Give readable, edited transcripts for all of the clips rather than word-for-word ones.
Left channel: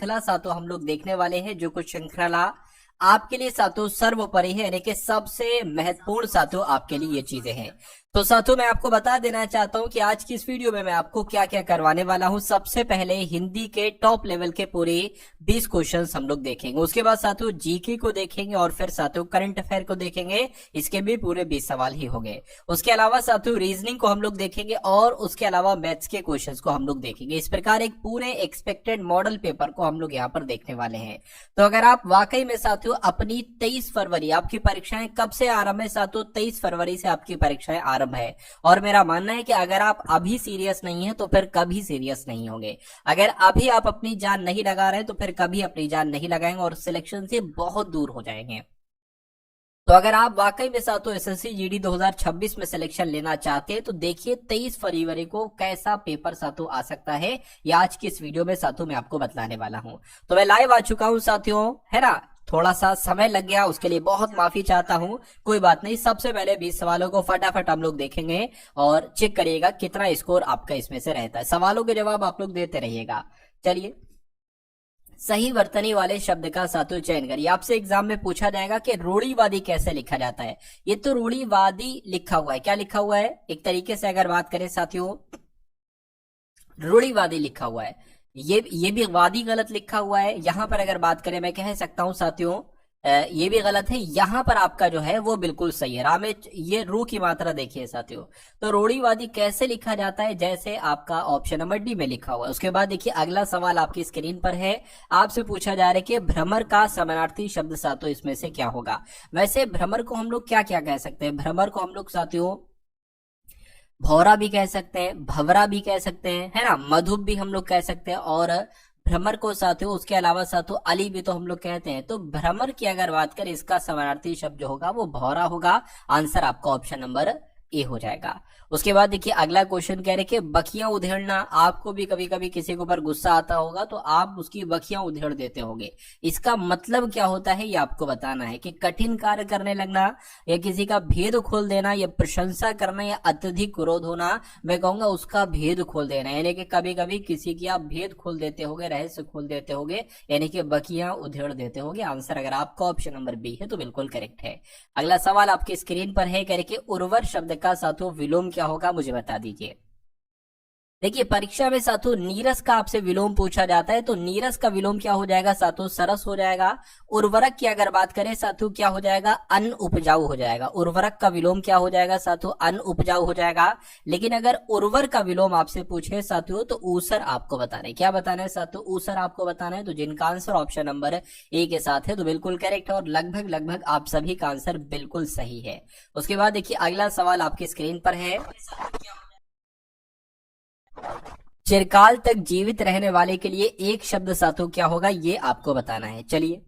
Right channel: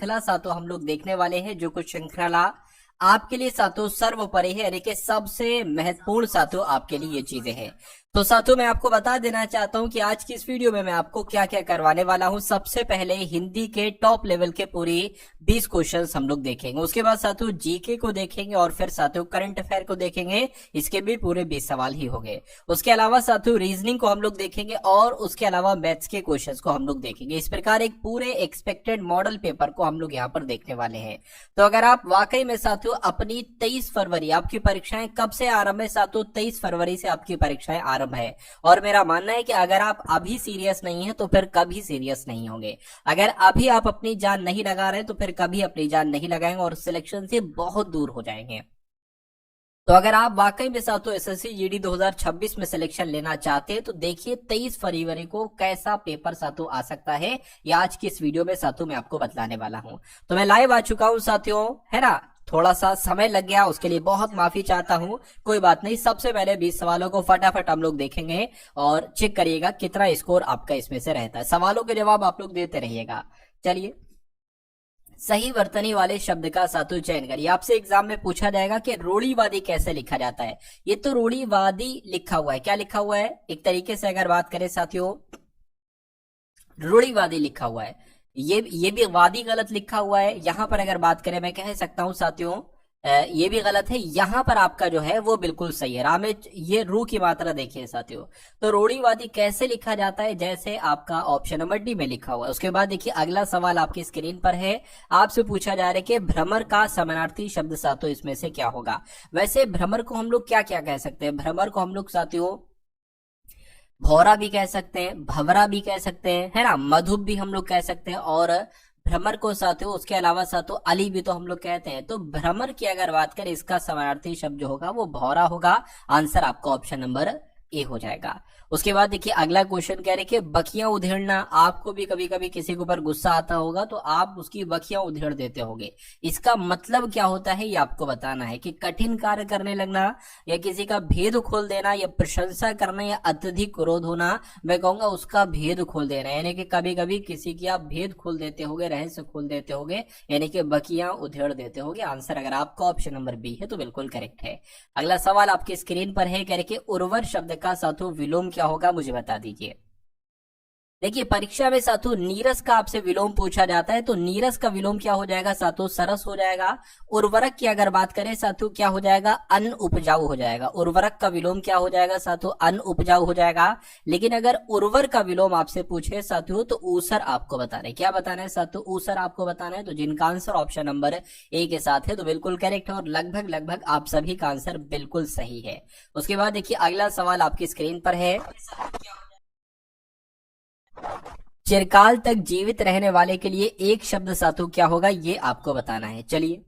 श्रृंखला सातों हम लोग देखने वाले हैं, जो कुछ श्रृंखला आपके लिए सातों सर्वोपरि है, यानी कि सबसे महत्वपूर्ण सातों आपके लिए ये चीजें हैं। तो साथियों मैं आपको बता देना चाहता हूं कि आज की इस वीडियो में मैं आपको क्या क्या करवाने वाला हूं। सबसे पहले हिंदी के टॉप लेवल के पूरे 20 क्वेश्चंस हम लोग देखेंगे। उसके बाद साथियों जीके को देखेंगे और फिर साथियों करंट अफेयर को देखेंगे, इसके भी पूरे 20 सवाल ही होंगे। उसके अलावा साथियों रीजनिंग को हम लोग देखेंगे और उसके अलावा मैथ्स के क्वेश्चन को हम लोग देखेंगे। इस प्रकार एक पूरे एक्सपेक्टेड मॉडल पेपर को हम लोग यहाँ पर देखने वाले हैं। तो अगर आप वाकई में साथियों अपनी 23 फरवरी आपकी परीक्षाएं कब से आरंभ है साथियों, 23 फरवरी से आपकी परीक्षाएं आरंभ है। और मेरा मानना है कि अगर आप अभी सीरियस नहीं है तो फिर कभी सीरियस नहीं होंगे। अगर अभी आप अपनी जान नहीं लगा रहे तो फिर कभी अपनी जान नहीं लगाएंगे और सिलेक्शन से बहुत दूर हो जाएंगे। तो अगर आप वाकई में साथियों एसएससी जीडी 2026 में सिलेक्शन लेना चाहते हैं तो देखिए 23 फरवरी को कैसा पेपर साथियों आ सकता है, या आज की इस वीडियो में साथियों मैं आपको बतलाने वाला हूं। तो मैं लाइव आ चुका हूं साथियों, है ना। थोड़ा सा समय लग गया, उसके लिए बहुत माफी चाहता हूं, कोई बात नहीं। सबसे पहले 20 सवालों को फटाफट हम लोग देखेंगे और चेक करिएगा कितना स्कोर आपका इसमें से रहता है। सवालों के जवाब आप लोग देते रहिएगा। चलिए, सही वर्तनी वाले शब्द का साथियों चयन करिए। आपसे एग्जाम में पूछा जाएगा कि रूढ़िवादी कैसे लिखा जाता है। ये तो रूढ़िवादी लिखा हुआ है, क्या लिखा हुआ है, एक तरीके से अगर बात करें साथियों रूढ़िवादी लिखा हुआ है। ये भी वादी गलत लिखा हुआ है। यहां पर अगर बात करें मैं कह सकता हूं साथियों ये भी गलत है। यहां पर आपका जो है वो बिल्कुल सही है। रामे ये रू की मात्रा देखिए साथियों। तो रूढ़िवादी कैसे लिखा जाता है, जैसे आपका ऑप्शन नंबर डी में लिखा हुआ है। उसके बाद देखिए अगला सवाल आपकी स्क्रीन पर है। आपसे पूछा जा रहा है कि भ्रमर का समानार्थी शब्द साथियों इसमें से क्या होगा। वैसे भ्रमर को हम लोग क्या क्या कह सकते हैं, भ्रमर को हम लोग साथियों भौरा भी कह सकते हैं, भवरा भी कह सकते हैं, है ना, मधुप भी हम लोग कह सकते हैं, और भ्रमर को साथियों उसके अलावा साथियों अली भी तो हम लोग कहते हैं। तो भ्रमर की अगर बात करें इसका समानार्थी शब्द जो होगा वो भौरा होगा। आंसर आपका ऑप्शन नंबर ए हो जाएगा। उसके बाद देखिए अगला क्वेश्चन कह रहे कि बखियां उधेड़ना। आपको भी कभी कभी किसी के ऊपर गुस्सा आता होगा तो आप उसकी बखियां उधेड़ देते होंगे। इसका मतलब क्या होता है ये आपको बताना है कि कठिन कार्य करने लगना, या किसी का भेद खोल देना, या प्रशंसा करना, या अत्यधिक क्रोध होना। मैं कहूंगा उसका भेद खोल देना, यानी कि कभी कभी किसी की आप भेद खोल देते होगे, रहस्य खोल देते होगे, यानी कि बखियां उधेड़ देते होगे। आंसर अगर आपका ऑप्शन नंबर बी है तो बिल्कुल करेक्ट है। अगला सवाल आपकी स्क्रीन पर है, कह रहे कि उर्वर शब्द का साथियों विलोम क्या होगा, मुझे बता दीजिए। देखिए परीक्षा में साथियों नीरस का आपसे विलोम पूछा जाता है, तो नीरस का विलोम क्या हो जाएगा साथियों, सरस हो जाएगा। उर्वरक की अगर बात करें साथियों क्या हो जाएगा, अन उपजाऊ हो जाएगा। उर्वरक का विलोम क्या हो जाएगा साथियों, अन उपजाऊ हो जाएगा। लेकिन अगर उर्वर का विलोम आपसे पूछे साथियों तो ऊसर आपको बताना है। क्या बताना है साथियों, ऊसर आपको बताना है। तो जिनका आंसर ऑप्शन नंबर ए के साथ है तो बिल्कुल करेक्ट है, और लगभग लगभग आप सभी का आंसर बिल्कुल सही है। उसके बाद देखिए अगला सवाल आपकी स्क्रीन पर है, चिरकाल तक जीवित रहने वाले के लिए एक शब्द साथियों क्या होगा, ये आपको बताना है। चलिए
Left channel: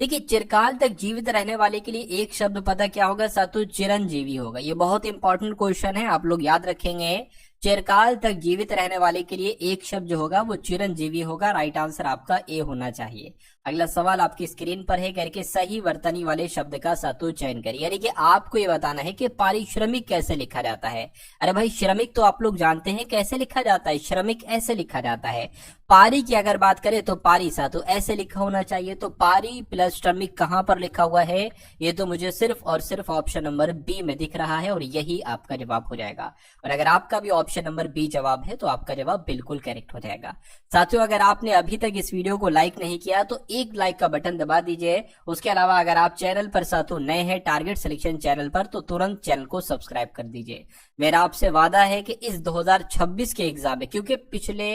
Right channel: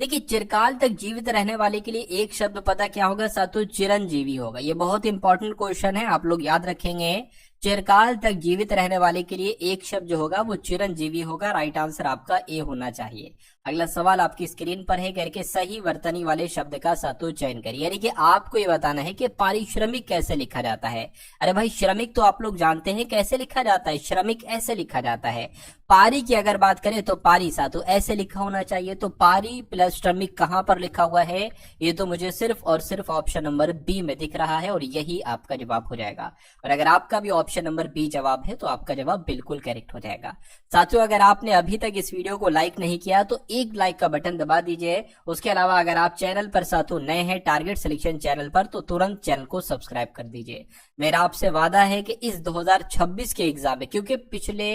देखिए चिरकाल तक जीवित रहने वाले के लिए एक शब्द पता क्या होगा साथियों, चिरंजीवी होगा। ये बहुत इंपॉर्टेंट क्वेश्चन है, आप लोग याद रखेंगे। चिरकाल तक जीवित रहने वाले के लिए एक शब्द जो होगा वो चिरंजीवी होगा। राइट आंसर आपका ए होना चाहिए। अगला सवाल आपकी स्क्रीन पर है, करके सही वर्तनी वाले शब्द का सातु चयन करिए। यानी कि आपको ये बताना है कि पारिश्रमिक कैसे लिखा जाता है। अरे भाई श्रमिक तो आप लोग जानते हैं कैसे लिखा जाता है, श्रमिक ऐसे लिखा जाता है। पारी की अगर बात करें तो पारी सातु ऐसे लिखा होना चाहिए। तो पारी प्लस श्रमिक कहां पर लिखा हुआ है, ये तो मुझे सिर्फ और सिर्फ ऑप्शन नंबर बी में दिख रहा है, और यही आपका जवाब हो जाएगा। और अगर आपका भी ऑप्शन नंबर बी जवाब है तो आपका जवाब बिल्कुल करेक्ट हो जाएगा। साथियों अगर आपने अभी तक इस वीडियो को लाइक नहीं किया तो एक लाइक का बटन दबा दीजिए। उसके अलावा अगर आप चैनल पर साथियों नए हैं टारगेट सिलेक्शन चैनल पर तो तुरंत चैनल को सब्सक्राइब कर दीजिए। मेरा आपसे वादा है कि इस 2026 के एग्जाम में, क्योंकि पिछले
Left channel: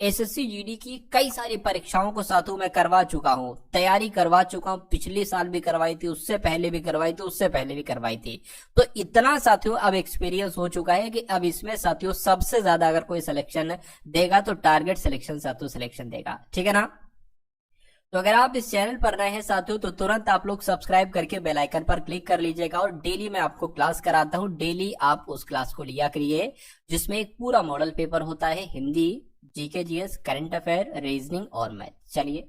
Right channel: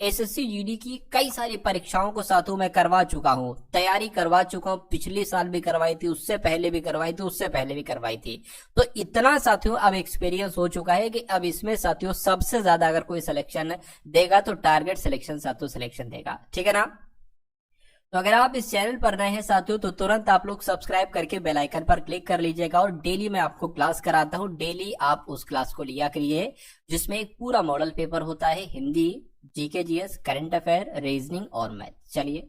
एसएससी जीडी की कई सारी परीक्षाओं को साथियों मैं करवा चुका हूं, तैयारी करवा चुका हूं। पिछले साल भी करवाई थी, उससे पहले भी करवाई थी, उससे पहले भी करवाई थी। तो इतना साथियों अब एक्सपीरियंस हो चुका है कि अब इसमें साथियों सबसे ज्यादा अगर कोई सिलेक्शन देगा तो टारगेट सिलेक्शन साथियों सिलेक्शन देगा, ठीक है ना। तो अगर आप इस चैनल पर नए हैं साथियों तो तुरंत आप लोग सब्सक्राइब करके बेल आइकन पर क्लिक कर लीजिएगा। और डेली मैं आपको क्लास कराता हूं, डेली आप उस क्लास को लिया करिए जिसमें एक पूरा मॉडल पेपर होता है, Hindi, GK GS, current affair, reasoning और मैथ। चलिए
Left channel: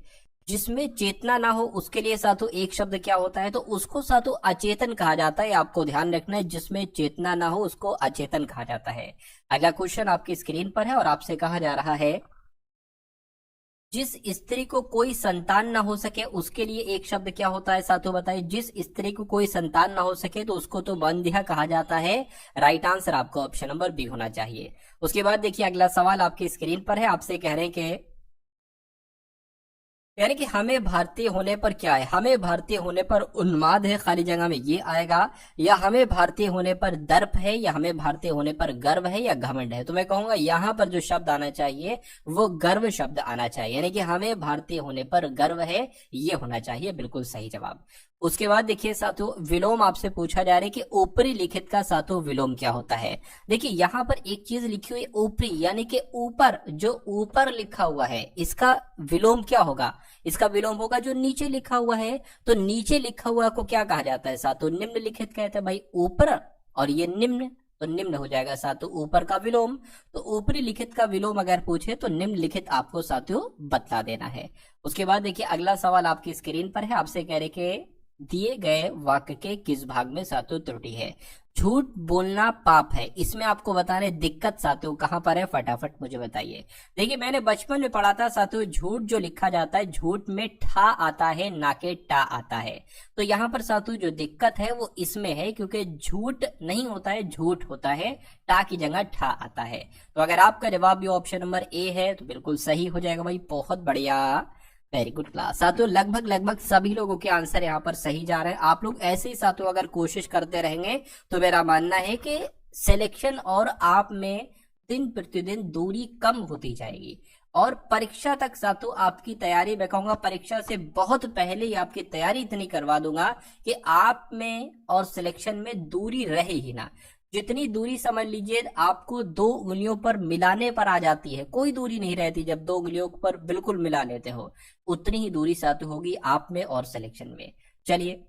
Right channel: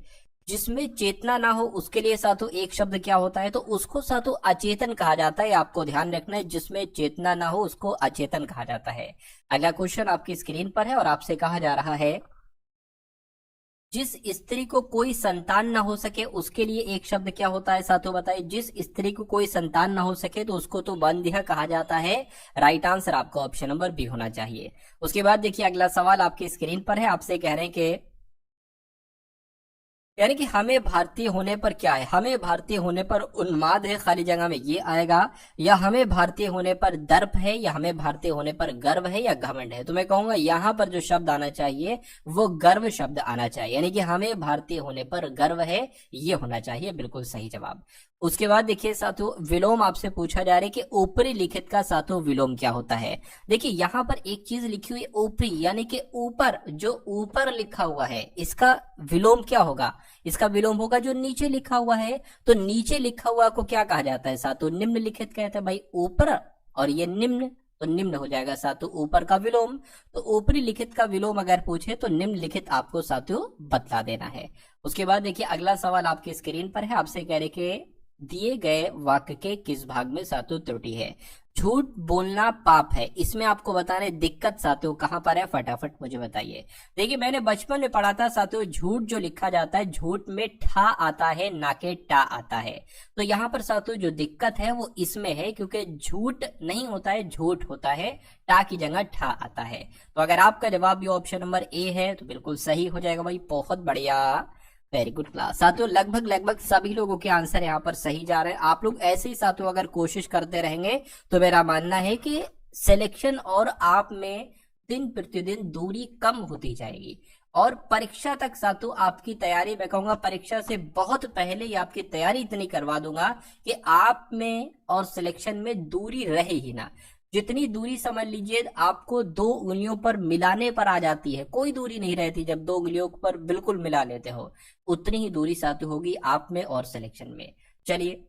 जिसमें चेतना ना हो उसके लिए साथियों एक शब्द क्या होता है, तो उसको साथियों अचेतन कहा जाता है। आपको ध्यान रखना है, जिसमें चेतना ना हो उसको अचेतन कहा जाता है। अगला क्वेश्चन आपकी स्क्रीन पर है और आपसे कहा जा रहा है, जिस स्त्री को कोई संतान ना हो सके उसके लिए एक शब्द क्या होता है साथियों बताइए। जिस स्त्री को कोई संतान ना हो सके तो उसको तो बंधिया कहा जाता है। राइट आंसर आपका ऑप्शन नंबर बी होना चाहिए। उसके बाद देखिए अगला सवाल आपकी स्क्रीन पर है, आपसे कह रहे हैं कि यानी कि हमें भारतीय होने पर क्या है, हमें भारतीय होने पर उन्माद है, खाली जगह में ये आएगा, या हमें भारतीय होने पर दर्प है, या हमें भारतीय होने पर गर्व है, या घमंड है। तो मैं कहूंगा यहाँ पर जो शब्द आना चाहिए वो गर्व शब्द आना चाहिए, यानी कि हमें भारतीय होने पर गर्व है, ये होना चाहिए बिल्कुल सही जवाब। उसके बाद देखिए साथियों विलोम आपसे पूछा जा रहा है कि ऊपरी लिखित का साथियों विलोम क्या होता है। देखिए यहाँ पर एक चीज लिखी हुई ऊपरी, यानी कि ऊपर, जो ऊपर लिखा हुआ है इसका विलोम क्या होगा, इसका विलोम होगा जो नीचे लिखा हुआ है। तो नीचे लिखा हुआ को क्या कहा जाता है साथियों, निम्नलिखित कहते हैं भाई ऊपर, और ये निम्न, तो निम्न हो जाएगा साथियों ऊपर का विलोम। तो ऊपरी लिखित का विलोम अगर पूछे तो निम्नलिखित आपको साथियों बतला देना है। उसके बाद देखिए अगला सवाल आपकी स्क्रीन पर है, आपसे कह रहे कि दिए गए वाक्य के किस भाग में साथियों त्रुटि है। झूठ बोलना पाप है, इसमें आपको बताने दिक्कत साथियों कहां पर है, फटाफट मुझे बताइए। देखिए मैंने बचपन में पढ़ा था साथियों झूठ जो लिखा जाता है झूठ में ठा आता है ना के टा आता है। तो यहाँ पर साथियों जो दिक्कत है वो इसमें है, क्योंकि झूठ नहीं होता है, झूठ होता है, टा की जगह ठा आता है। तो अगर आपका जवाब ये ऑप्शन नंबर ए है तो बिल्कुल सही हो जाएगा भाई, बहुत बढ़िया, वेरी गुड क्लास। साथियों लगभग सभी लोगों के आंसर यहाँ पर सही जा रहे हैं। आप लोग ऐसे ही साथियों अगर कोशिश करते रहेंगे तो मेरा मानना है कि सिलेक्शन और आप में दिन प्रतिदिन दूरी कम होती जाएगी, और परीक्षा तक साथियों आपकी तैयारी, मैं कहूंगा परीक्षा से बहुत पहले ही आपकी तैयारी इतनी करवा दूंगा कि आप में और सिलेक्शन में दूरी रहे ही ना। जितनी दूरी समझ लीजिए आपको 2 उंगलियों पर मिलाने पर आ जाती है, कोई दूरी नहीं रहती जब 2 उंगलियों पर बिल्कुल मिला लेते हो, उतनी ही दूरी साथ होगी आप में और सिलेक्शन में। चलिए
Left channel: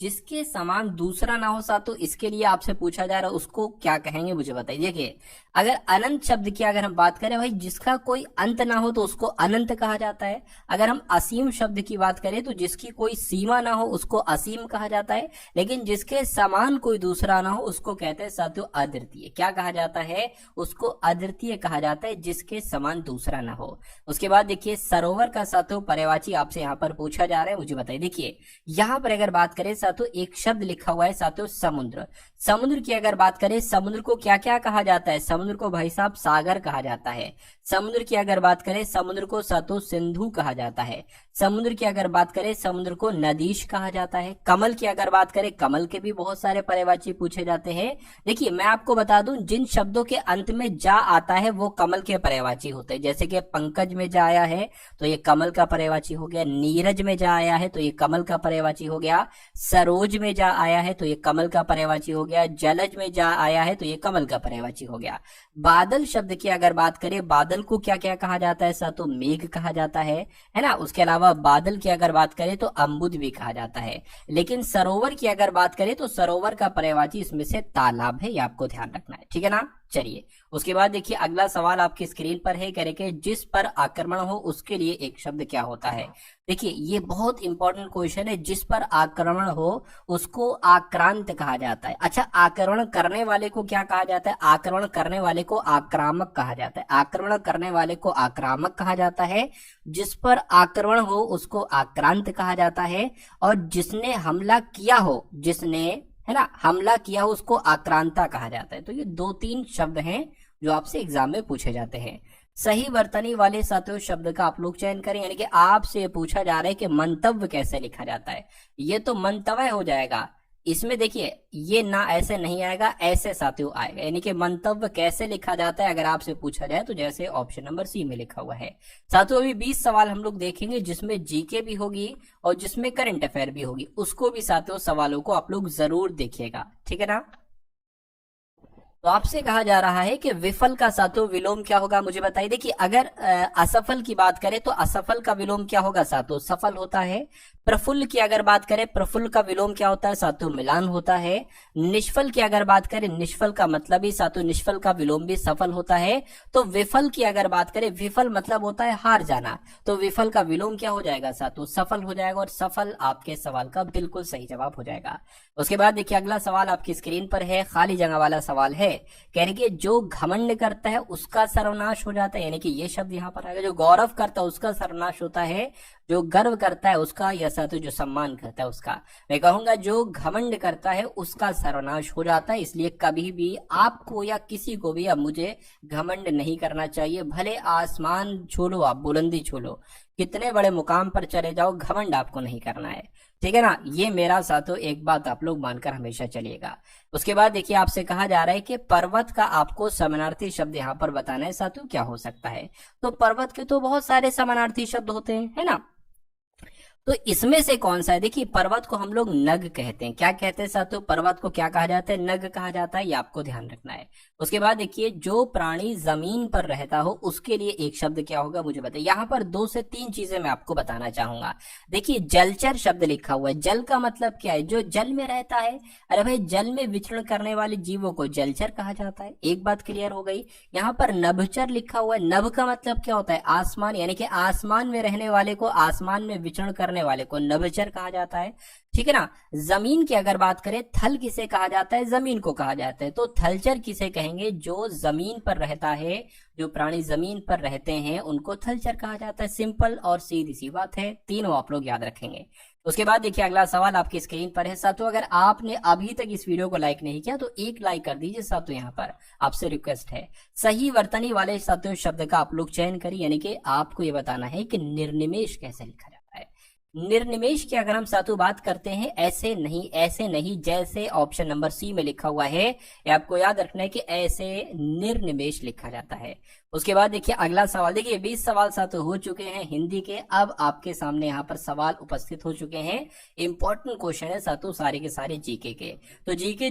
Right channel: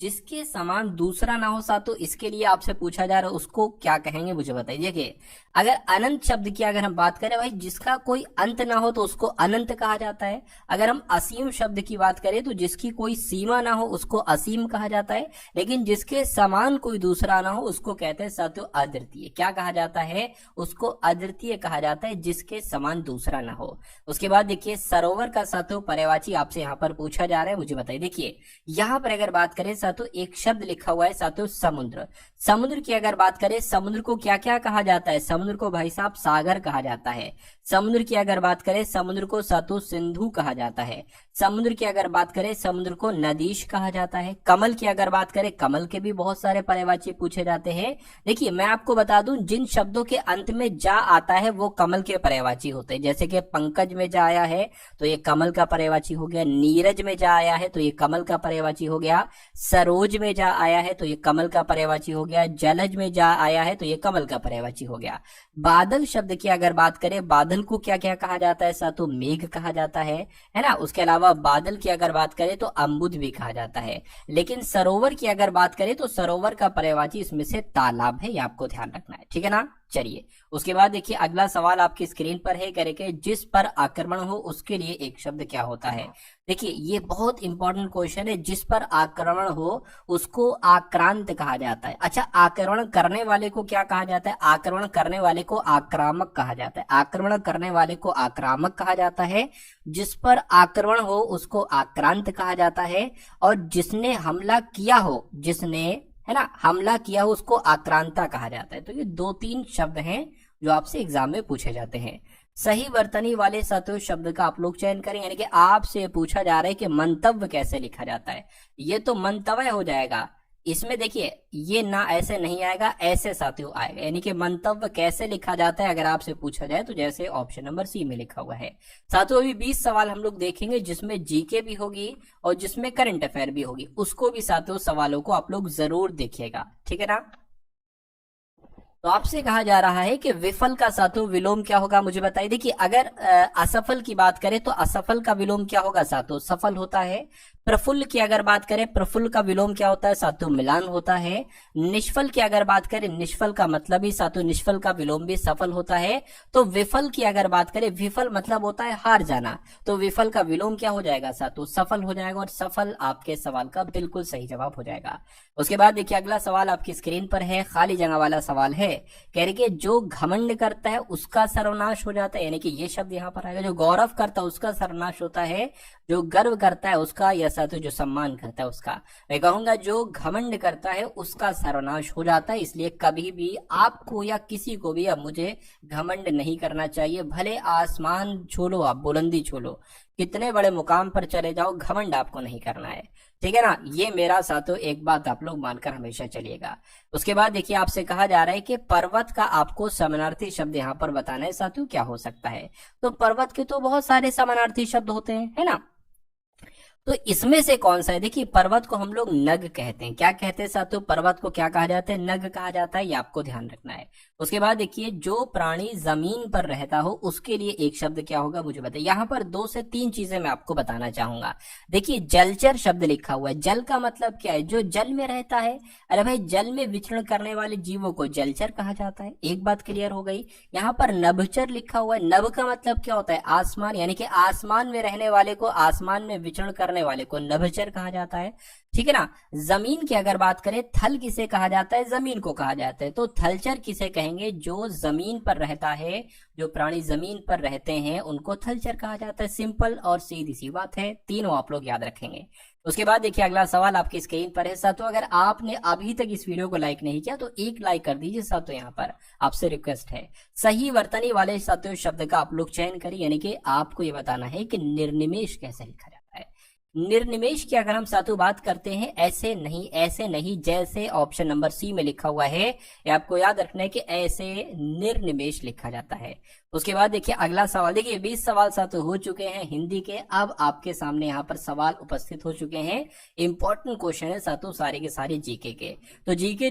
जिसके समान दूसरा ना हो साथियों इसके लिए आपसे पूछा जा रहा है उसको क्या कहेंगे मुझे बताइए। देखिए अगर अनंत शब्द की अगर हम बात करें भाई, जिसका कोई अंत ना हो तो उसको अनंत कहा जाता है। अगर हम असीम शब्द की बात करें तो जिसकी कोई सीमा ना हो उसको असीम कहा जाता है। लेकिन जिसके समान कोई दूसरा ना हो उसको कहते हैं साथियों अद्वितीय। क्या कहा जाता है, उसको अद्वितीय कहा जाता है, जिसके समान दूसरा ना हो। उसके बाद देखिए सरोवर का साथियों पर्यायवाची आपसे यहाँ पर पूछा जा रहा है, मुझे बताइए। देखिए यहाँ पर अगर बात करें साथियों एक शब्द लिखा हुआ है साथियों समुद्र। समुद्र की अगर बात करें, समुद्र को क्या क्या कहा जाता है, समुद्र को भाई साहब सागर कहा जाता है। समुद्र की अगर बात करें समुद्र को साथियों सिंधु कहा जाता है। समुद्र की अगर बात करें समुद्र को नदीश कहा जाता है। कमल की अगर बात करें, कमल के भी बहुत सारे पर्यायवाची पूछे जाते हैं। देखिए मैं आपको बता दूं जिन शब्दों के अंत में जा आता है वो कमल के पर्यायवाची होते हैं। जैसे कि पंकज में जा आया है तो ये कमल का पर्यायवाची हो गया, नीरज में जा आया है तो ये कमल का पर्यायवाची हो गया, सरोज में जा आया है तो ये कमल का पर्यायवाची हो गया, जलज में जा आया है तो ये कमल का पर्यायवाची हो गया। बादल शब्द की अगर बात करें, बादल को क्या क्या कहा जाता है साथियों, मेघ कहा जाता है ना। उसके अलावा बादल की अगर बात करें तो अम्बुद भी कहा जाता है। लेकिन सरोवर की अगर बात करें तो सरोवर का पर्यायवाची इसमें से तालाब है, ये आपको ध्यान रखना है, ठीक है ना। चलिए उसके बाद देखिए अगला सवाल आपकी स्क्रीन पर है, कह रहे कि जिस पर आक्रमण हो उसके लिए एक शब्द क्या होता है। देखिए ये बहुत इंपॉर्टेंट क्वेश्चन है, जिस पर आक्रमण हो उसको आक्रांत कहा जाता है। अच्छा आक्रमण करने वाले को क्या कहा जाता है, आक्रमण करने वाले को आक्रामक कहा जाता है। आक्रमण करने वाले को आक्रामक कहा जाता है, जिस पर आक्रमण हो उसको आक्रांत कहा जाता है, और जिसने हमला किया हो, जिसने है ना हमला किया हो उसको आक्रांता कहा जाता है। तो ये 2-3 शब्द हैं जो आपसे एग्जाम में पूछे जाते हैं। सही वर्तनी वाले साथियों शब्द का आप लोग चयन करें, यानी कि आपसे पूछा जा रहा है कि मंतव्य कैसे लिखा जाता है। ये तो मंतव्य हो जाएगा, इसमें देखिए ये ना ऐसे नहीं आएगा, ऐसे साथियों आएगा। यानी कि मंतव्य कैसे लिखा जाता है अगर आपसे पूछा जाए तो जैसे ऑप्शन नंबर सी में लिखा हुआ है। साथियों अभी 20 सवाल हम लोग देखेंगे जिसमें जीके भी होगी और जिसमें करंट अफेयर भी होगी, उसको भी साथियों सवालों को आप लोग जरूर देखिएगा, ठीक है ना। तो आपसे कहा जा रहा है कि विफल का साथियों विलोम क्या होगा, मुझे बताइए। देखिए अगर असफल की बात करें तो असफल का विलोम क्या होगा साथियों, सफल होता है। प्रफुल्ल की अगर बात करें, प्रफुल्ल का विलोम क्या होता है साथियों? मिलान होता है। निष्फल की अगर बात करें, निष्फल का मतलब ही साथियों निष्फल का विलोम भी सफल होता है। तो विफल की अगर बात करें, विफल मतलब होता है हार जाना, तो विफल का विलोम क्या हो जाएगा साथियों? सफल हो जाएगा, और सफल आपके सवाल का बिल्कुल सही जवाब हो जाएगा। उसके बाद देखिए अगला सवाल आपकी स्क्रीन पर है, खाली जगह वाला सवाल है। कह रही कि जो घमंड करता है उसका सर्वनाश हो जाता है, यानी कि ये शब्द यहाँ पर आएगा। जो गौरव करता है उसका सर्वनाश होता है, जो गर्व करता है उसका, या साथियों जो सम्मान करता है उसका। मैं कहूंगा जो घमंड करता है उसका सर्वनाश हो जाता है। इसलिए कभी भी आपको या किसी को भी अब मुझे घमंड नहीं करना चाहिए। भले आसमान छू लो, आप बुलंदी छू लो, कितने बड़े मुकाम पर चले जाओ, घमंड आपको नहीं करना है। ठीक है ना, ये मेरा साथियों एक बात आप लोग मानकर हमेशा चलिएगा। उसके बाद देखिए आपसे कहा जा रहा है कि पर्वत का आपको समानार्थी शब्द यहाँ पर बताना है साथियों, क्या हो सकता है? तो पर्वत के तो बहुत सारे समानार्थी शब्द होते हैं, है ना। तो इसमें से कौन सा है? देखिए पर्वत को हम लोग नग कहते हैं। क्या कहते हैं साथियों? पर्वत को क्या कहा जाता है? नग कहा जाता है, ये आपको ध्यान रखना है। उसके बाद देखिए जो प्राणी जमीन पर रहता हो उसके लिए एक शब्द क्या होगा मुझे बताइए। यहाँ पर 2 से 3 चीजें मैं आपको बताना चाहूंगा। देखिए जलचर शब्द लिखा हुआ है। जल का मतलब क्या है? जो जल में रहता है। अरे भाई जल में विचरण करने वाले जीवों को जलचर कहा जाता है। एक बात क्लियर हो गई। यहाँ पर नभचर लिखा हुआ है। नभ का मतलब क्या होता है? आसमान, यानी कि आसमान में रहने वाले को, आसमान में विचरण करने वाले को नभचर कहा जाता है। ठीक है ना। जमीन की अगर बात करें, थल किसे कहा जाता है? जमीन को कहा जाता है। तो थलचर किसे कहेंगे? जो जमीन पर रहता है, जो प्राणी जमीन पर रहते हैं उनको थलचर कहा जाता है। सिंपल और सीधी सी बात है, तीनों आप लोग याद रखेंगे। उसके बाद देखिए अगला सवाल आपकी स्क्रीन पर है साथियों। अगर आपने अभी तक इस वीडियो को लाइक नहीं किया तो एक लाइक कर दीजिए साथियों, यहाँ पर आपसे रिक्वेस्ट है। सही वर्तनी वाले साथियों शब्द का आप लोग चयन करिए, यानी कि आपको ये बताना है कि निर्निमेष कैसे लिखा जाता है। निर्निमेष की अगर हम साथियों बात करते हैं, ऐसे नहीं, ऐसे नहीं, जैसे ऑप्शन नंबर सी में लिखा हुआ है, ये आपको याद रखना है कि ऐसे निर्निमेष लिखा जाता है। उसके बाद देखिए अगला सवाल। देखिए 20 सवाल साथियों हो चुके हैं हिंदी के। अब आपके सामने यहाँ पर सवाल उपस्थित हो चुके हैं। इंपॉर्टेंट क्वेश्चन है साथियों, सारे के सारे जीके के। तो जीके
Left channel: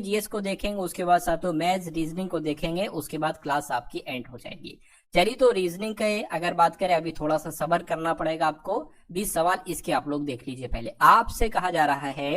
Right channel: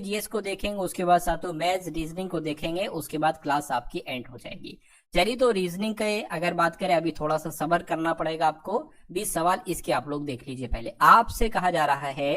जीएस को देखेंगे, उसके बाद साथियों मैथ्स रीजनिंग को देखेंगे, उसके बाद क्लास आपकी एंड हो जाएगी। चलिए तो रीजनिंग के अगर बात करें, अभी थोड़ा सा सब्र करना पड़ेगा आपको। 20 सवाल इसके आप लोग देख लीजिए। पहले आपसे कहा जा रहा है,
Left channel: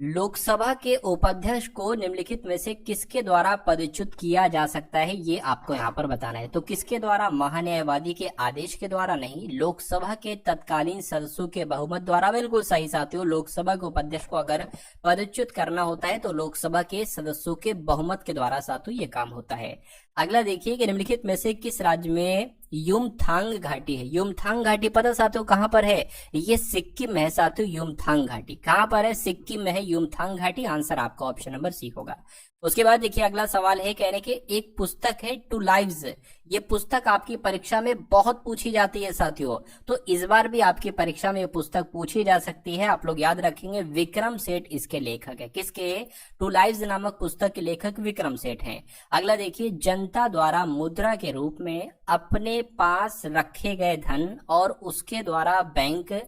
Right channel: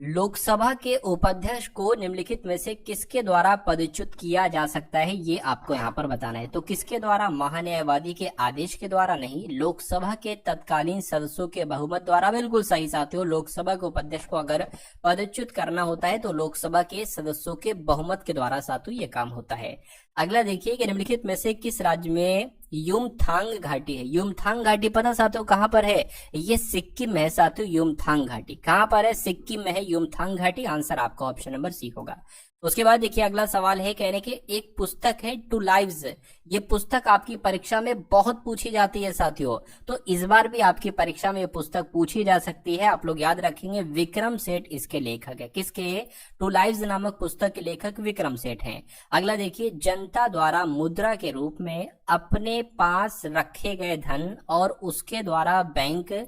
लोकसभा के उपाध्यक्ष को निम्नलिखित में से किसके द्वारा पदच्युत किया जा सकता है, ये आपको यहाँ पर बताना है। तो किसके द्वारा? महान्यायवादी के आदेश के द्वारा नहीं, लोकसभा के तत्कालीन सदस्यों के बहुमत द्वारा। बिल्कुल सही साथियों, लोकसभा के उपाध्यक्ष को अगर पदच्युत करना होता है तो लोकसभा के सदस्यों के बहुमत के द्वारा साथियों ये काम होता है। अगला देखिए कि निम्नलिखित में से किस राज्य में युमथांग घाटी है? युमथांग घाटी पता साथियों कहां पर है? ये सिक्किम में है साथियों। युमथांग घाटी कहां पर है? सिक्किम में है युमथांग घाटी। आंसर आपका ऑप्शन नंबर सी होगा। उसके बाद देखिए अगला सवाल है, कहने के एक पुस्तक है टू लाइव्स। ये पुस्तक आपकी परीक्षा में बहुत पूछी जाती है साथियों, तो इस बार भी आपकी परीक्षा में ये पुस्तक पूछी जा सकती है। आप लोग याद रखेंगे विक्रम सेठ इसके लेखक है। किसके? टू लाइव्स नामक पुस्तक के लेखक विक्रम सेठ हैं। अगला देखिए, जनता द्वारा मुद्रा के रूप में अपने पास रखे गए धन और उसके द्वारा बैंक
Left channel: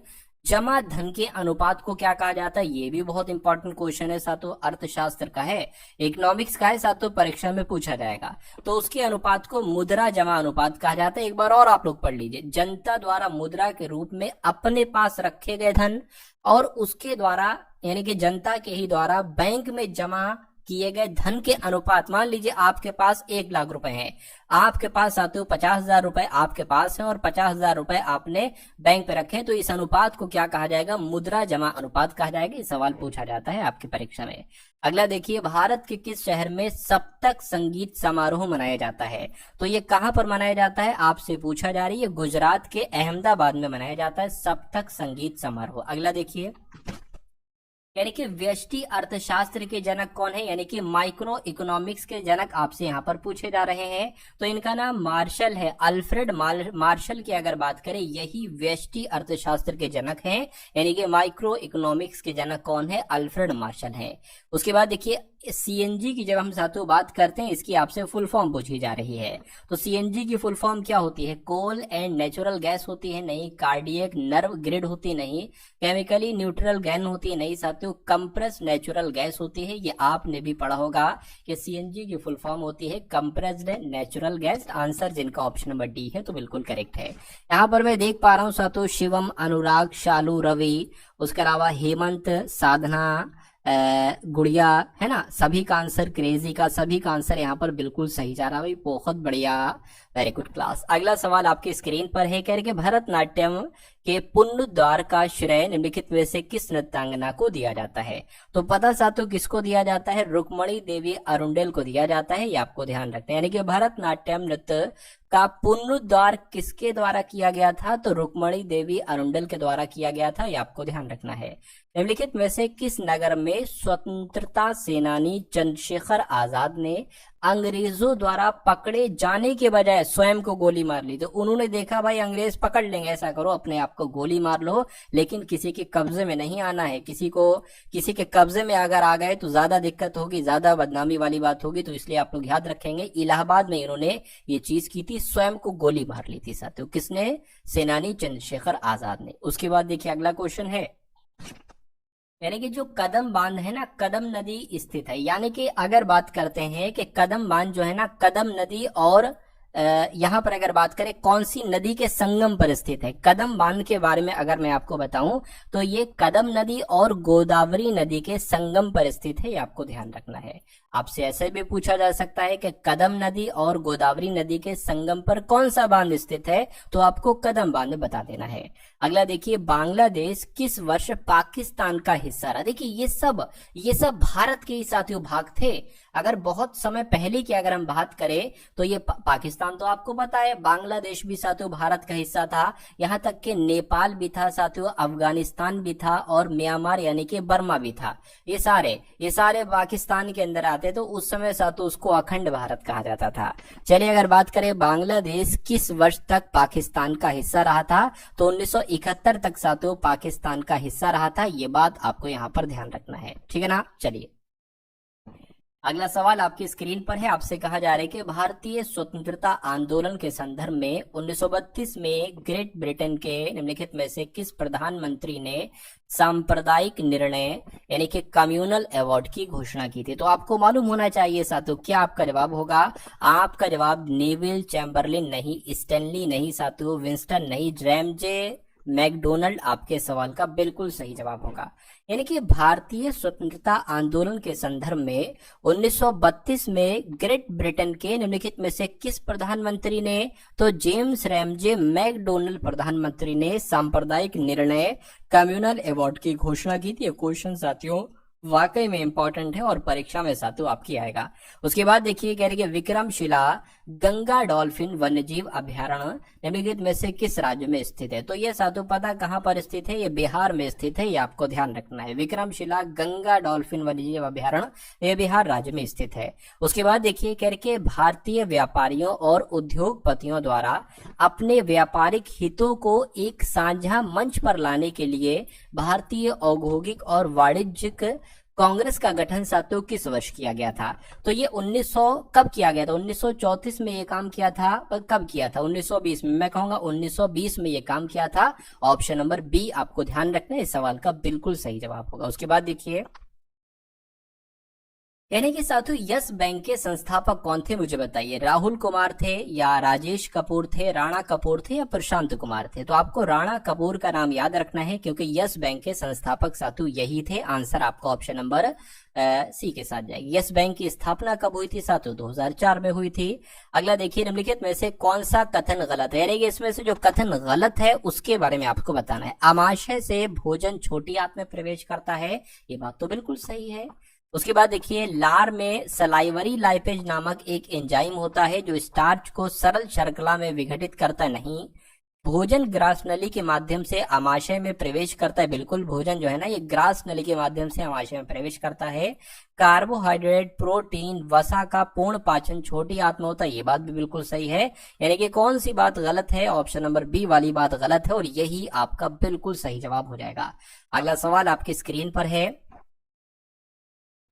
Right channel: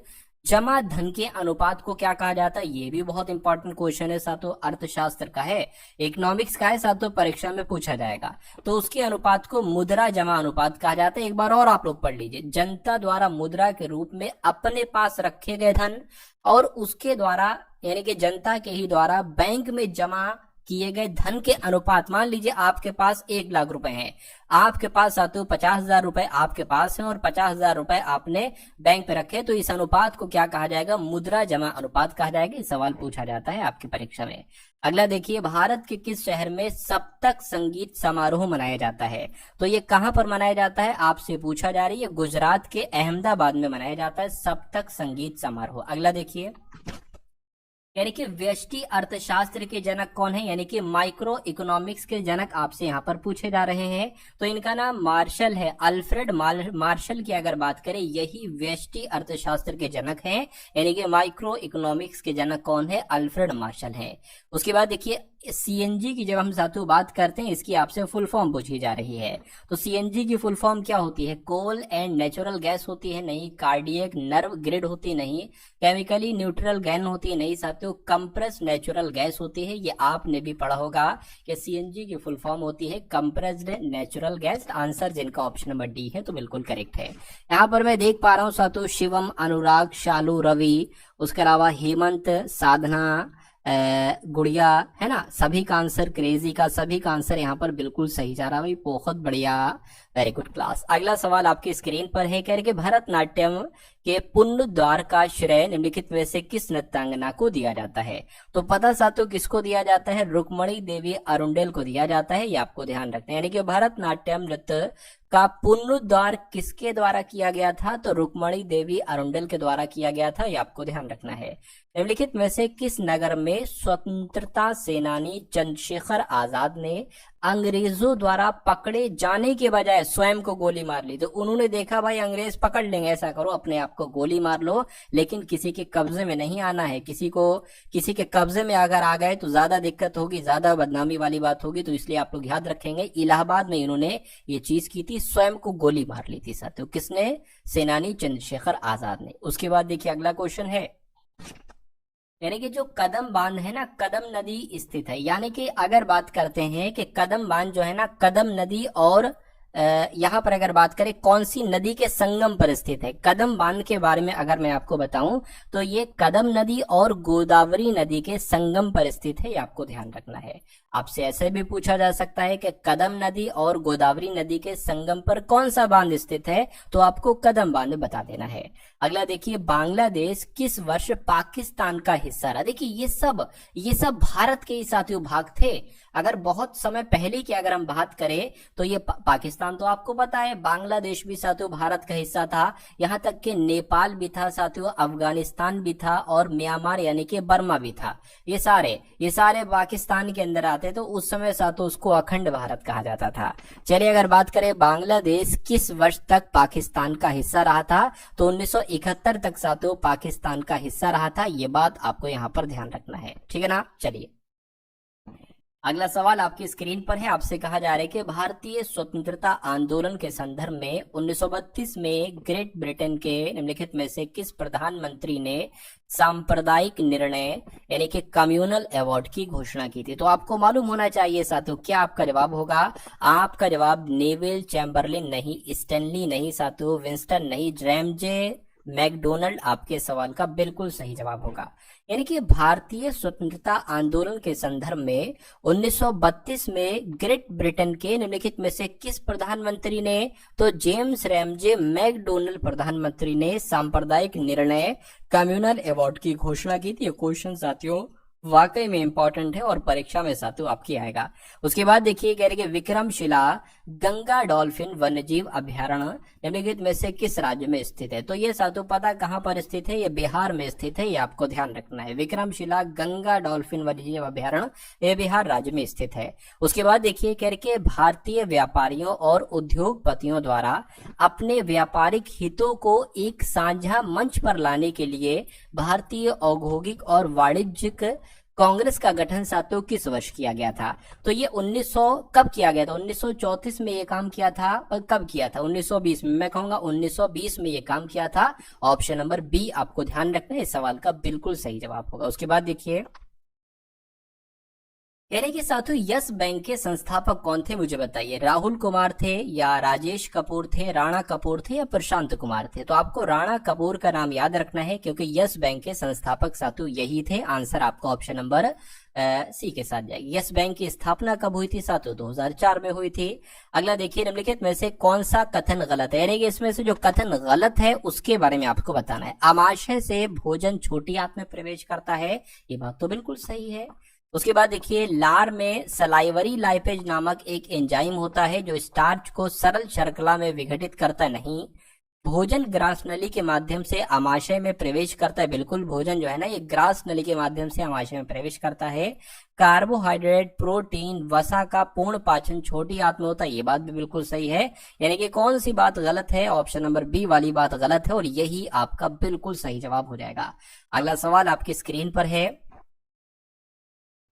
जमा धन के अनुपात को क्या कहा जाता है? ये भी बहुत इंपॉर्टेंट क्वेश्चन है साथियों, अर्थशास्त्र का है, इकोनॉमिक्स का है साथियों, परीक्षा में पूछा जाएगा। तो उसके अनुपात को मुद्रा जमा अनुपात कहा जाता है। एक बार और आप लोग पढ़ लीजिए, जनता द्वारा मुद्रा के रूप में अपने पास रखे गए धन और उसके द्वारा, यानी कि जनता के ही द्वारा बैंक में जमा किए गए धन के अनुपात। मान लीजिए आपके पास 1 लाख रुपए हैं, आपके पास साथियों 50,000 रुपए आपके पास है और 50,000 रुपए आपने बैंक पे रखे, तो इस अनुपात को क्या कहा जाएगा? मुद्रा जमा अनुपात कहा जाएगा। ये सवाल पूछा जाता है आपकी परीक्षा में। अगला देखिए, भारत के किस शहर में सप्तक संगीत समारोह मनाया जाता है? तो ये कहां पर मनाया जाता है आपसे पूछा जा रही है। गुजरात के अहमदाबाद में मनाया जाता है सप्तक संगीत समारोह। अगला देखिए, यानी कि व्यष्टि अर्थशास्त्र के जनक कौन है? यानी कि माइक्रो इकोनॉमिक्स के जनक आपसे यहाँ पर पूछे जा रहे हैं। तो इनका नाम मार्शल है, अल्फ्रेड मार्शल की अगर बात करें, यही व्यष्टि अर्थशास्त्र के जनक हैं। यानी कि माइक्रो इकोनॉमिक्स के जनक कौन है? अल्फ्रेड मार्शल है। उसके बाद देखिए, सीएनजी की जब हम साथियों बात करते हैं, इसकी आपसे फुल फॉर्म पूछी जा रही है। तो सीएनजी की फुल फॉर्म क्या होती है? कोल एंड नेचुरल गैस होती है नहीं, कार्डियक नर्व ग्रिड होती नहीं, केमिकली न्यूट्रल गैन होती है नहीं साथियों, साथियों कंप्रेस नेचुरल गैस होती है। ये आपने भी पढ़ा होगा कि सीएनजी की फुल फॉर्म होती है कंप्रेस्ड नेचुरल गैस। आंसर जिनका ऑप्शन नंबर डी है तो बिल्कुल करेक्ट है। यहाँ पर मैं देख पा रहा हूँ साथियों शिवम, अनुराग, शालू, रवि, उसके अलावा हेमंत, साधना, गुड़िया, है ना, सभी का आंसर, क्रेजी का सभी का आंसर यहाँ पर बिल्कुल सही जा रहा है भाई, बहुत बढ़िया, वेरी गुड क्लास। अगला सवाल आपकी स्क्रीन पर है, कह रहे कि भरतनाट्यम के पुनरुद्धार का श्रेय निम्नलिखित में से किस नृत्यांगना को दिया जाता है? तो पता साथियों किसको दिया जाता है? रुक्मणी देवी अरुंडेल को दिया जाता है, ये आपको ध्यान रखना है। यानी कि भरतनाट्यम नृत्य का पुनरुद्धार किसके द्वारा किया गया था? तो रुक्मणी देवी अरुंडेल के द्वारा किया गया था, ये आपको ध्यान रखना है। निम्नलिखित में से किस नगर में स्वतंत्रता सेनानी चंद्रशेखर आजाद ने अंग्रेजों द्वारा पकड़े जाने के बजाय स्वयं को गोली मार ली? तो उन्होंने देखा भाई अंग्रेज पकड़ लेंगे, ऐसा करो अपने आप को गोली मार लो, लेकिन किसी के कब्जे में नहीं आना है। किसी के कब्जे में अगर आ गए तो ज्यादा दिक्कत होगी, ज्यादा बदनामी वाली बात होगी, तो इसलिए आप लोग याद रखेंगे। इलाहाबाद में इन्होंने ये चीज की थी, स्वयं को गोली मार ली थी साथियों। किसने? सेनानी चंद्रशेखर आजाद ने। उसके बाद देखिए अगला क्वेश्चन है, यानी कि जो कदम बांध है ना, कदम नदी स्थित है। यानी कि अगर बात करते हैं कि कदम बांध जो है ना, कदम नदी और यहाँ पर अगर बात करें कौन सी नदी के संगम पर स्थित है? कदम बांध के बारे में अगर मैं आपको बताऊं तो ये कदम नदी और गोदावरी नदी के संगम पर स्थित है, ये आपको ध्यान रखना है। आपसे ऐसे भी पूछा जा सकता है कि कदम नदी और गोदावरी नदी के संगम पर कौन सा बांध स्थित है? तो आपको कदम बांध बता देना है। अगला देखिए, बांग्लादेश किस वर्ष पाकिस्तान का हिस्सा रहा? देखिए ये सब भारत के ही साथियों भाग थे। अगर बहुत समय पहले की अगर हम बात करें तो ये पाकिस्तान तो आपको पता है, बांग्लादेश भी साथियों भारत का हिस्सा था, यहाँ तक कि नेपाल भी था साथियों, अफगानिस्तान भी था और म्यांमार यानी कि बर्मा भी था। ये सारे पाकिस्तान के अंदर आते, तो उस समय साथियों उसको अखंड भारत कहा जाता था। चलिए अगर बात करें बांग्लादेश किस वर्ष तक पाकिस्तान का हिस्सा रहा था? तो 1971 तक साथियों पाकिस्तान का हिस्सा रहा था, ये बात आपको यहाँ पर ध्यान रखना है, ठीक है ना। चलिए अगला सवाल आपकी स्क्रीन पर है, आपसे कहा जा रहा है कि भारतीय स्वतंत्रता आंदोलन के संदर्भ में 1932 में ग्रेट ब्रिटेन के निम्नलिखित में से किस प्रधानमंत्री ने सांप्रदायिक निर्णय यानी कि कम्युनल अवार्ड की घोषणा की थी? तो आपको मालूम होना चाहिए साथियों, क्या आपका जवाब होगा? आपका जवाब नेविल चैम्बरलिन नहीं, स्टैनली नहीं साथियों, विंस्टन नहीं, रैमजे मैकडोनल्ड आपके सवाल का बिल्कुल सही जवाब होगा। यानी कि भारतीय स्वतंत्रता आंदोलन के संदर्भ में 1932 में ग्रेट ब्रिटेन के निम्नलिखित में से किस प्रधानमंत्री ने? तो जेम्स रैमजे मैकडोनल्ड प्रधानमंत्री ने सांप्रदायिक निर्णय कम्युनल अवार्ड की घोषणा की थी। क्वेश्चन साथियों वाकई में इंपॉर्टेंट है और परीक्षा में साथियों आपकी आएगा। उसके बाद देखिए कह रहे कि विक्रमशिला गंगा डॉल्फिन वन्यजीव अभ्यारण्य निम्नलिखित में से किस राज्य में स्थित है? तो ये साथियों पता कहाँ पर स्थित है? ये बिहार में स्थित है, ये आपको ध्यान रखना है। विक्रमशिला गंगा डॉल्फिन वन्यजीव अभ्यारण्य ये बिहार राज्य में स्थित है। उसके बाद देखिए कह रहे भारतीय व्यापारियों और उद्योगपतियों द्वारा अपने व्यापारिक हितों को एक साझा मंच पर लाने के लिए भारतीय औद्योगिक और वाणिज्यिक कांग्रेस का गठन साथियों किस वर्ष किया गया था? तो ये 1900 कब किया गया था? 1934 में ये काम किया था। और कब किया था? 1920 में। मैं कहूंगा 1920 में ये काम किया था। ऑप्शन नंबर बी आपको ध्यान रखना है, इस सवाल का बिल्कुल सही जवाब होगा। उसके बाद देखिए यानी कि साथियों यस बैंक के संस्थापक कौन थे? मुझे बताइए। राहुल कुमार थे या राजेश कपूर थे, राणा कपूर थे या प्रशांत कुमार थे? तो आपको राणा कपूर का नाम याद रखना है क्योंकि यस बैंक के संस्थापक साथियों यही थे। आंसर आपको ऑप्शन नंबर सी के साथ जाएगी। यस बैंक की स्थापना कब हुई थी साथियों? 2004 में हुई थी। अगला देखिए निम्नलिखित में से कौन सा कथन गलत है? यानी कि इसमें से जो कथन गलत है उसके बारे में आपको बताना है। आमाशय से भोजन छोटी आंत में प्रवेश करता है, ये बात तो बिल्कुल सही है। उसके बाद देखिए लार में सलाइवरी लाइपेज नामक एक एंजाइम होता है जो स्टार्च को सरल शर्करा में विघटित करता नहीं। भोजन ग्रास नली के माध्यम से आमाशय में प्रवेश करता है। बिल्कुल भोजन जो है ना ये ग्रास नली के माध्यम से आमाशय में प्रवेश करता है। कार्बोहाइड्रेट, प्रोटीन, वसा का पूर्ण पाचन छोटी आंत में होता है, ये बात भी बिल्कुल सही है। यानी कि कौन सी बात गलत है? ऑप्शन नंबर बी वाली बात गलत है और यही आपका बिल्कुल सही जवाब हो जाएगा। अगला सवाल आपकी स्क्रीन पर है,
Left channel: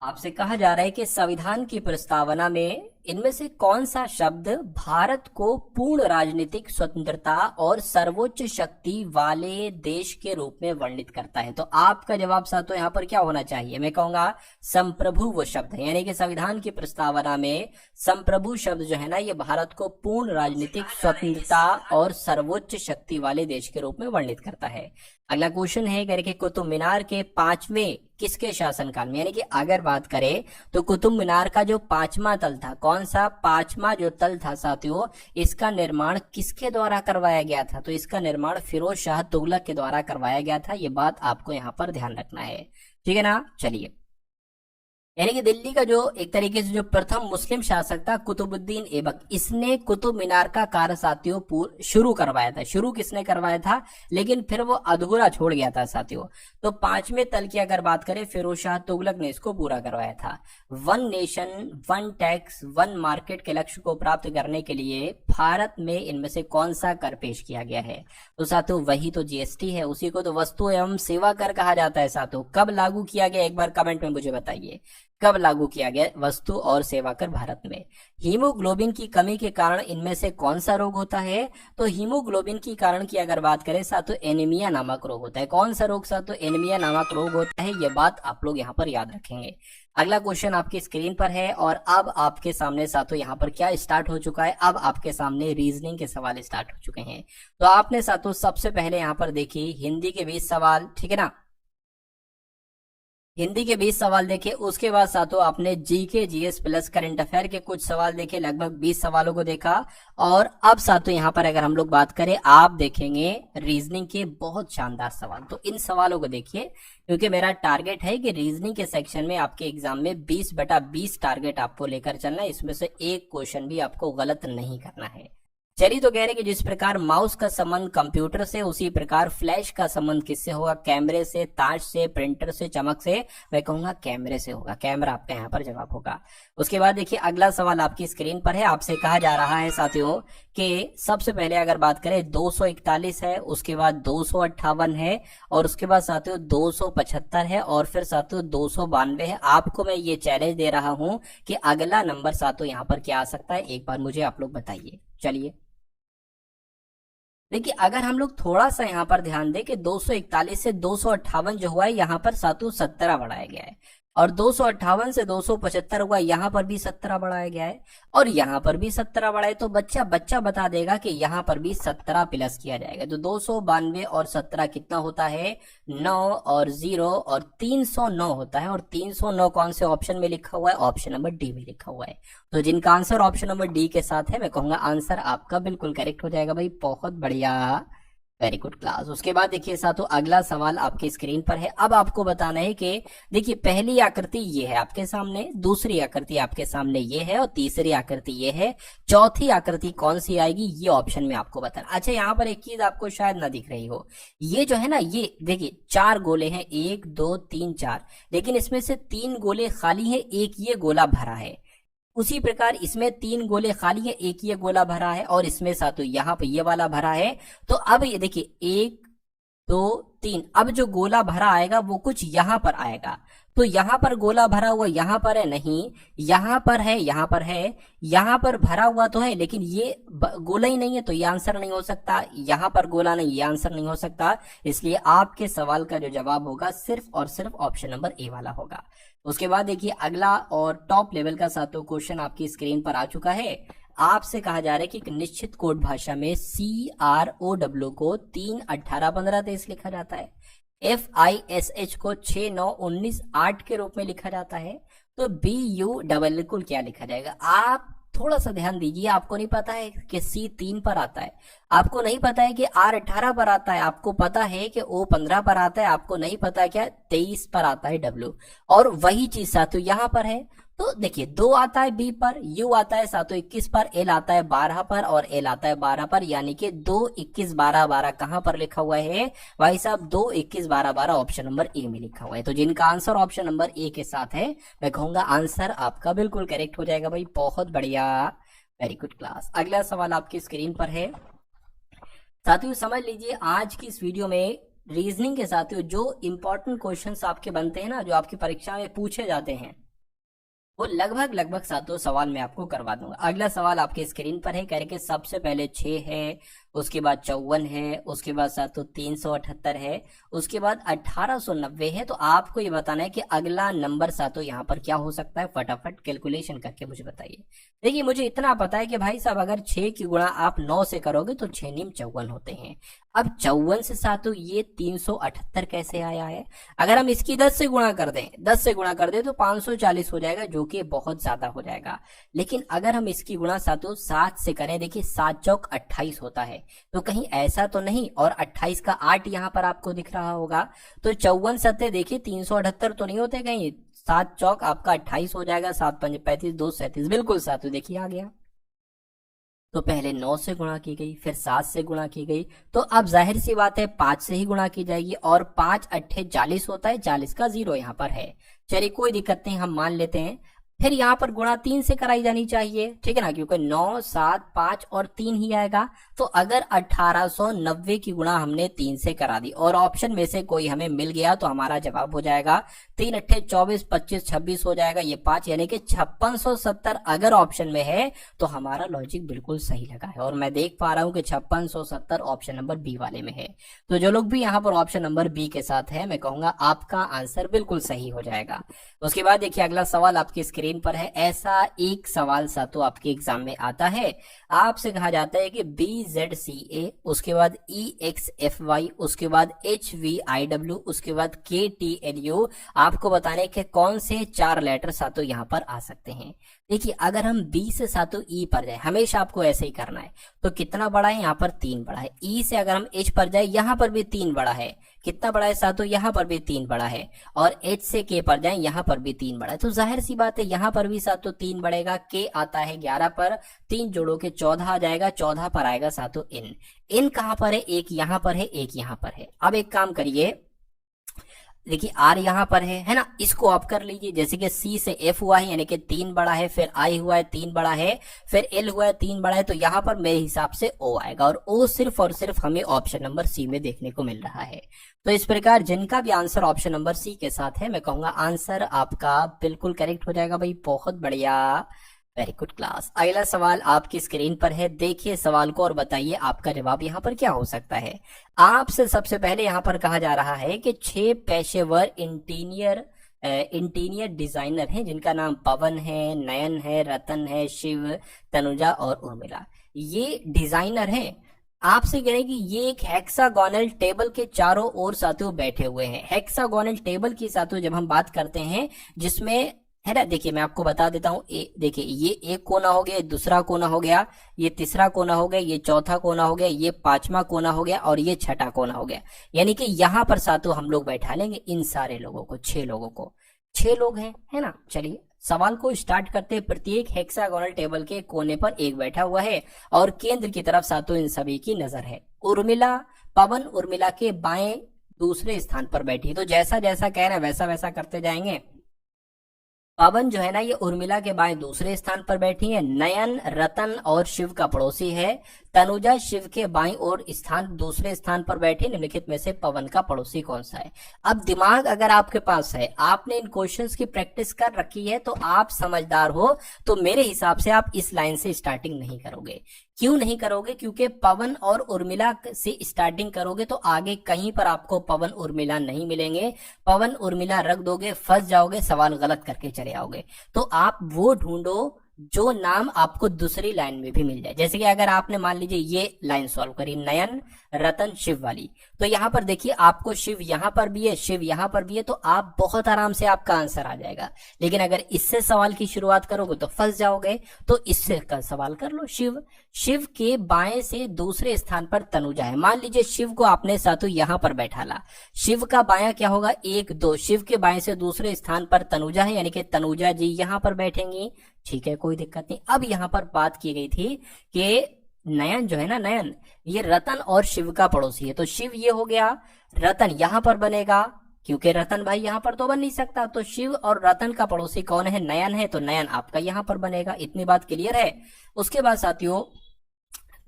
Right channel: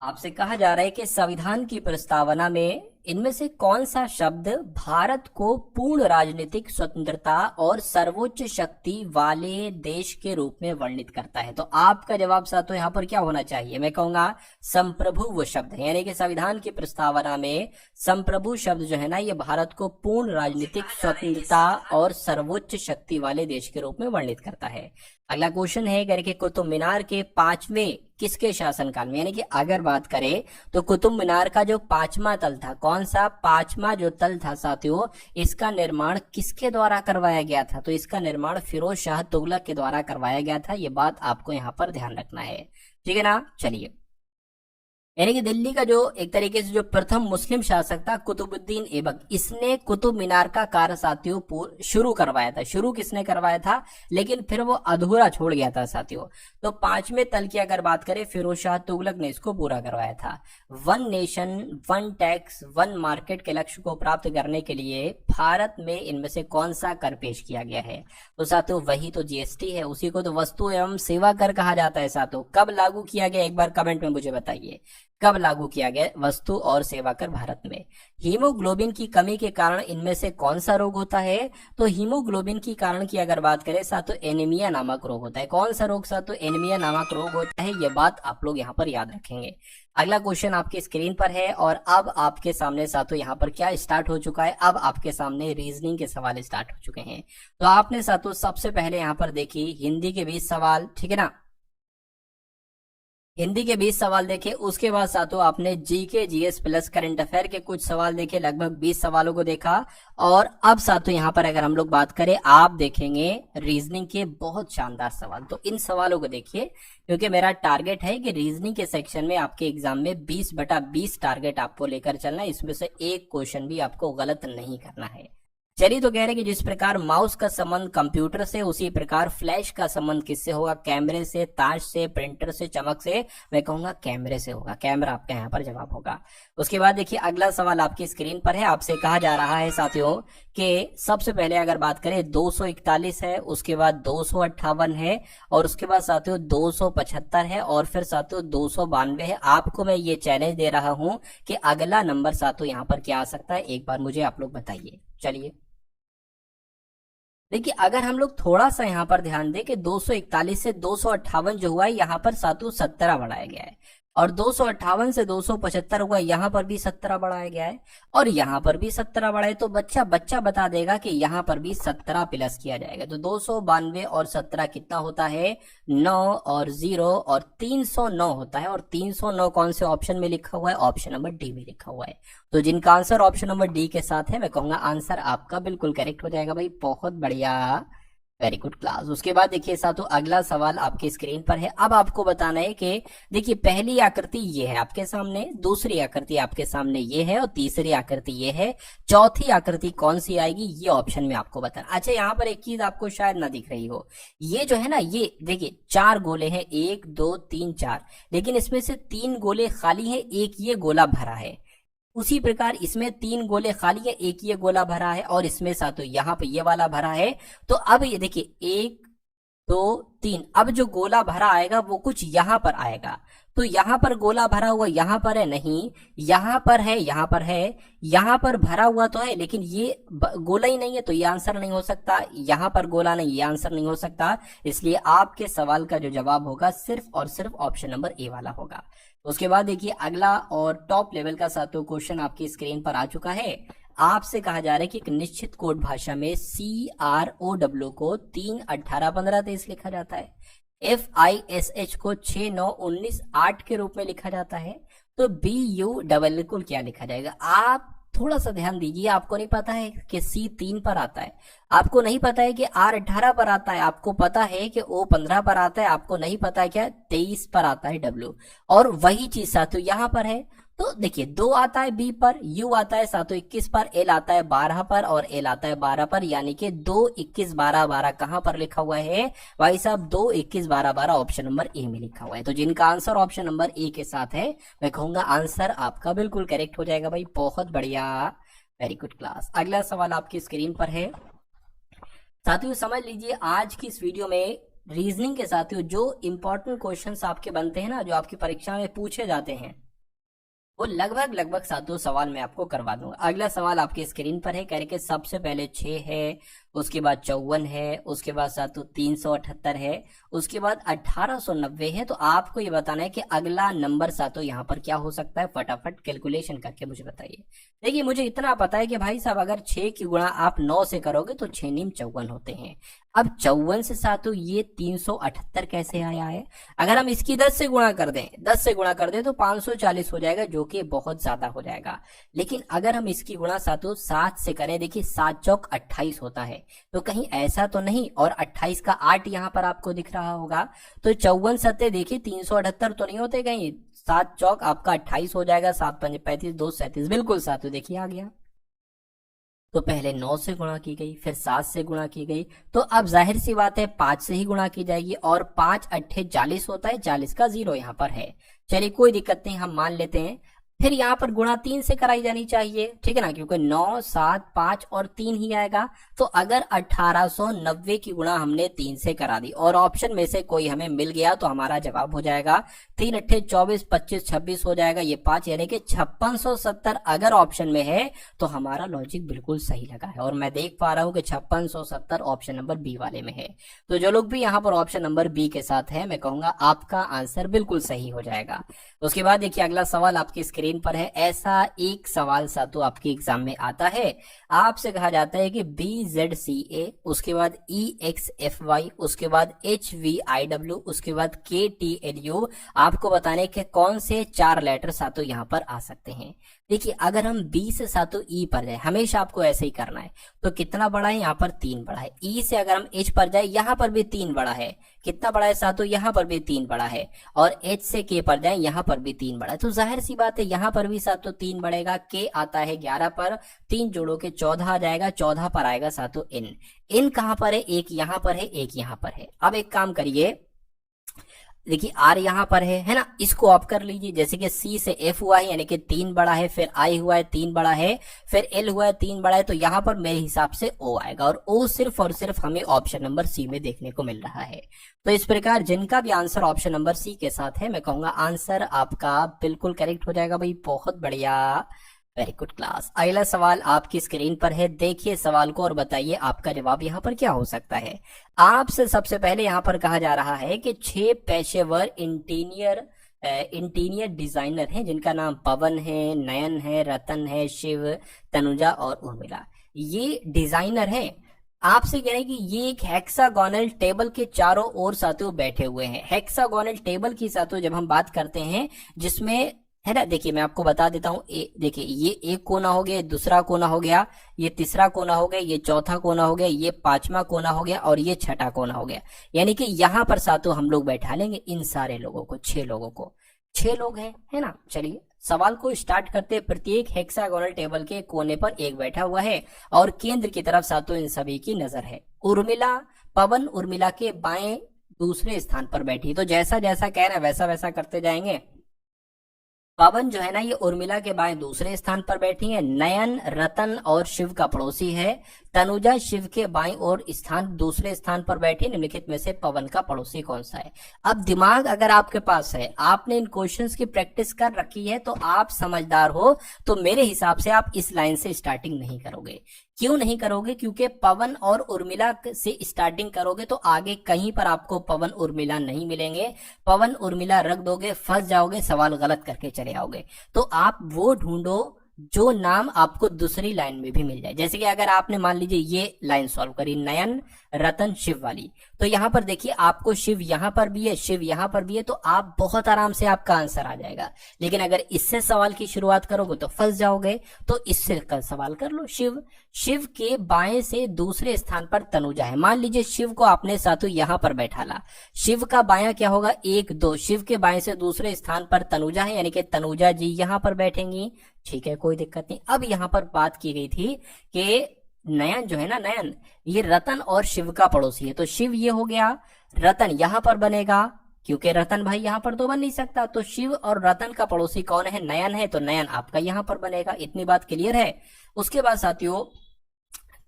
आपसे कहा जा रहा है कि संविधान की प्रस्तावना में इनमें से कौन सा शब्द भारत को पूर्ण राजनीतिक स्वतंत्रता और सर्वोच्च शक्ति वाले देश के रूप में वर्णित करता है। तो आपका जवाब साथों यहाँ पर क्या होना चाहिए, मैं कहूंगा संप्रभु शब्द, यानी कि संविधान की प्रस्तावना में संप्रभु शब्द जो है ना, ये भारत को पूर्ण राजनीतिक स्वतंत्रता और सर्वोच्च शक्ति वाले देश के रूप में वर्णित करता है। अगला क्वेश्चन है करके कुतुब मीनार के 5वें किसके शासनकाल में, यानी कि अगर बात करें तो कुतुब मीनार का जो 5वां तल था, कौन सा 5वां जो तल था साथियों, इसका निर्माण किसके द्वारा करवाया गया था, तो इसका निर्माण फिरोज शाह तुगलक के द्वारा करवाया गया था। ये बात आपको यहाँ पर ध्यान रखना है, ठीक है ना। चलिए, यानी कि दिल्ली का जो एक तरीके से जो प्रथम मुस्लिम शासक था कुतुबुद्दीन ऐबक, इसने कुतुब मीनार का कार्य साथियों शुरू करवाया था। शुरू किसने करवाया था, लेकिन फिर वो अधूरा छोड़ गया था साथियों। तो 5वें तल की अगर बात करें, फिरोज शाह तुगलक ने इसको पूरा करवाया था। One nation one tax one market के लक्ष्य को प्राप्त करने के लिए भारत में इनमें से कौन सा कर पेश किया गया है, तो साथियों वही तो जीएसटी है। उसी को तो वस्तु एवं सेवा कर कहा जाता है साथियों। कब लागू किया गया, एक बार कमेंट में मुझे बताइए, कब लागू किया गया वस्तु और सेवा कर भारत में। हीमोग्लोबिन की कमी के कारण इनमें से कौन सा रोग होता है, तो हीमोग्लोबिन की कारण की अगर बात करें साथियों, एनीमिया नामक रोग होता है। कौन सा रोग साथियों, एनीमिया नामक रोग होता है। ये बात आप लोग यहाँ पर याद रखेंगे। अगला क्वेश्चन आपकी स्क्रीन पर है और अब आपके सामने साथियों यहाँ पर क्या स्टार्ट हो चुका है, अब आपके सामने रीजनिंग के सवाल स्टार्ट हो चुके हैं। तो आपने साथियों सबसे पहले यहाँ पर देखी हिंदी के 20 सवाल, ठीक है ना, हिंदी के 20 सवाल देखे। उसके बाद साथियों आपने GK GS plus current affair के कुछ सवाल देखे, लगभग 20 सवालों को देखा। और अब साथियों यहाँ पर अगर हम लोग बात करें, आप देखेंगे रीजनिंग के बहुत शानदार सवाल। तो इन सवालों को देखिए, क्योंकि मेरा टारगेट है कि रीजनिंग के सेक्शन में आपके एग्जाम में 20/20 टारगेट आपको लेकर चलना है। इसमें से एक क्वेश्चन भी आपको गलत नहीं करना है। चलिए, तो कह रहे कि जिस प्रकार माउस का संबंध कंप्यूटर से, उसी प्रकार फ्लैश का संबंध किससे होगा, कैमरे से, ताश से, प्रिंटर से, चमक से, मैं कहूंगा कैमरे से होगा। कैमरा आपका यहाँ पर जवाब होगा। उसके बाद देखिए अगला सवाल आपकी स्क्रीन पर है। आपसे कहा जा रहा है साथियों कि सबसे पहले अगर बात करें 241 है, उसके बाद 258 है, और उसके बाद साथियों 275 है, और फिर साथियों 292 है। आपको मैं ये चैलेंज दे रहा हूं कि अगला नंबर साथियों यहाँ पर क्या आ सकता है, एक बार मुझे आप लोग बताइए। चलिए, देखिए अगर हम लोग थोड़ा सा यहाँ पर ध्यान दें कि 241 से 258 जो हुआ है, यहाँ पर सातों 17 बढ़ाया गया है, और 258 से 275 हुआ, यहाँ पर भी 17 बढ़ाया गया है, और यहाँ पर भी 17 बढ़ाए। तो बच्चा बता देगा कि यहाँ पर भी 17 प्लस किया जाएगा। तो 292 और 17 कितना होता है, 9 और 0 और 309 होता है। और 309 कौन से ऑप्शन में लिखा हुआ है, ऑप्शन नंबर डी में लिखा हुआ है। तो जिनका आंसर ऑप्शन नंबर डी के साथ है, मैं कहूंगा आंसर आपका बिल्कुल करेक्ट हो जाएगा भाई। बहुत बढ़िया, वेरी गुड क्लास। उसके बाद देखिए साथियों अगला सवाल आपके स्क्रीन पर है। अब आपको बताना है कि देखिए पहली आकृति ये है आपके सामने, दूसरी आकृति आपके सामने ये है, और तीसरी आकृति ये है। चौथी आकृति कौन सी आएगी, ये ऑप्शन में आपको बताना। अच्छा, यहाँ पर एक चीज आपको शायद ना दिख रही हो, ये जो है ना, ये देखिए 4 गोले हैं, 1 2 3 4, लेकिन इसमें से 3 गोले खाली है, एक ये गोला भरा है। उसी प्रकार इसमें 3 गोले खाली है, एक ये गोला भरा है, और इसमें साथ यहाँ पे ये वाला भरा है। तो अब ये देखिए 1 2 3, अब जो गोला भरा आएगा वो कुछ यहाँ पर आएगा। तो यहाँ पर गोला भरा हुआ यहाँ पर है नहीं, यहाँ पर है, यहाँ पर है, यहाँ पर भरा हुआ तो है, लेकिन ये गोला ही नहीं है, तो ये आंसर नहीं हो सकता। यहाँ पर गोला नहीं, ये आंसर नहीं हो सकता। इसलिए आपके सवाल का जो जवाब होगा सिर्फ और सिर्फ ऑप्शन नंबर ए वाला होगा। उसके बाद देखिए अगला और टॉप लेवल का सातों क्वेश्चन आपकी स्क्रीन पर आ चुका है। आपसे कहा जा रहा है कि एक निश्चित कोड भाषा में CROW को 3 18 15 23 लिखा जाता है, FISH को 6 9 19 8 के रूप में लिखा जाता है। तो BU को क्या लिखा जाएगा, आप थोड़ा सा ध्यान दीजिए। आपको नहीं पता है कि C 3 पर आता है, आपको नहीं पता है कि R 18 पर आता है, आपको पता है कि O 15 पर आता है, आपको नहीं पता है क्या 23 पर आता है W। और वही चीज साथियों यहाँ पर है। तो देखिए 2 आता है B पर, U आता है साथियों 21 पर, L आता है 12 पर, और L आता है 12 पर, यानी कि 2 21 12 12 कहां पर लिखा हुआ है भाई साहब, 2 21 12 12 ऑप्शन नंबर ए में लिखा हुआ है। तो जिनका आंसर ऑप्शन नंबर ए के साथ है, मैं कहूंगा आंसर आपका बिल्कुल करेक्ट हो जाएगा भाई। बहुत बढ़िया, वेरी गुड क्लास। अगला सवाल आपकी स्क्रीन पर है साथियों, समझ लीजिए आज की इस वीडियो में रीजनिंग के साथियों जो इंपॉर्टेंट क्वेश्चंस आपके बनते हैं ना, जो आपकी परीक्षा में पूछे जाते हैं, वो लगभग लगभग सातों सवाल मैं आपको करवा दूंगा। अगला सवाल आपके स्क्रीन पर है, कह रहे कि सबसे पहले 6 है, उसके बाद 54 है, उसके बाद सातों 378 है, उसके बाद 1890 है। तो आपको ये बताना है कि अगला नंबर सातों यहाँ पर क्या हो सकता है, फटाफट कैलकुलेशन करके मुझे बताइए। देखिए मुझे इतना पता है कि भाई साहब अगर 6 की गुणा आप 9 से करोगे तो 6 नीम 54 होते हैं। अब 54 से सातों ये 378 कैसे आया है? अगर हम इसकी 10 से गुणा कर दें, 10 से गुणा कर दें तो 540 हो जाएगा, जो कि बहुत ज्यादा हो जाएगा। लेकिन अगर हम इसकी गुणा सातों 7 से करें, देखिए 7 चौक 28 होता है, तो कहीं ऐसा तो नहीं, और 28 का 8 यहाँ पर आपको दिख रहा होगा, तो 54 सत्ते देखिए 378 तो नहीं होते कहीं, 7 चौक आपका 28 हो जाएगा, 7 पंजे 35, 2 37, बिल्कुल सातों देखिए आ गया। तो पहले 9 से गुणा की गई, फिर 7 से गुणा की गई, तो अब जाहिर सी बात है 5 से ही गुणा की जाएगी, और 5 अट्ठे 40 होता है, 40 का 0 यहाँ पर है। चलिए कोई दिक्कत नहीं, हम मान लेते हैं। फिर यहाँ पर गुणा 3 से कराई जानी चाहिए, ठीक है ना, क्योंकि 9 7 5 और 3 ही आएगा। तो अगर 1890 की गुणा हमने 3 से करा दी और ऑप्शन में से कोई हमें मिल गया तो हमारा जवाब हो जाएगा 3 अट्ठे 24, 25 26 हो जाएगा, ये 5, यानी कि 5670 अगर ऑप्शन में है तो हमारा लॉजिक बिल्कुल सही लगा है। और मैं देख पा रहा हूँ कि 5670 ऑप्शन नंबर बी वाले में है। तो जो लोग भी यहाँ पर ऑप्शन नंबर बी के साथ है, मैं कहूंगा आपका आंसर बिल्कुल सही हो जाएगा। उसके बाद देखिए अगला सवाल आपकी स्क्रीन पर है। ऐसा एक सवाल सातों आपके एग्जाम में आता है, आपसे कहा जाता है कि BZCA, उसके बाद EXFY, उसके बाद HVIW, उसके बाद KTLU, आपको बताने के कौन से 4 लेटर सातों यहाँ पर आ सकते हैं। देखिए अगर हम B से सातों E पर जाए, हमेशा आपको ऐसे ही करना है, तो कितना बड़ा है, यहाँ पर 3 बड़ा है। E से अगर हम H पर जाए, यहाँ पर भी 3 बड़ा है, कितना बड़ा है सातों, यहाँ पर भी 3 बड़ा है। और H से K पर जाए, यहाँ पर भी 3 बड़ा है, तो जाहिर सी बात है यहाँ पर भी सातों 3 बढ़ेगा। K आता है 11 पर, 3 जोड़ो के 14 आ जाएगा, 14 पर आएगा सातों N कहाँ पर है, एक यहाँ पर है, एक यहाँ पर है। अब एक काम करिए, देखिए R यहाँ पर है ना, इसको ऑफ कर लीजिए। जैसे कि C से F हुआ है, यानी कि 3 बड़ा है, फिर I हुआ है 3 बड़ा है, फिर L हुआ है 3 बड़ा है, तो यहाँ पर मेरे हिसाब से O आएगा, और O सिर्फ और सिर्फ हमें ऑप्शन नंबर C में देखने को मिल रहा है। तो इस प्रकार जिनका भी आंसर ऑप्शन नंबर C के साथ है, मैं कहूंगा आंसर आपका बिल्कुल करेक्ट हो जाएगा भाई, बहुत बढ़िया, वेरी गुड क्लास। अगला सवाल आपकी स्क्रीन पर है, देखिए सवाल को और बताइए आपका जवाब यहाँ पर क्या हो सकता है। आपसे सबसे पहले यहाँ पर कहा जा रहा है कि 6 पेशेवर इंटीरियर डिजाइनर हैं, जिनका नाम पवन है, नयन है, रतन है, शिव, तनुजा और उर्मिला। ये डिजाइनर हैं। आपसे कह रहे हैं कि ये एक हेक्सागोनल टेबल के चारों ओर साथियों बैठे हुए हैं। हेक्सागोनल टेबल की साथियों जब हम बात करते हैं, जिसमें है ना, देखिए मैं आपको बता देता हूँ, देखिए ये एक कोना हो गया, दूसरा कोना हो गया, ये तीसरा कोना हो गया, ये चौथा कोना हो गया, ये 5वां कोना हो गया, और ये 6ठा कोना हो गया। यानी कि यहाँ पर सातों हम लोग बैठा लेंगे इन सारे लोगों को, 6 लोगों को, 6 लोग हैं, है ना। चलिए सवाल को स्टार्ट करते। प्रत्येक हेक्सागोनल टेबल के कोने पर एक बैठा हुआ है और केंद्र की तरफ सातों इन सभी की नजर है। उर्मिला, पवन उर्मिला के बाएं दूसरे स्थान पर बैठी, तो जैसा जैसा कहना वैसा वैसा करते जाएंगे। पवन जो है ना, ये उर्मिला के बाएं दूसरे स्थान पर बैठी है। नयन रतन और शिव का पड़ोसी है। तनुजा शिव के बाईं ओर दूसरे स्थान पर बैठी। निम्नलिखित में से पवन का पड़ोसी कौन सा है? अब दिमाग अगर आपके पास है, आपने इन क्वेश्चंस की प्रैक्टिस कर रखी है, तो आप समझदार हो, तो मेरे हिसाब से आप इस लाइन से स्टार्टिंग नहीं करोगे। क्यों नहीं करोगे? क्योंकि पवन और उर्मिला से स्टार्टिंग करोगे तो आगे कहीं पर आपको पवन उर्मिला नहीं मिलेंगे। पवन उर्मिला रख दोगे, फंस जाओगे, सवाल गलत करके चले आओगे। तो आप वो ढूंढो जो नाम आपको दूसरी लाइन में भी मिल जाए। जैसे कि अगर आपने मान लीजिए ये लाइन सॉल्व करी, नयन रतन शिव वाली, तो यहाँ पर देखिए आपको शिव यहाँ पर भी है, शिव यहाँ पर भी है, तो आप बहुत आराम से आपका आंसर आ जाएगा। लेकिन अगर इससे सवाल की शुरुआत करोगे तो फंस जाओगे। तो इससे कल सवाल कर लो। शिव, शिव के बाएं से दूसरे स्थान पर तनुजा है। मान लीजिए शिव को आपने साथों यहाँ पर बैठा ला, शिव का बायां क्या होगा? 1 2। शिव के बाएं से दूसरे स्थान पर तनुजा है, यानी कि तनुजा जी यहाँ पर बैठेंगी। ठीक है, कोई दिक्कत नहीं। अब यहाँ पर बात की गई थी कि नयन जो है ना, नयन ये रतन और शिव का पड़ोसी है, तो शिव ये हो गया, रतन यहाँ पर बनेगा, क्योंकि रतन भाई यहाँ पर तो बन नहीं सकता। तो शिव और रतन का पड़ोसी कौन है? नयन है, तो नयन आपका यहाँ पर बनेगा। इतनी बात क्लियर है। उसके बाद साथियों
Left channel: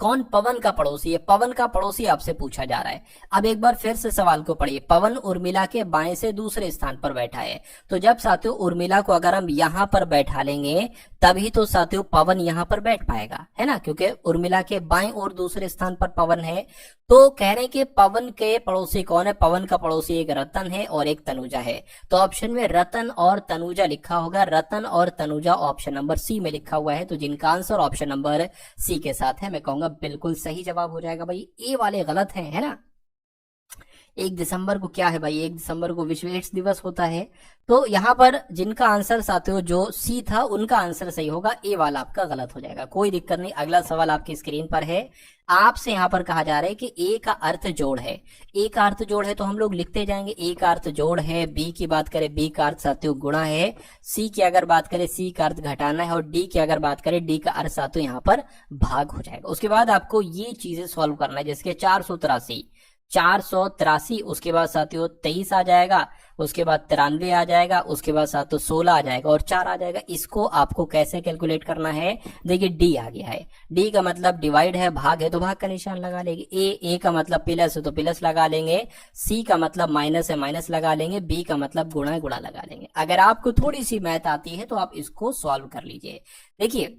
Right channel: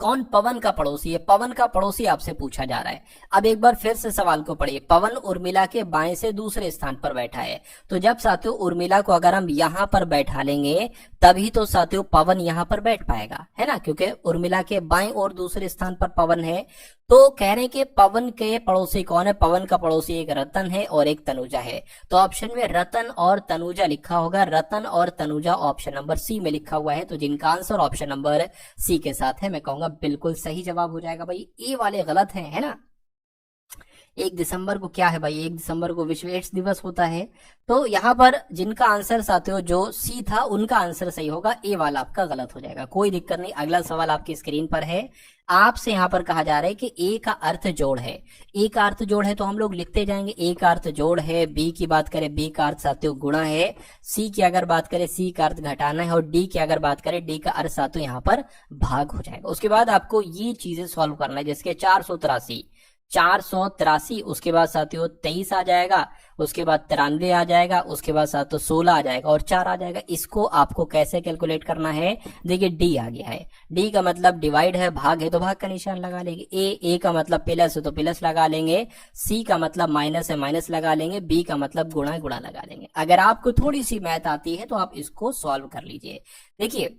कौन पवन का पड़ोसी है? पवन का पड़ोसी आपसे पूछा जा रहा है। अब एक बार फिर से सवाल को पढ़िए। पवन उर्मिला के बाएं से दूसरे स्थान पर बैठा है। तो जब साथियों उर्मिला को अगर हम यहां पर बैठा लेंगे तभी तो साथियों पवन यहां पर बैठ पाएगा, है ना, क्योंकि उर्मिला के बाएं और दूसरे स्थान पर पवन है। तो कह रहे हैं कि पवन के पड़ोसी कौन है? पवन का पड़ोसी एक रतन है और एक तनुजा है। तो ऑप्शन में रतन और तनुजा लिखा होगा। रतन और तनुजा ऑप्शन नंबर सी में लिखा हुआ है। तो जिनका आंसर ऑप्शन नंबर सी के साथ है, मैं कहूंगा बिल्कुल सही जवाब हो जाएगा। भाई ए वाले गलत है ना। 1 दिसंबर को क्या है भाई? 1 दिसंबर को विश्व एड्स दिवस होता है। तो यहाँ पर जिनका आंसर साथियों जो सी था उनका आंसर सही होगा, ए वाला आपका गलत हो जाएगा। कोई दिक्कत नहीं। अगला सवाल आपकी स्क्रीन पर है। आपसे यहाँ पर कहा जा रहा है कि ए का अर्थ जोड़ है। ए का अर्थ जोड़ है तो हम लोग लिखते जाएंगे। ए का अर्थ जोड़ है। बी की बात करें, बी का अर्थ साथियों गुणा है। सी की अगर बात करें, सी का अर्थ घटाना है। और डी की अगर बात करें, डी का अर्थ साथियों यहाँ पर भाग हो जाएगा। उसके बाद आपको ये चीजें सॉल्व करना है, जिसके 483, उसके बाद साथियों 23 आ जाएगा, उसके बाद 93 आ जाएगा, उसके बाद साथियों 16 आ जाएगा और 4 आ जाएगा। इसको आपको कैसे कैलकुलेट करना है? देखिए डी आ गया है। डी का मतलब डिवाइड है, भाग है तो भाग का निशान लगा लेंगे। ए का मतलब प्लस है तो प्लस लगा लेंगे। सी का मतलब माइनस है, माइनस लगा लेंगे। बी का मतलब गुणा है, गुणा लगा लेंगे। अगर आपको थोड़ी सी मैथ आती है तो आप इसको सॉल्व कर लीजिए। देखिए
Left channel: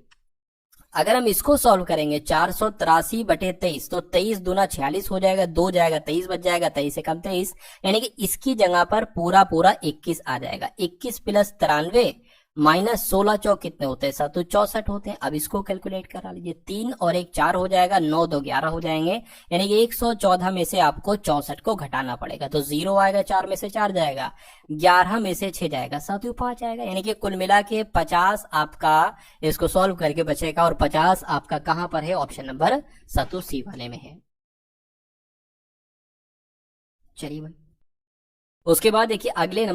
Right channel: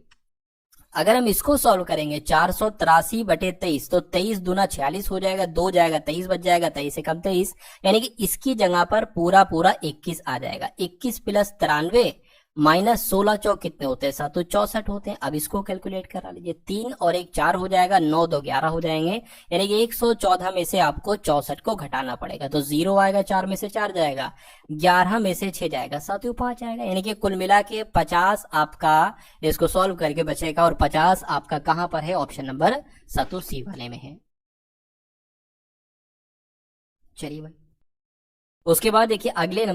अगर हम इसको सॉल्व करेंगे 483/23 तो 23 दूना 46 हो जाएगा, 2 जाएगा 23 बच जाएगा, 23 से कम 23, यानी कि इसकी जगह पर पूरा 21 आ जाएगा। 21 प्लस 93 माइनस 16 चौक कितने होते हैं? 7 64 होते हैं। अब इसको कैलकुलेट करा लीजिए। 3 और 1 4 हो जाएगा, 9 2 11 हो जाएंगे, यानी कि 114 में से आपको 64 को घटाना पड़ेगा। तो 0 आएगा, 4 में से 4 जाएगा, 11 में से 6 जाएगा, साथियों 5 आएगा, यानी कि कुल मिला के 50 आपका इसको सॉल्व करके बचेगा। और 50 आपका कहां पर है? ऑप्शन नंबर साथियों सी वाले में है। चलिए भाई उसके बाद देखिए अगले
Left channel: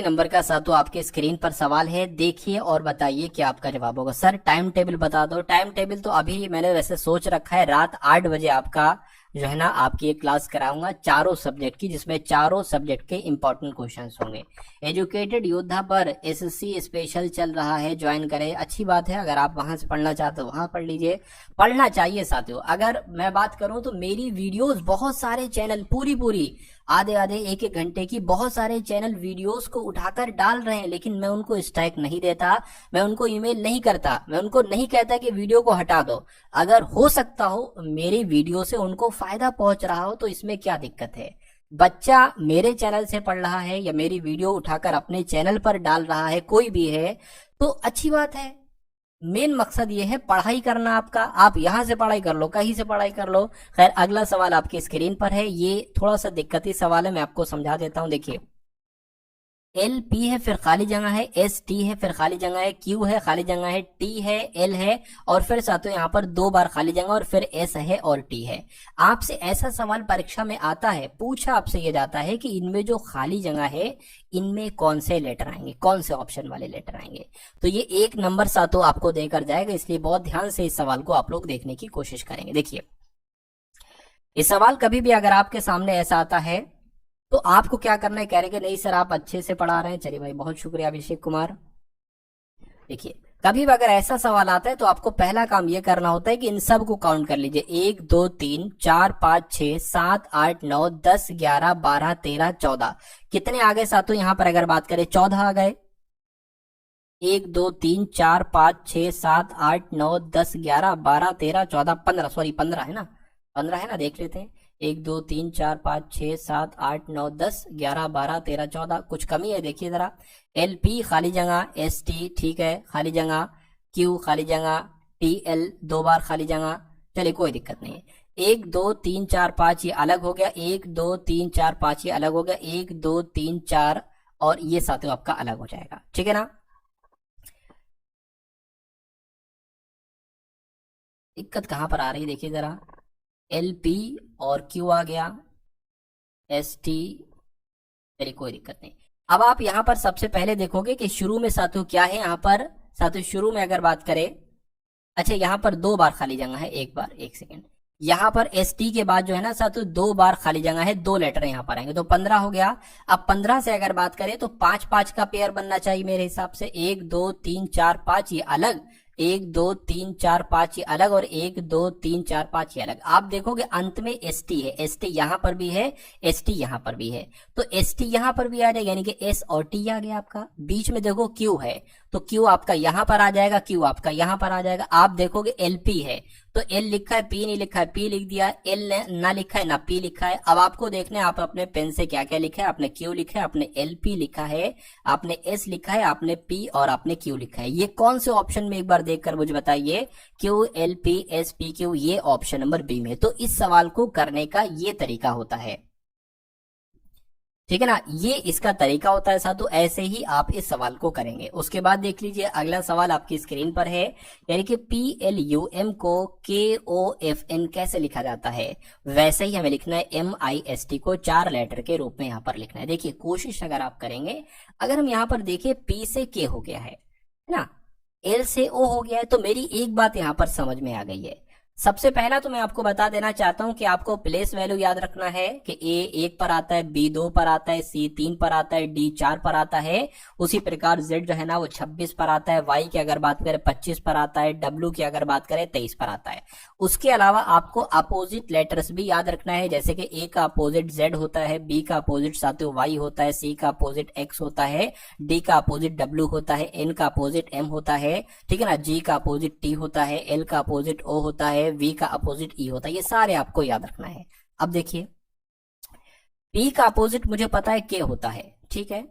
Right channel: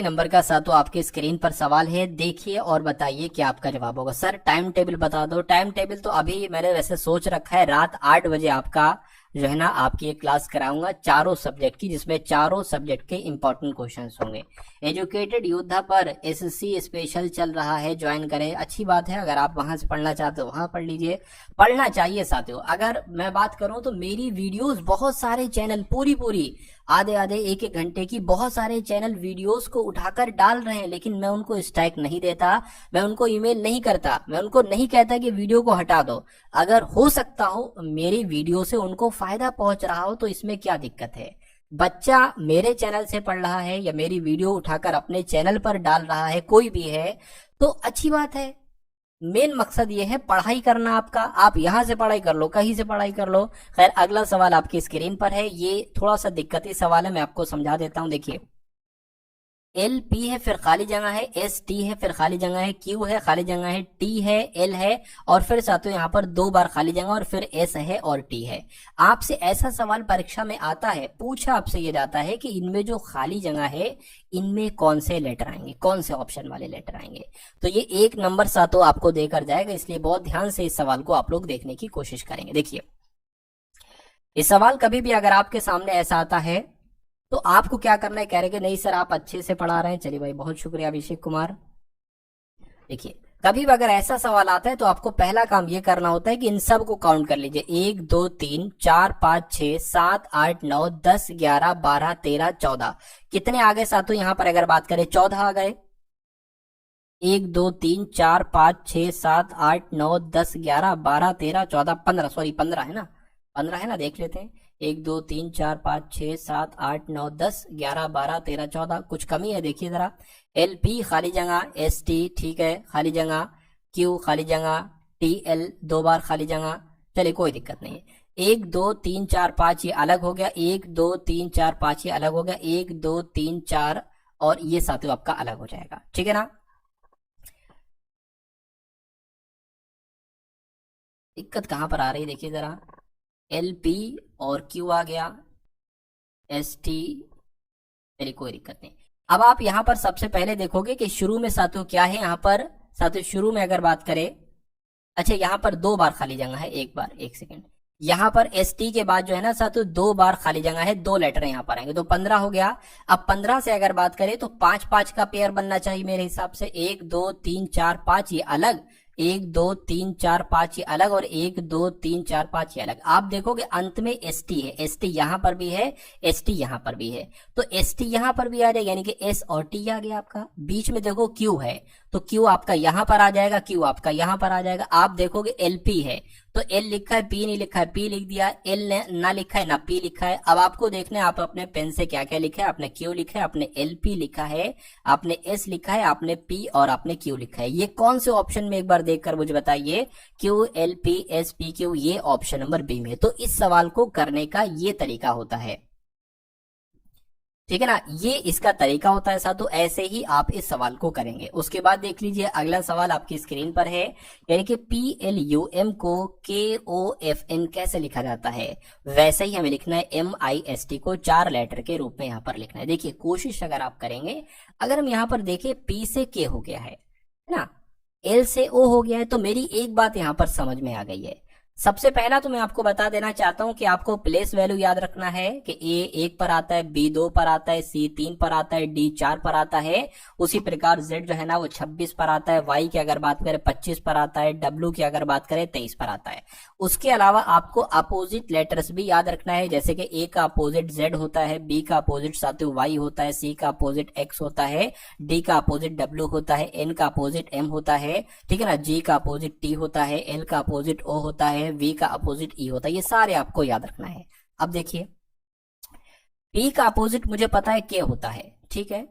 नंबर का साथियों आपके स्क्रीन पर सवाल है। देखिए और बताइए क्या आपका जवाब होगा। सर टाइम टेबल बता दो। टाइम टेबल तो अभी मैंने वैसे सोच रखा है, रात 8 बजे आपका जो है ना आपकी एक क्लास कराऊंगा चारों सब्जेक्ट की, जिसमें चारों सब्जेक्ट के इंपॉर्टेंट क्वेश्चंस होंगे। एजुकेटेड योद्धा पर एसएससी स्पेशल चल रहा है, ज्वाइन करें। अच्छी बात है, अगर आप वहां से पढ़ना चाहते हो वहां पढ़ लीजिए, पढ़ना चाहिए साथियों। अगर मैं बात करूं तो मेरी वीडियोस बहुत सारे चैनल पूरी आधे 1-1 घंटे की बहुत सारे चैनल वीडियोस को उठाकर डाल रहे हैं, लेकिन मैं उनको स्ट्राइक नहीं देता, मैं उनको ईमेल नहीं करता, मैं उनको नहीं कहता कि वीडियो को हटा दो। अगर हो सकता हो मेरी वीडियो से उनको फायदा पहुंच रहा हो तो इसमें क्या दिक्कत है? बच्चा मेरे चैनल से पढ़ रहा है या मेरी वीडियो उठाकर अपने चैनल पर डाल रहा है, कोई भी है तो अच्छी बात है। मेन मकसद ये है पढ़ाई करना आपका। आप यहां से पढ़ाई कर लो, कहीं से पढ़ाई कर लो। खैर अगला सवाल आपकी स्क्रीन पर है, ये थोड़ा सा दिक्कती सवाल है, मैं आपको समझा देता हूं। देखिए एल पी है, फिर खाली जगह है, एस टी है, फिर खाली जगह है, क्यू है, खाली जगह है, टी है, एल है, और फिर साथियों यहाँ पर 2 बार खाली जगह और फिर एस है और टी है। आपसे ऐसा सवाल परीक्षा में आता है, पूछा आपसे ये जाता है कि इनमें जो खाली जगह है इनमें कौन से लेटर आएंगे, कौन से ऑप्शन वाले लेटर आएंगे। तो ये 1 नंबर साथियों आपको देकर जाएगा, इसलिए बहुत ध्यान से इस सवाल को आप लोग देखने की कोशिश करेंगे। देखिए इस सवाल कभी भी अगर आपके सामने ऐसा आता है तो आपको क्या करना है? कह रहे कि नहीं सर आप अच्छे से पढ़ा रहे हैं। चलिए भाई बहुत शुक्रिया अभिषेक कुमार। देखिए कभी भी अगर ऐसा सवाल आता है तो आपको पहला काम ये करना होता है कि इन सब को काउंट कर लीजिए। 1 2 3 4 5 6 7 8 9 10 11 12 13 14 कितने आ गए साथियों? यहाँ पर अगर बात करें 14 आ गए। 1 2 3 4 5 6 7 8 9 10 11 12 13 14 15, सॉरी 15 है ना, 15 है ना, देख लेते हैं। 1 2 3 4 5 6 7 8 9 10 11 12 13 14, कुछ कमी है देखिए जरा। एल पी खाली जगह, एस टी ठीक है खाली जगह, क्यू खाली जगह, टी एल 2 बार खाली जगह। चलिए कोई दिक्कत नहीं है। 1 2 3 4 5 ये अलग हो गया, 1 2 3 4 5 ये अलग हो गया, 1 2 3 4 और ये साथियों आपका अलग हो जाएगा, ठीक है ना। दिक्कत कहां पर आ रही है देखिए जरा। एल पी और क्यू आ गया, एस टी, चलिए कोई दिक्कत नहीं। अब आप यहां पर सबसे पहले देखोगे कि शुरू में साथियों क्या है। यहां पर साथियों शुरू में अगर बात करें, अच्छा यहां पर 2 बार खाली जगह है, एक बार, एक सेकेंड। यहां पर एस टी के बाद जो है ना साथियों 2 बार खाली जगह है, 2 लेटर यहां पर आएंगे तो 15 हो गया। अब 15 से अगर बात करें तो 5 5 का पेयर बनना चाहिए मेरे हिसाब से। 1 2 3 4 5 ये अलग, 1 2 3 4 5 ये अलग और 1 2 3 4 5 ये अलग। आप देखोगे अंत में एस टी है, एस टी यहाँ पर भी है, एस टी यहाँ पर भी है, तो एस टी यहाँ पर भी आ जाएगा, यानी कि एस और टी आ गया आपका। बीच में देखो क्यू है, तो क्यू आपका यहाँ पर आ जाएगा, क्यू आपका यहाँ पर आ जाएगा। आप देखोगे एल पी है, तो एल लिखा है, पी नहीं लिखा है, पी लिख दिया, एल ना लिखा है ना पी लिखा है। अब आपको देखना है आप अपने पेन से क्या क्या लिखा है। आपने क्यू लिखा है, आपने एल पी लिखा है, आपने एस लिखा है, आपने पी और आपने क्यू लिखा है। ये कौन से ऑप्शन में एक बार देखकर मुझे बताइए। Q L P S P Q, ये ऑप्शन नंबर बी में। तो इस सवाल को करने का ये तरीका होता है, ठीक है ना, ये इसका तरीका होता है साथियों। ऐसे ही आप इस सवाल को करेंगे। उसके बाद देख लीजिए अगला सवाल आपकी स्क्रीन पर है, यानी कि PLUM को KOFN कैसे लिखा जाता है, वैसे ही हमें लिखना है MIST को 4 लेटर के रूप में यहाँ पर लिखना है। देखिए कोशिश अगर आप करेंगे, अगर हम यहाँ पर देखें P से K हो गया है ना, L से O हो गया है, तो मेरी एक बात यहाँ पर समझ में आ गई है। सबसे पहला तो मैं आपको बता देना चाहता हूं कि आपको प्लेस वैल्यू याद रखना है कि A 1 पर आता है, B 2 पर आता है, C 3 पर आता है, D 4 पर आता है। उसी प्रकार Z जो है ना वो 26 पर आता है, Y की अगर बात करें 25 पर आता है, W की अगर बात करें 23 पर आता है। उसके अलावा आपको अपोजिट लेटर्स भी याद रखना है, जैसे कि A का अपोजिट Z होता है, B का अपोजिट साथियों Y होता है, C का अपोजिट X होता है, D का अपोजिट W होता है, N का अपोजिट M होता है, ठीक है ना, G का अपोजिट T होता है, L का अपोजिट O होता है, V का अपोजिट E होता है। ये सारे आपको याद रखना है। अब देखिए P का अपोजिट मुझे पता है K होता है, ठीक है,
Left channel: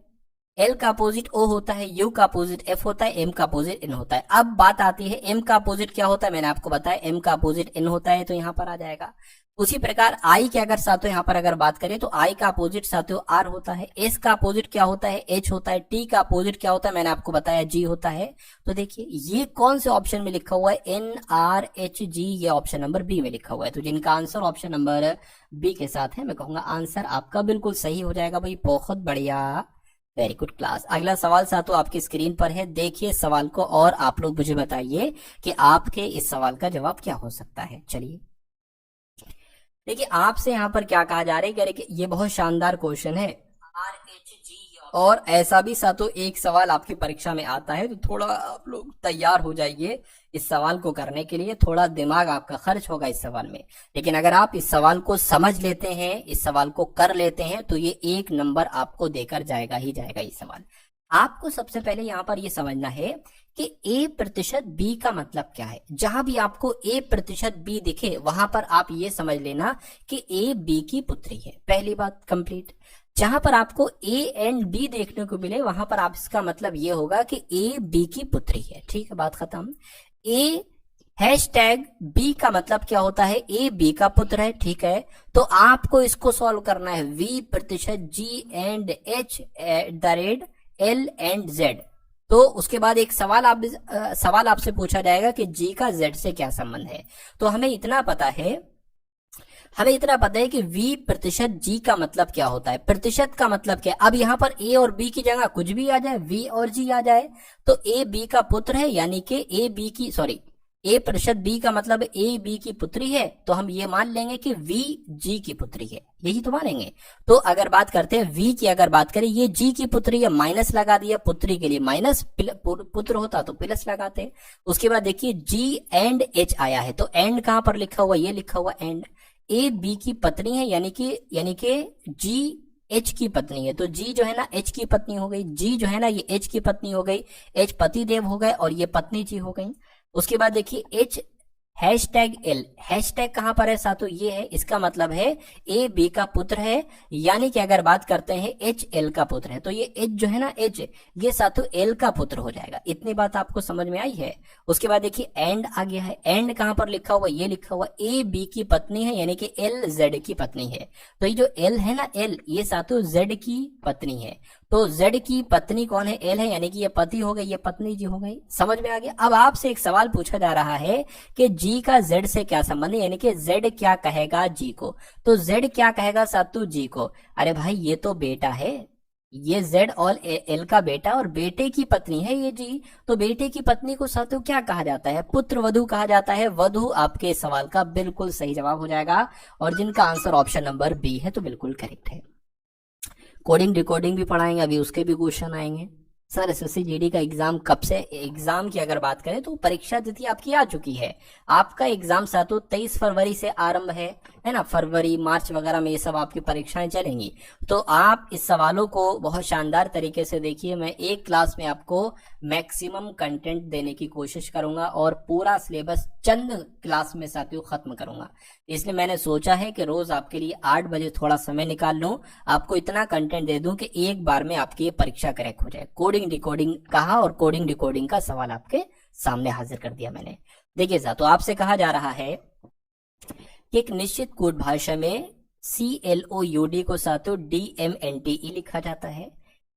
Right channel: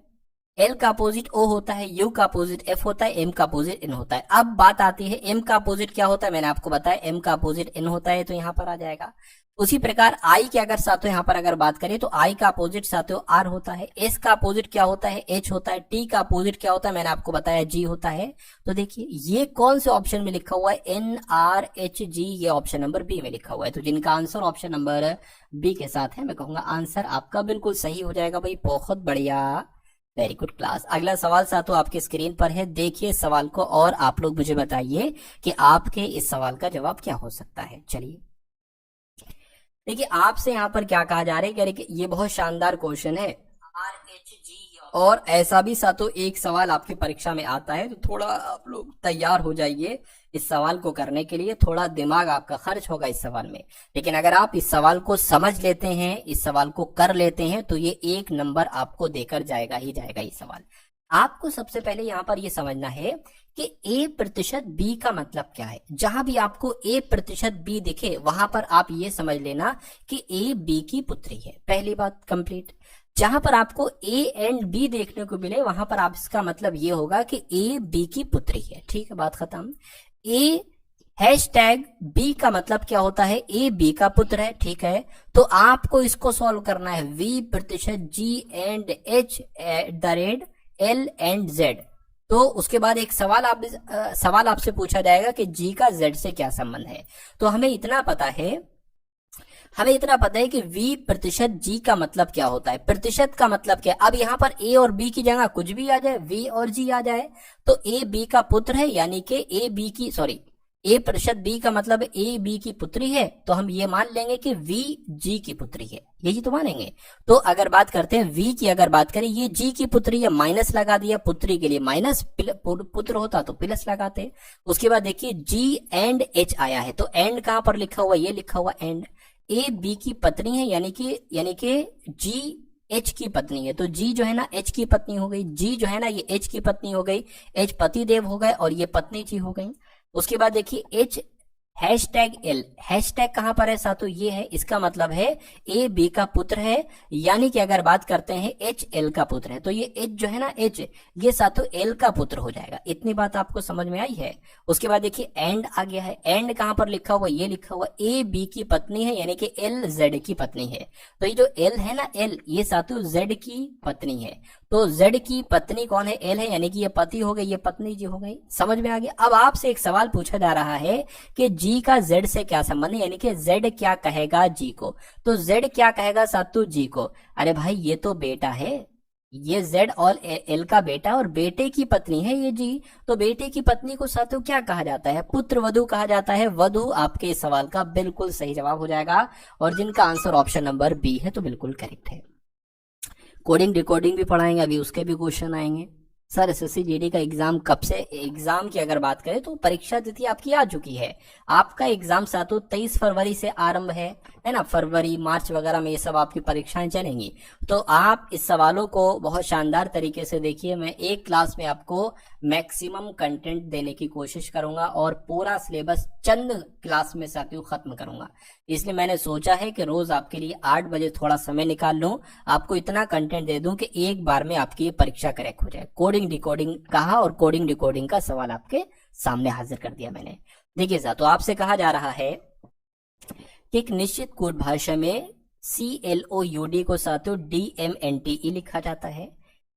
L का अपोजिट O होता है, U का अपोजिट F होता है, M का अपोजिट N होता है। अब बात आती है M का अपोजिट क्या होता है, मैंने आपको बताया M का अपोजिट N होता है, तो यहाँ पर आ जाएगा। उसी प्रकार I की अगर साथियों यहाँ पर अगर बात करें तो I का अपोजिट साथियों R होता है, S का अपोजिट क्या होता है H होता है, T का अपोजिट क्या होता है मैंने आपको बताया G होता है। तो देखिए ये कौन से ऑप्शन में लिखा हुआ है, NRHG, ये ऑप्शन नंबर बी में लिखा हुआ है। तो जिनका आंसर ऑप्शन नंबर बी के साथ है, मैं कहूंगा आंसर आपका बिल्कुल सही हो जाएगा भाई, बहुत बढ़िया, वेरी गुड क्लास। अगला सवाल साथियों आपकी स्क्रीन पर है, देखिए सवाल को और आप लोग मुझे बताइए कि आपके इस सवाल का जवाब क्या हो सकता है। चलिए देखिए आपसे यहाँ पर क्या कहा जा रहा है कि ये बहुत शानदार क्वेश्चन है और ऐसा भी साथियों एक सवाल आपकी परीक्षा में आता है, तो थोड़ा आप लोग तैयार हो जाइए इस सवाल को करने के लिए। थोड़ा दिमाग आपका खर्च होगा इस सवाल में, लेकिन अगर आप इस सवाल को समझ लेते हैं, इस सवाल को कर लेते हैं, तो ये 1 नंबर आपको देकर जाएगा ही जाएगा ये सवाल। आपको सबसे पहले यहाँ पर ये समझना है कि A% B का मतलब क्या है। जहां भी आपको A%B दिखे वहां पर आप ये समझ लेना कि A B की पुत्री है, पहली बात कंप्लीट। जहां पर आपको A एंड B देखने को मिले वहां पर आप इसका मतलब ये होगा कि A B की पुत्री है, ठीक है, बात खत्म। #B का मतलब क्या होता है, A B का पुत्र है, ठीक है। तो आपको इसको सॉल्व करना है, V%G and H L and Z। तो उसके बाद एक सवाल आपसे पूछा जाएगा कि G का Z से क्या संबंध है। तो हमें इतना पता है कि V%G का मतलब क्या होता है, प्रतिशत का मतलब क्या है। अब यहाँ पर A और B की जगह कुछ भी आ जाए, V और G आ जाए, तो A B का पुत्र है, यानी कि A%B का मतलब A B की पुत्री है, तो हम ये मान लेंगे कि V G की पुत्री है, यही तो मानेंगे। तो अगर बात करते हैं V की, अगर बात करें ये G की पुत्री है, माइनस लगा दिया, पुत्री के लिए माइनस, पुत्र होता तो प्लस लगाते। उसके बाद देखिए G एंड H आया है, तो एंड कहां पर लिखा हुआ, ये लिखा हुआ एंड। A B की पत्नी है, यानी कि G H की पत्नी है, तो G जो है ना H की पत्नी हो गई, G जो है ना ये H की पत्नी हो गई, H पति देव हो गए और ये पत्नी जी हो गई। उसके बाद देखिए H #L, हैशटैग कहां पर है साथियों, ये है, इसका मतलब है A B का पुत्र है, यानी कि अगर बात करते हैं H L का पुत्र है, तो ये H जो है ना H, ये साथियों L का पुत्र हो जाएगा। इतनी बात आपको समझ में आई है। उसके बाद देखिए एंड आ गया है, एंड कहां पर लिखा हुआ, ये लिखा हुआ A B की पत्नी है, यानी कि L Z की पत्नी है। तो ये जो L है ना, L, ये साथियों Z की पत्नी है। तो Z की पत्नी कौन है, L है, यानी कि ये पति हो गई, ये पत्नी जी हो गई। समझ में आ गया। अब आपसे एक सवाल पूछा जा रहा है कि G का Z से क्या संबंध है, यानी कि Z क्या कहेगा G को। तो Z क्या कहेगा सातू G को, अरे भाई ये तो बेटा है, ये Z और L का बेटा और बेटे की पत्नी है ये G, तो बेटे की पत्नी को साथियों क्या कहा जाता है, पुत्र वधु कहा जाता है। वधु आपके इस सवाल का बिल्कुल सही जवाब हो जाएगा, और जिनका आंसर ऑप्शन नंबर बी है तो बिल्कुल करेक्ट है। कोडिंग रिकॉर्डिंग भी पढ़ाएंगे, अभी उसके भी क्वेश्चन आएंगे। सर एसएससी जीडी का एग्जाम कब से, एग्जाम की अगर बात करें तो परीक्षा तिथि आपकी आ चुकी है। आपका एग्जाम सातों 23 फरवरी से आरंभ है ना। फरवरी मार्च वगैरह में ये सब आपकी परीक्षाएं चलेंगी। तो आप इस सवालों को बहुत शानदार तरीके से देखिए। मैं एक क्लास में आपको मैक्सिमम कंटेंट देने की कोशिश करूंगा और पूरा सिलेबस चंद क्लास में साथियों खत्म करूंगा। इसलिए मैंने सोचा है कि रोज आपके लिए 8 बजे थोड़ा समय निकाल लूं, आपको इतना कंटेंट दे दूं कि एक बार में आपकी ये परीक्षा क्रैक हो जाए। कोडिंग डिकोडिंग कहा और कोडिंग डिकोडिंग का सवाल आपके सामने हाजिर कर दिया मैंने। देखिए साहब, तो आपसे कहा जा रहा है कि एक निश्चित कोड भाषा में CLOUD को साथियों DMNTE लिखा जाता है,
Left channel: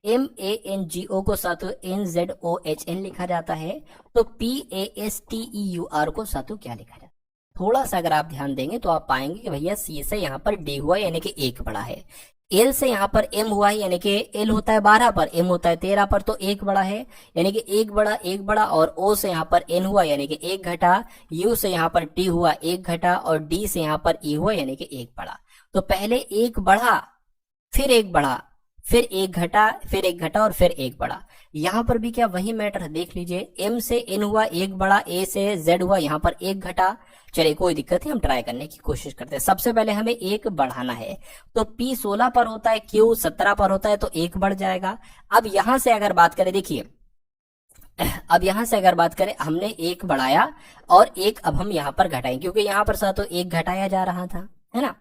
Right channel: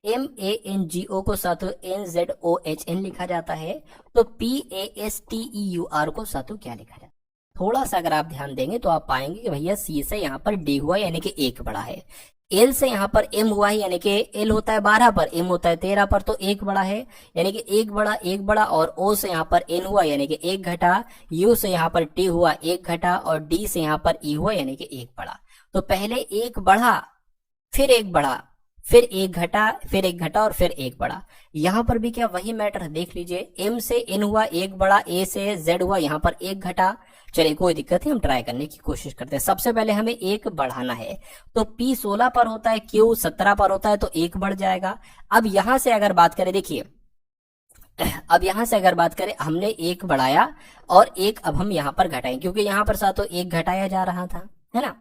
MANGO को साथियों NZOHN लिखा जाता है, तो PASTEUR को साथियों क्या लिखा जाता है। थोड़ा सा अगर आप ध्यान देंगे तो आप पाएंगे कि भैया C से यहाँ पर D हुआ यानी कि 1 बड़ा है, L से यहाँ पर M हुआ है यानी कि L होता है 12 पर, M होता है 13 पर, तो 1 बड़ा है यानी कि 1 बड़ा, और O से यहाँ पर N हुआ यानी कि 1 घटा, U से यहाँ पर T हुआ 1 घटा, और D से यहाँ पर E हुआ यानी कि 1 बड़ा। तो पहले 1 बढ़ा, फिर 1 बढ़ा, फिर 1 घटा, फिर 1 घटा और फिर 1 बड़ा। यहाँ पर भी क्या वही मैटर, देख लीजिए, M से N हुआ 1 बड़ा, A से Z हुआ यहाँ पर 1 घटा। चलिए कोई दिक्कत नहीं, हम ट्राई करने की कोशिश करते हैं। सबसे पहले हमें 1 बढ़ाना है, तो P 16 पर होता है, Q 17 पर होता है, तो 1 बढ़ जाएगा। अब यहां से अगर बात करें, देखिए अब यहां से अगर बात करें, हमने 1 बढ़ाया और 1 अब हम यहां पर घटाएं, क्योंकि यहां पर साथ तो 1 घटाया जा रहा था, है ना।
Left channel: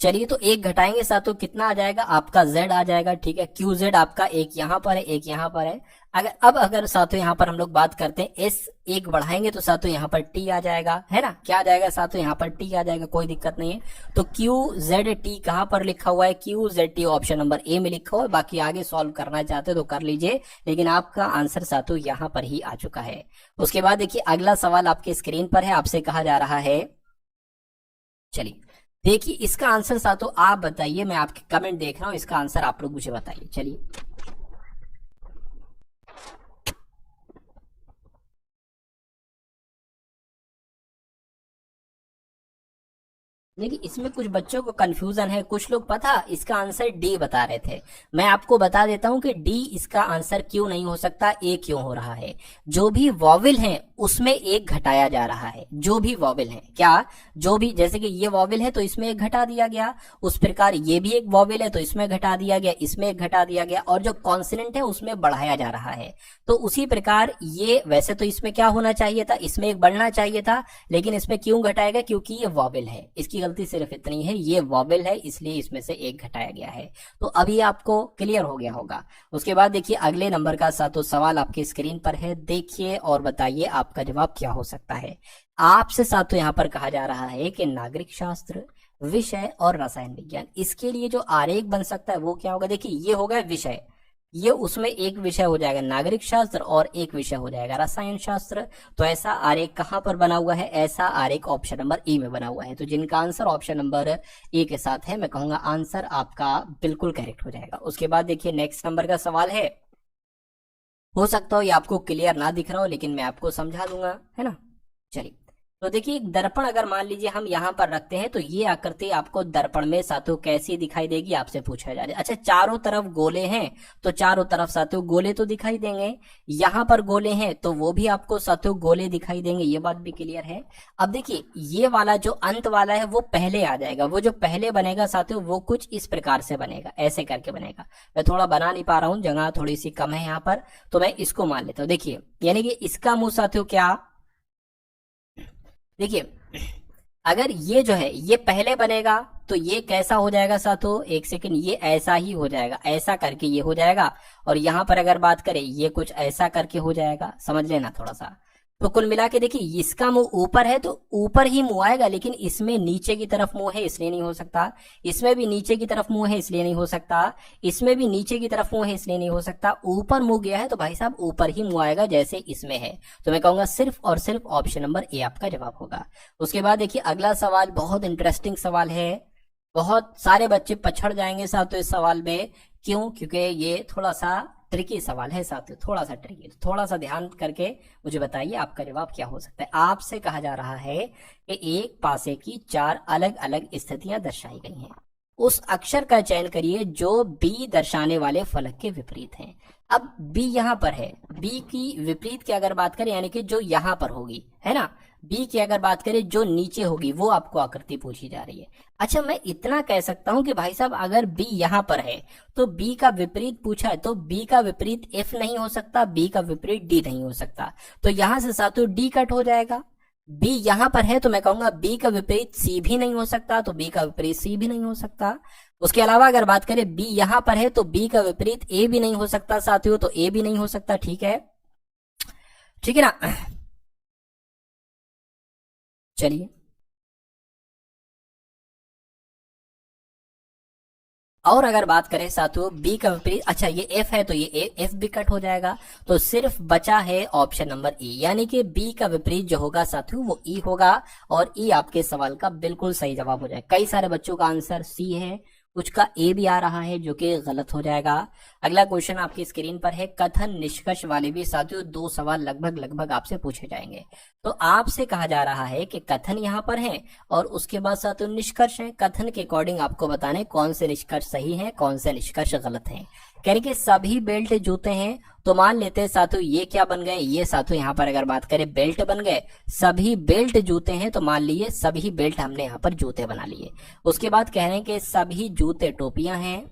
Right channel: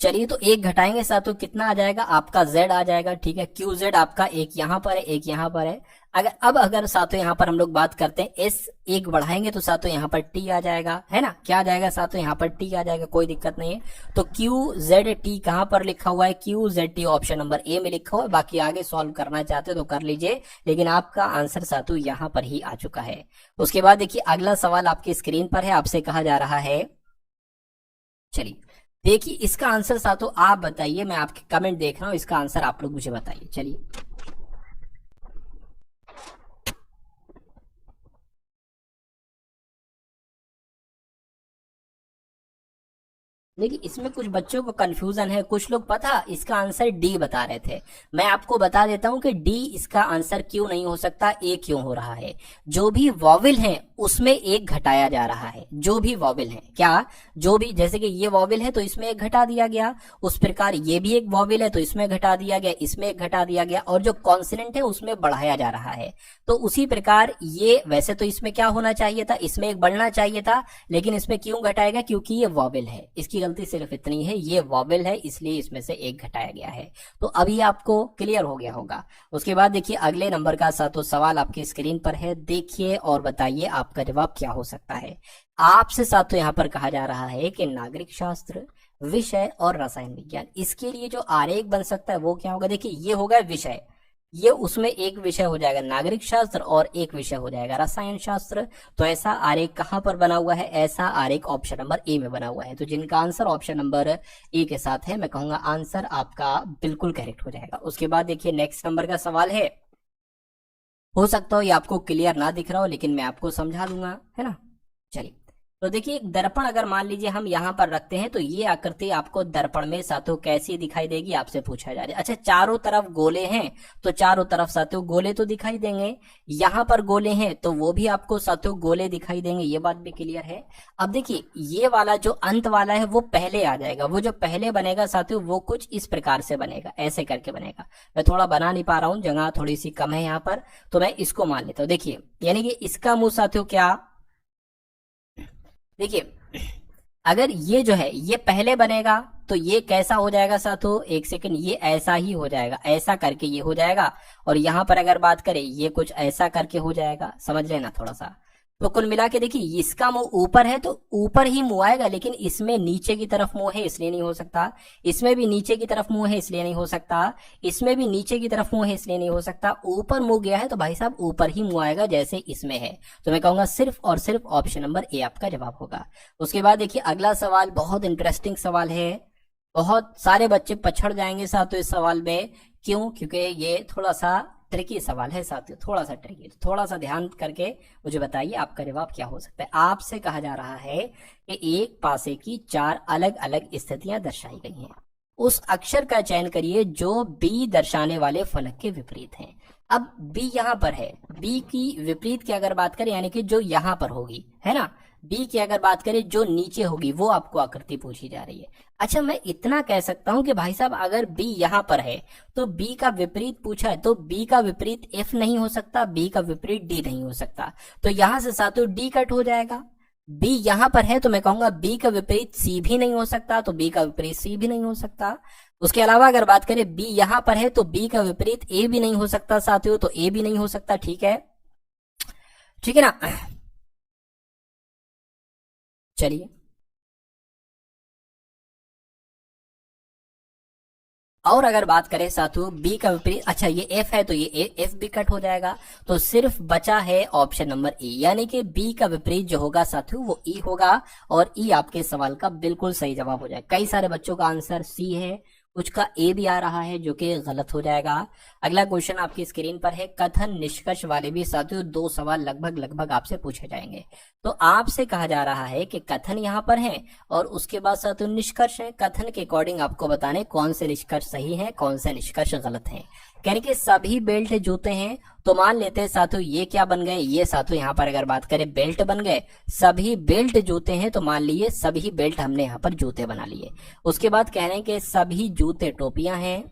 चलिए तो 1 घटाएंगे साथ तो कितना आ जाएगा, आपका Z आ जाएगा, ठीक है। QZ आपका 1 यहाँ पर है, 1 यहाँ पर है। अगर साथों यहाँ पर हम लोग बात करते हैं, S 1 बढ़ाएंगे तो साथों यहाँ पर T आ जाएगा, है ना। क्या आ जाएगा साथों, यहाँ पर T आ जाएगा, कोई दिक्कत नहीं है। तो QZT कहाँ पर लिखा हुआ है, QZT ऑप्शन नंबर A में लिखा हुआ है। बाकी आगे सॉल्व करना चाहते हो तो कर लीजिए, लेकिन आपका आंसर साथों यहाँ पर ही आ चुका है। उसके बाद देखिए अगला सवाल आपके स्क्रीन पर है, आपसे कहा जा रहा है, चलिए देखिए इसका आंसर साथों आप बताइए, मैं आपके कमेंट देख रहा हूं, इसका आंसर आप लोग मुझे बताइए। चलिए देखिए इसमें कुछ बच्चों को कंफ्यूजन है, कुछ लोग पता इसका आंसर डी बता रहे थे। मैं आपको बता देता हूं कि डी इसका आंसर क्यों नहीं हो सकता, ए क्यों हो रहा है। जो भी वॉवेल है उसमें 1 घटाया जा रहा है, जो भी वॉवेल है, क्या जो भी, जैसे कि ये वॉवेल है तो इसमें 1 घटा दिया गया, उस प्रकार ये भी एक वॉवेल है तो इसमें घटा दिया गया, इसमें 1 घटा दिया गया, और जो कॉन्सोनेंट है उसमें बढ़ाया जा रहा है। तो उसी प्रकार ये, वैसे तो इसमें क्या होना चाहिए था, इसमें 1 बढ़ना चाहिए था, लेकिन इसमें क्यों घटाएगा, क्योंकि ये वॉवेल है। इसकी गलती सिर्फ इतनी है, ये वॉवेल है इसलिए इसमें से 1 घटाया गया है। तो अभी आपको क्लियर हो गया होगा। उसके बाद देखिए अगले नंबर का साथों सवाल आपकी स्क्रीन पर है, देखिए और बताइए आपका जवाब क्या हो सकता है। आपसे साथों यहाँ पर कहा जा रहा है कि नागरिक शास्त्र, विषय और रसायन विज्ञान, इसके लिए जो आरेख बन सकता है वो क्या होगा। देखिए ये होगा विषय, ये उसमें एक विषय हो जाएगा नागरिक शास्त्र और एक विषय हो जाएगा रसायन शास्त्र। तो ऐसा आरेख कहां पर बना हुआ है, ऐसा आरेख ऑप्शन नंबर ए में बना हुआ है। तो जिनका आंसर ऑप्शन नंबर ए के साथ है, मैं कहूंगा आंसर आपका बिल्कुल करेक्ट हो जाएगा। उसके बाद देखिए नेक्स्ट नंबर का सवाल है, हो सकता हो ये आपको क्लियर ना दिख रहा हो, लेकिन मैं आपको समझा दूंगा, है ना। चलिए तो देखिए एक दर्पण अगर मान लीजिए हम यहाँ पर रखते हैं, तो ये आकृति आपको दर्पण में साथियों कैसी दिखाई देगी, आपसे पूछा जा रहा है। अच्छा चारों तरफ गोले हैं तो चारों तरफ साथियों गोले तो दिखाई देंगे, यहाँ पर गोले हैं तो वो भी आपको साथियों गोले दिखाई देंगे, ये बात भी क्लियर है। अब देखिए ये वाला जो अंत वाला है वो पहले आ जाएगा, वो जो पहले बनेगा साथियों वो कुछ इस प्रकार से बनेगा, ऐसे करके बनेगा। मैं थोड़ा बना नहीं पा रहा हूँ, जगह थोड़ी सी कम है यहाँ पर, तो मैं इसको मान लेता हूँ। देखिए यानी कि इसका मुंह साथियों क्या, देखिए अगर ये जो है ये पहले बनेगा तो ये कैसा हो जाएगा साथियों, एक सेकंड, ये ऐसा ही हो जाएगा, ऐसा करके ये हो जाएगा। और यहां पर अगर बात करें ये कुछ ऐसा करके हो जाएगा, समझ लेना थोड़ा सा। तो कुल मिला के देखिए इसका मुंह ऊपर है तो ऊपर ही मुंह आएगा, लेकिन इसमें नीचे की तरफ मुंह है इसलिए नहीं हो सकता, इसमें भी नीचे की तरफ मुंह है इसलिए नहीं हो सकता, इसमें भी नीचे की तरफ मुंह है इसलिए नहीं हो सकता। ऊपर मुंह गया है तो भाई साहब ऊपर ही मुंह आएगा जैसे इसमें है। तो मैं कहूंगा सिर्फ और सिर्फ ऑप्शन नंबर ए आपका जवाब होगा। उसके बाद देखिए अगला सवाल बहुत इंटरेस्टिंग सवाल है, बहुत सारे बच्चे पछड़ जाएंगे साथियों इस सवाल में, क्यों, क्योंकि ये थोड़ा सा ट्रिकी सवाल है साथियों, थोड़ा सा ट्रिकी। तो थोड़ा सा ध्यान करके मुझे बताइए आपका जवाब क्या हो सकता है। आपसे कहा जा रहा है कि एक पासे की 4 अलग अलग स्थितियां दर्शाई गई हैं। उस अक्षर का चयन करिए जो बी दर्शाने वाले फलक के विपरीत है। अब बी यहाँ पर है, बी की विपरीत की अगर बात करें यानी कि जो यहाँ पर होगी, है ना, बी की अगर बात करें जो नीचे होगी वो आपको आकृति पूछी जा रही है। अच्छा, मैं इतना कह सकता हूं कि भाई साहब अगर बी यहाँ पर है तो बी का विपरीत पूछा है तो बी का विपरीत एफ नहीं हो सकता, बी का विपरीत डी नहीं हो सकता, तो यहां से साथों डी कट हो जाएगा। बी यहां पर है तो मैं कहूंगा बी का विपरीत सी भी नहीं हो सकता, तो बी का विपरीत सी भी नहीं हो सकता। उसके अलावा अगर बात करें बी यहां पर है तो बी का विपरीत ए भी नहीं हो सकता साथियों, तो ए भी नहीं हो सकता। ठीक है, ठीक है ना। चलिए, और अगर बात करें साथियों बी का विपरीत, अच्छा ये एफ है तो ये एफ भी कट हो जाएगा, तो सिर्फ बचा है ऑप्शन नंबर ई, यानी कि बी का विपरीत जो होगा साथियों वो ई होगा, और ई आपके सवाल का बिल्कुल सही जवाब हो जाएगा। कई सारे बच्चों का आंसर सी है, कुछ का ए भी आ रहा है जो कि गलत हो जाएगा। अगला क्वेश्चन आपकी स्क्रीन पर है, कथन निष्कर्ष वाले भी साथियों दो सवाल लगभग लगभग आपसे पूछे जाएंगे। तो आपसे कहा जा रहा है कि कथन यहाँ पर है और उसके बाद साथियों निष्कर्ष है, कथन के अकॉर्डिंग आपको बताने कौन से निष्कर्ष सही है कौन से निष्कर्ष गलत है। कह रहे कि सभी बेल्ट जूते हैं, तो मान लेते हैं साथियों ये क्या बन गए, ये साथियों यहाँ पर अगर बात करें बेल्ट बन गए, सभी बेल्ट जूते हैं तो मान लिए सभी बेल्ट हमने यहाँ पर जूते बना लिए। उसके बाद कह रहे हैं कि सभी जूते टोपियां हैं,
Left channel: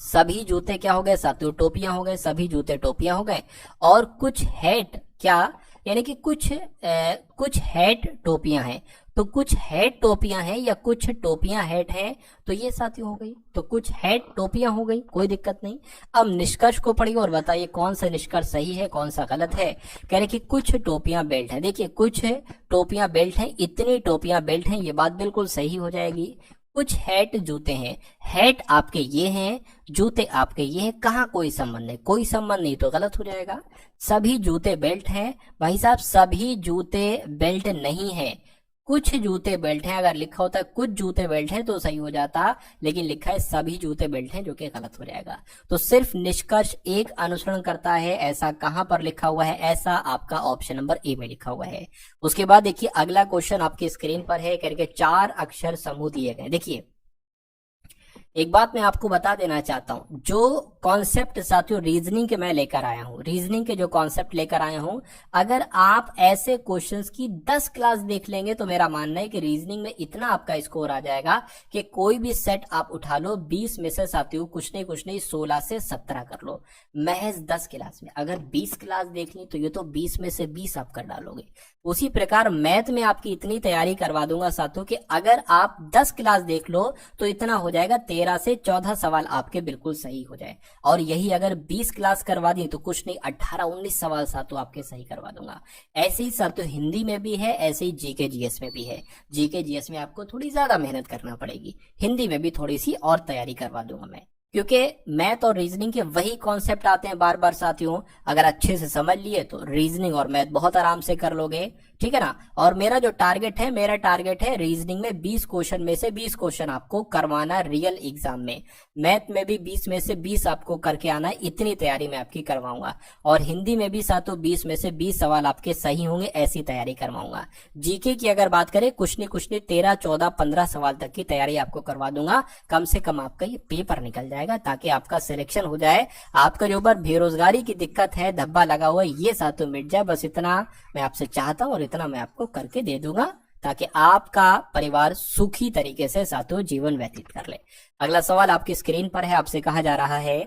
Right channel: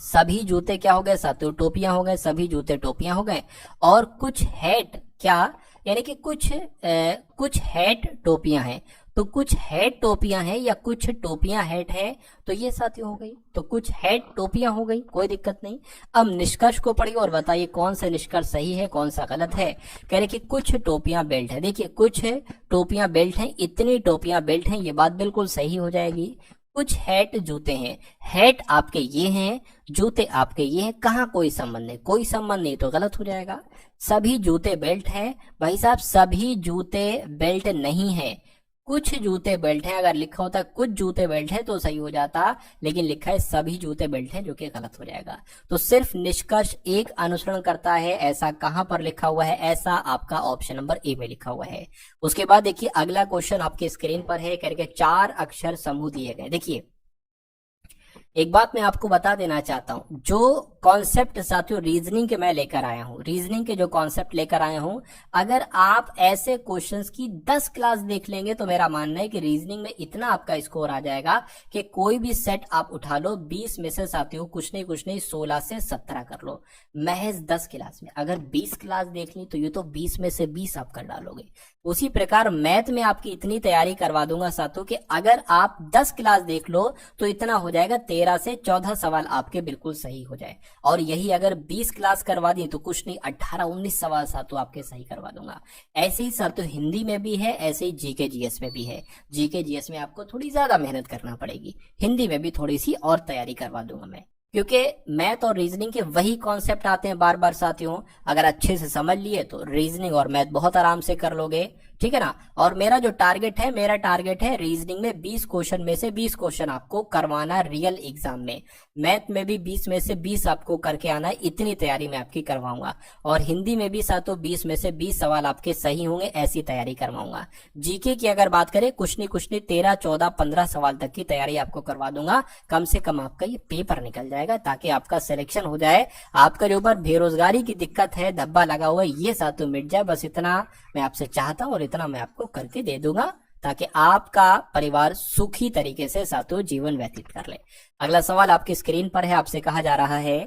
सभी जूते क्या हो गए साथियों टोपियां हो गए, सभी जूते टोपियां हो गए। और कुछ हैट क्या, यानी कि कुछ हैट टोपियां हैं, तो कुछ हैट टोपियां हैं या कुछ टोपियां हैट है, तो ये साथियों हो गई, तो कुछ हैट टोपियां हो गई, कोई दिक्कत नहीं। अब निष्कर्ष को पढ़िए और बताइए कौन सा निष्कर्ष सही है कौन सा गलत है। कह रहे कि कुछ टोपियां बेल्ट है, देखिए कुछ टोपियां बेल्ट है, इतनी टोपियां बेल्ट है, ये बात बिल्कुल सही हो जाएगी। कुछ हैट जूते हैं, हैट आपके ये हैं, जूते आपके ये हैं, कहाँ कोई संबंध नहीं, कोई संबंध नहीं तो गलत हो जाएगा। सभी जूते बेल्ट हैं, भाई साहब सभी जूते बेल्ट नहीं है, कुछ जूते बेल्ट हैं। अगर लिखा होता है कुछ जूते बेल्ट है तो सही हो जाता, लेकिन लिखा है सभी जूते बेल्ट है जो कि गलत हो जाएगा। तो सिर्फ निष्कर्ष एक अनुसरण करता है, ऐसा कहां पर लिखा हुआ है, ऐसा आपका ऑप्शन नंबर ए में लिखा हुआ है। उसके बाद देखिए अगला क्वेश्चन आपकी स्क्रीन पर है, करके 4 अक्षर समूह दिए गए। देखिए एक बात मैं आपको बता देना चाहता हूं, जो कॉन्सेप्ट साथियों रीजनिंग के मैं लेकर आया हूं, रीजनिंग के जो कॉन्सेप्ट लेकर आया हूं, अगर आप ऐसे क्वेश्चंस की 10 क्लास देख लेंगे तो मेरा मानना है कि रीजनिंग में इतना आपका स्कोर आ जाएगा कि कोई भी सेट आप उठा लो, 20 में से साथियों कुछ नहीं 16 से 17 कर लो महज 10 क्लास में। अगर 20 क्लास देख ली तो ये तो 20 में से 20 आप कर डालोगे। उसी प्रकार मैथ में आपकी इतनी तैयारी करवा दूंगा साथियों कि अगर आप 10 क्लास देख लो तो इतना हो जाएगा 13 से 14 सवाल आपके बिल्कुल सही हो जाए, और यही अगर 20 क्लास करवा दिए तो कुछ नहीं 18-19 सवाल साथियों आपके सही करवा दूंगा। ऐसे ही साथियों हिंदी में भी है, ऐसे ही जीके जीएस में भी है। जीके जीएस में आपको थोड़ी ज्यादा मेहनत करना पड़ेगी, हिंदी में भी थोड़ी सी और तैयारी करवा दूंगा मैं, क्योंकि मैथ और रीजनिंग के वही कॉन्सेप्ट आते हैं बार बार साथियों। अगर अच्छे से समझ लिए तो रीजनिंग और मैथ बहुत आराम से कर लोगे, ठीक है ना। और मेरा जो टारगेट है, मेरा टारगेट है रीजनिंग में 20 क्वेश्चन में से 20 क्वेश्चन आपको करवाना रियल एग्जाम में, मैथ में भी 20 में से 20 आपको करके आना है, इतनी तैयारी मैं आपकी करवाऊंगा। और हिंदी में भी साथियों 20 में से 20 सवाल आपके सही होंगे, ऐसी तैयारी करवाऊंगा। जीके की अगर बात करें कुछ नहीं 13, 14, 15 सवाल तक की तैयारी आपको करवा दूंगा, कम से कम आपका ये पेपर निकल जाएगा ताकि आपका सिलेक्शन हो जाए। आपका जो ऊपर बेरोजगारी की दिक्कत है, धब्बा लगा हुआ है, ये साथियों मिट जाए, बस इतना मैं आपसे चाहता हूं और इतना मैं आपको करके दे दूंगा ताकि आपका परिवार सुखी तरीके से साथियों जीवन व्यतीत कर ले। अगला सवाल आपकी स्क्रीन पर है, आपसे कहा जा रहा है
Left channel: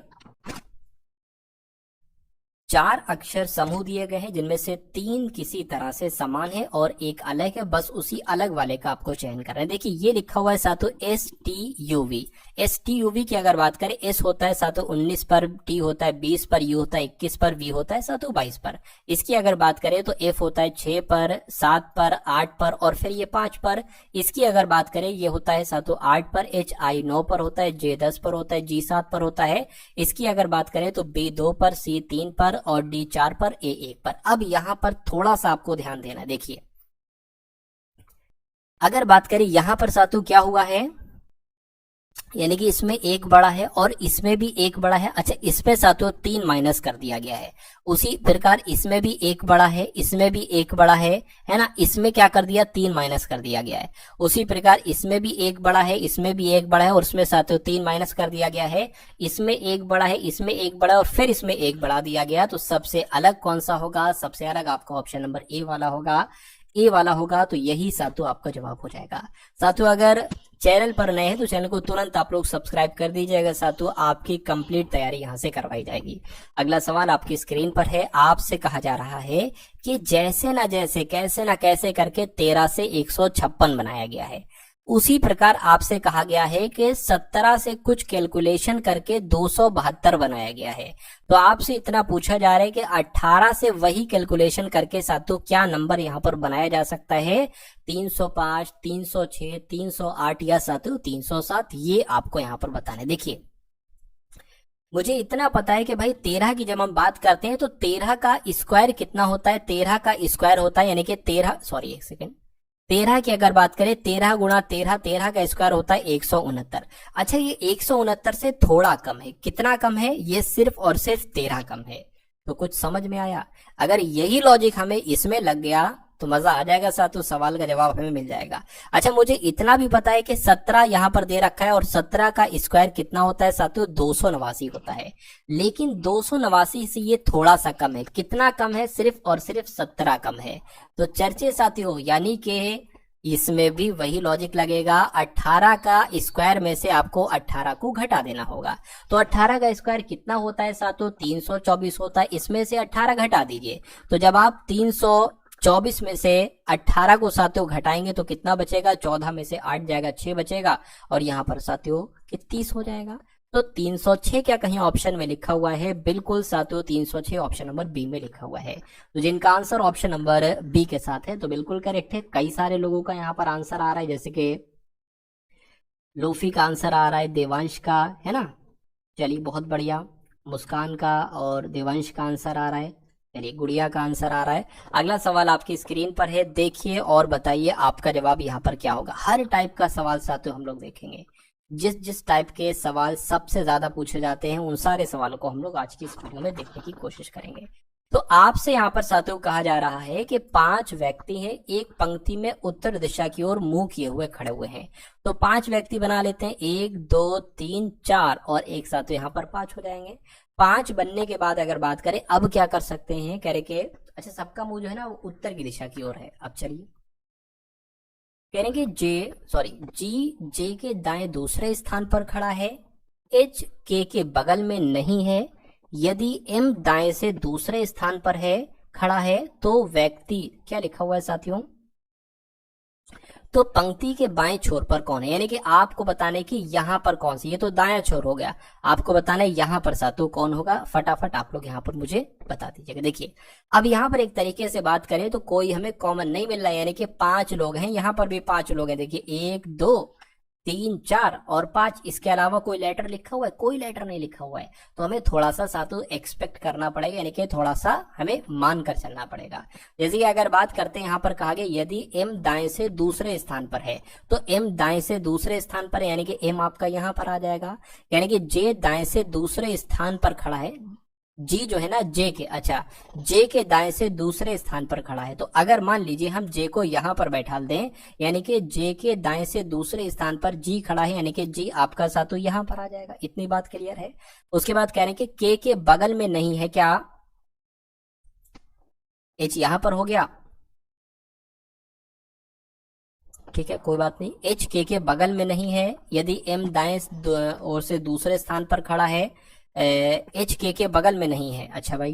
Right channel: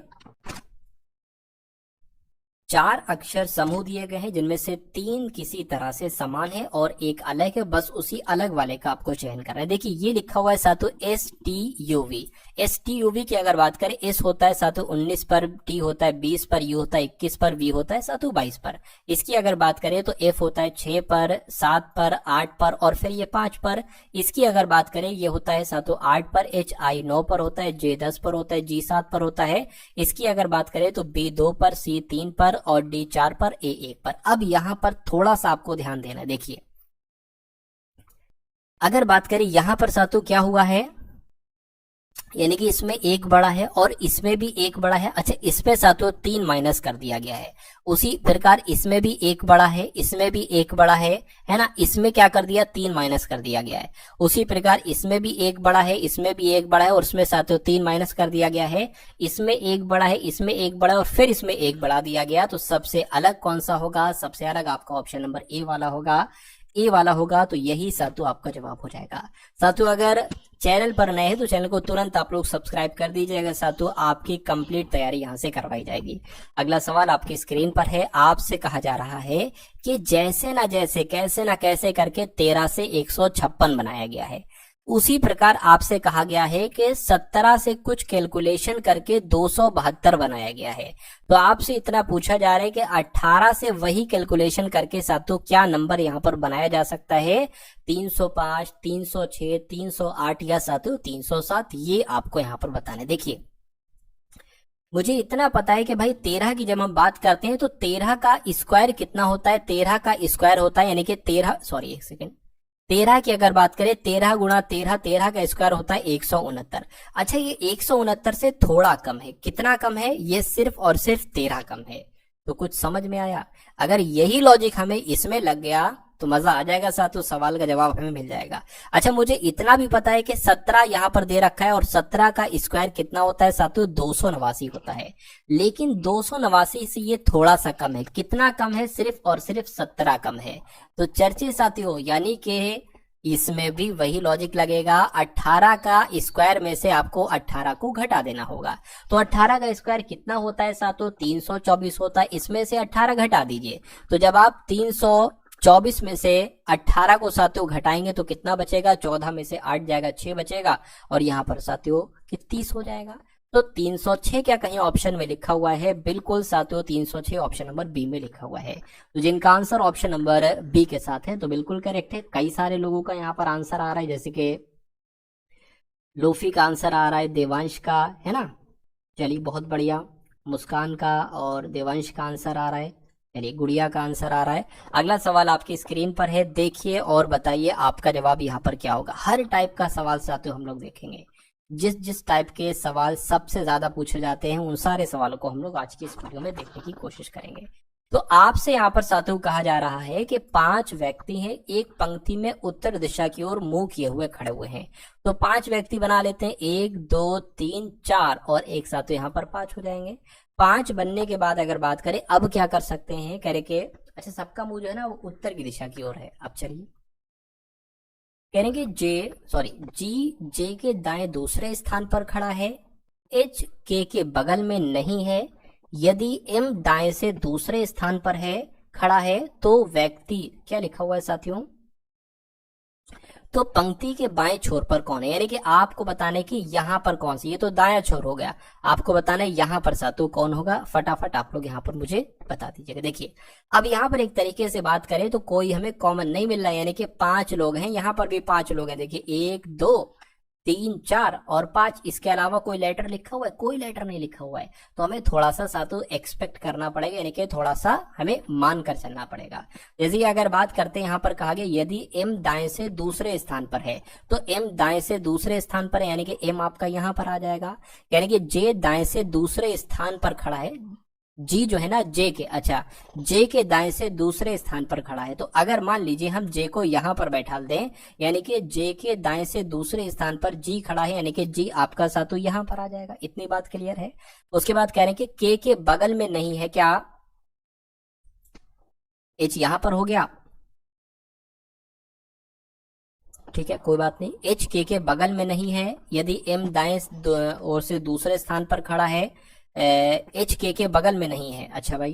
4 अक्षर समूह दिए गए हैं जिनमें से 3 किसी तरह से समान है और एक अलग है, बस उसी अलग वाले का आपको चयन करना है। देखिए ये लिखा हुआ है साथियों STUV। STUV की अगर बात करें, S होता है साथियों 19 पर, T होता है 20 पर, U होता है 21 पर, V होता है साथियों 22 पर। इसकी अगर बात करें तो F होता है 6 पर, 7 पर, 8 पर और फिर ये 5 पर। इसकी अगर बात करें ये होता है साथियों 8 पर, HI 9 पर होता है, J 10 पर होता है, G 7 पर होता है। इसकी अगर बात करें तो B 2 पर, C 3 पर और D 4 पर, A 1 पर। अब यहां पर थोड़ा सा आपको ध्यान देना है। देखिए अगर बात करें यहां पर साथियों क्या हुआ है, यानी कि इसमें एक बड़ा है और इसमें भी एक बड़ा है। अच्छा, इस पे साथियों 3 माइनस कर दिया गया है। उसी प्रकार इसमें भी एक बड़ा है, इसमें भी एक बड़ा है ना, इसमें क्या कर दिया, 3 माइनस कर दिया गया है। उसी प्रकार इसमें भी एक बड़ा है, इसमें भी एक बड़ा है और इसमें साथियों 3 माइनस कर दिया गया है। इसमें एक बड़ा है, इसमें एक बड़ा है और फिर इसमें एक बड़ा दिया गया। तो सबसे अलग कौन सा होगा, सबसे अलग आपका ऑप्शन नंबर ए वाला होगा, ए वाला होगा। तो यही साथियों आपका जवाब हो जाएगा। साथियों अगर चैनल पर नए हैं तो चैनल को तुरंत आप लोग सब्सक्राइब कर दीजिएगा। साथियों आपकी कंप्लीट तैयारी यहां से करवाई जाएगी। अगला सवाल आपकी स्क्रीन पर है। आपसे कहा जा रहा है कि जैसे ना जैसे, कैसे ना कैसे करके 13 से 156 बनाया गया है, उसी प्रकार आपसे कहा गया है कि 17 से कुछ कैलकुलेशन करके 272 बनाया गया है। तो आपसे इतना पूछा जा रहा है कि 18 से वही कैलकुलेशन करके साथियों क्या नंबर यहाँ पर बनाया जा सकता है, 305, 306, 308 या साथियों 307, ये आपको यहाँ पर बताने। देखिए मुझे इतना पता है कि भाई 13 की जब हम बात करते हैं तो 13 का स्क्वायर कितना होता है, 13 का स्क्वायर होता है यानी कि 13, सॉरी एक सेकेंड, 13 की अगर बात करें 13 गुणा 13, 13 का स्क्वायर होता है 169। अच्छा ये 169 से थोड़ा कम है, कितना कम है, ये सिर्फ और सिर्फ 13 कम है। तो कुछ समझ में आया? अगर यही लॉजिक हमें इसमें लग गया तो मजा आ जाएगा साथियों, सवाल का जवाब हमें मिल जाएगा। अच्छा मुझे इतना भी पता है कि 17 यहाँ पर दे रखा है और 17 का स्क्वायर कितना होता है साथियों, 289 होता है। लेकिन 289 से ये थोड़ा सा कम है, कितना कम है, सिर्फ और सिर्फ 17 कम है। तो चर्चे साथियों, यानी कि इसमें भी वही लॉजिक लगेगा, 18 का स्क्वायर में से आपको 18 को घटा देना होगा। तो 18 का स्क्वायर कितना होता है साथियों, 324 होता है। इसमें से 18 घटा दीजिए, तो जब आप 324 में से 18 को साथियों घटाएंगे तो कितना बचेगा, 14 में से 8 जाएगा, 6 बचेगा और यहाँ पर साथियों 30 हो जाएगा। तो 306 क्या कहीं ऑप्शन में लिखा हुआ है? बिल्कुल साथियों 306 ऑप्शन नंबर बी में लिखा हुआ है। तो जिनका आंसर ऑप्शन नंबर बी के साथ है तो बिल्कुल करेक्ट है। कई सारे लोगों का यहाँ पर आंसर आ रहा है, जैसे कि लोफी का आंसर आ रहा है, देवांश का, है ना। चलिए बहुत बढ़िया, मुस्कान का और देवांश का आंसर आ रहा है। चलिए गुड़िया का आंसर आ रहा है। अगला सवाल आपकी स्क्रीन पर है, देखिए और बताइए आपका जवाब यहाँ पर क्या होगा। हर टाइप का सवाल साथियों हम लोग देखेंगे, जिस जिस टाइप के सवाल सबसे ज्यादा पूछे जाते हैं उन सारे सवालों को हम लोग आज की इस वीडियो में देखने की कोशिश करेंगे। तो आपसे यहाँ पर साथियों कहा जा रहा है कि 5 व्यक्ति हैं, एक पंक्ति में उत्तर दिशा की ओर मुंह किए हुए खड़े हुए हैं। तो 5 व्यक्ति बना लेते हैं, 1 2 3 4 और एक साथियों यहाँ पर 5 हो जाएंगे। 5 बनने के बाद अगर बात करें अब क्या कर सकते हैं, कह रहे के अच्छा सबका मुंह जो है ना वो उत्तर की दिशा की ओर है। अब चलिए कह रहे कि जी जे के दाएं दूसरे स्थान पर खड़ा है, एच के बगल में नहीं है। यदि एम दाएं से दूसरे स्थान पर है, खड़ा है, तो व्यक्ति क्या लिखा हुआ है साथियों, तो पंक्ति के बाएं छोर पर कौन है, यानी कि आपको बताने की यहाँ पर कौन सी, ये तो दायां छोर हो गया, आपको बताना है यहाँ पर साथियों कौन होगा। फटाफट आप लोग यहाँ पर मुझे बता दीजिएगा। देखिए अब यहाँ पर एक तरीके से बात करें तो कोई हमें कॉमन नहीं मिल रहा है, यानी कि 5 लोग हैं, यहाँ पर भी 5 लोग हैं। देखिए 1 2 3 4 और 5, इसके अलावा कोई लेटर लिखा हुआ है, कोई लेटर नहीं लिखा हुआ है। तो हमें थोड़ा सा साथियों एक्सपेक्ट करना पड़ेगा, यानी कि थोड़ा सा हमें मान कर चलना पड़ेगा। जैसे कि अगर बात करते हैं यहाँ पर कहा गया यदि एम दाएं से दूसरे स्थान पर है, तो एम दाएं से दूसरे स्थान पर है, यानी कि एम आपका यहाँ पर आ जाएगा। यानी कि जे दाएं से दूसरे स्थान पर खड़ा है, जी जो है ना जे के, अच्छा जे के दाएं से दूसरे स्थान पर खड़ा है। तो अगर मान लीजिए हम जे को यहां पर बैठा दें, यानी कि जे के दाएं से दूसरे स्थान पर जी खड़ा है, यानी कि जी आपका साथियों यहां पर आ जाएगा। इतनी बात क्लियर है। उसके बाद कह रहे हैं कि के बगल में नहीं है, क्या एच यहां पर हो गया, ठीक है कोई बात नहीं, एच के बगल में नहीं है। यदि एम दाएं ओर से दूसरे स्थान पर खड़ा है, एच के बगल में नहीं है। अच्छा भाई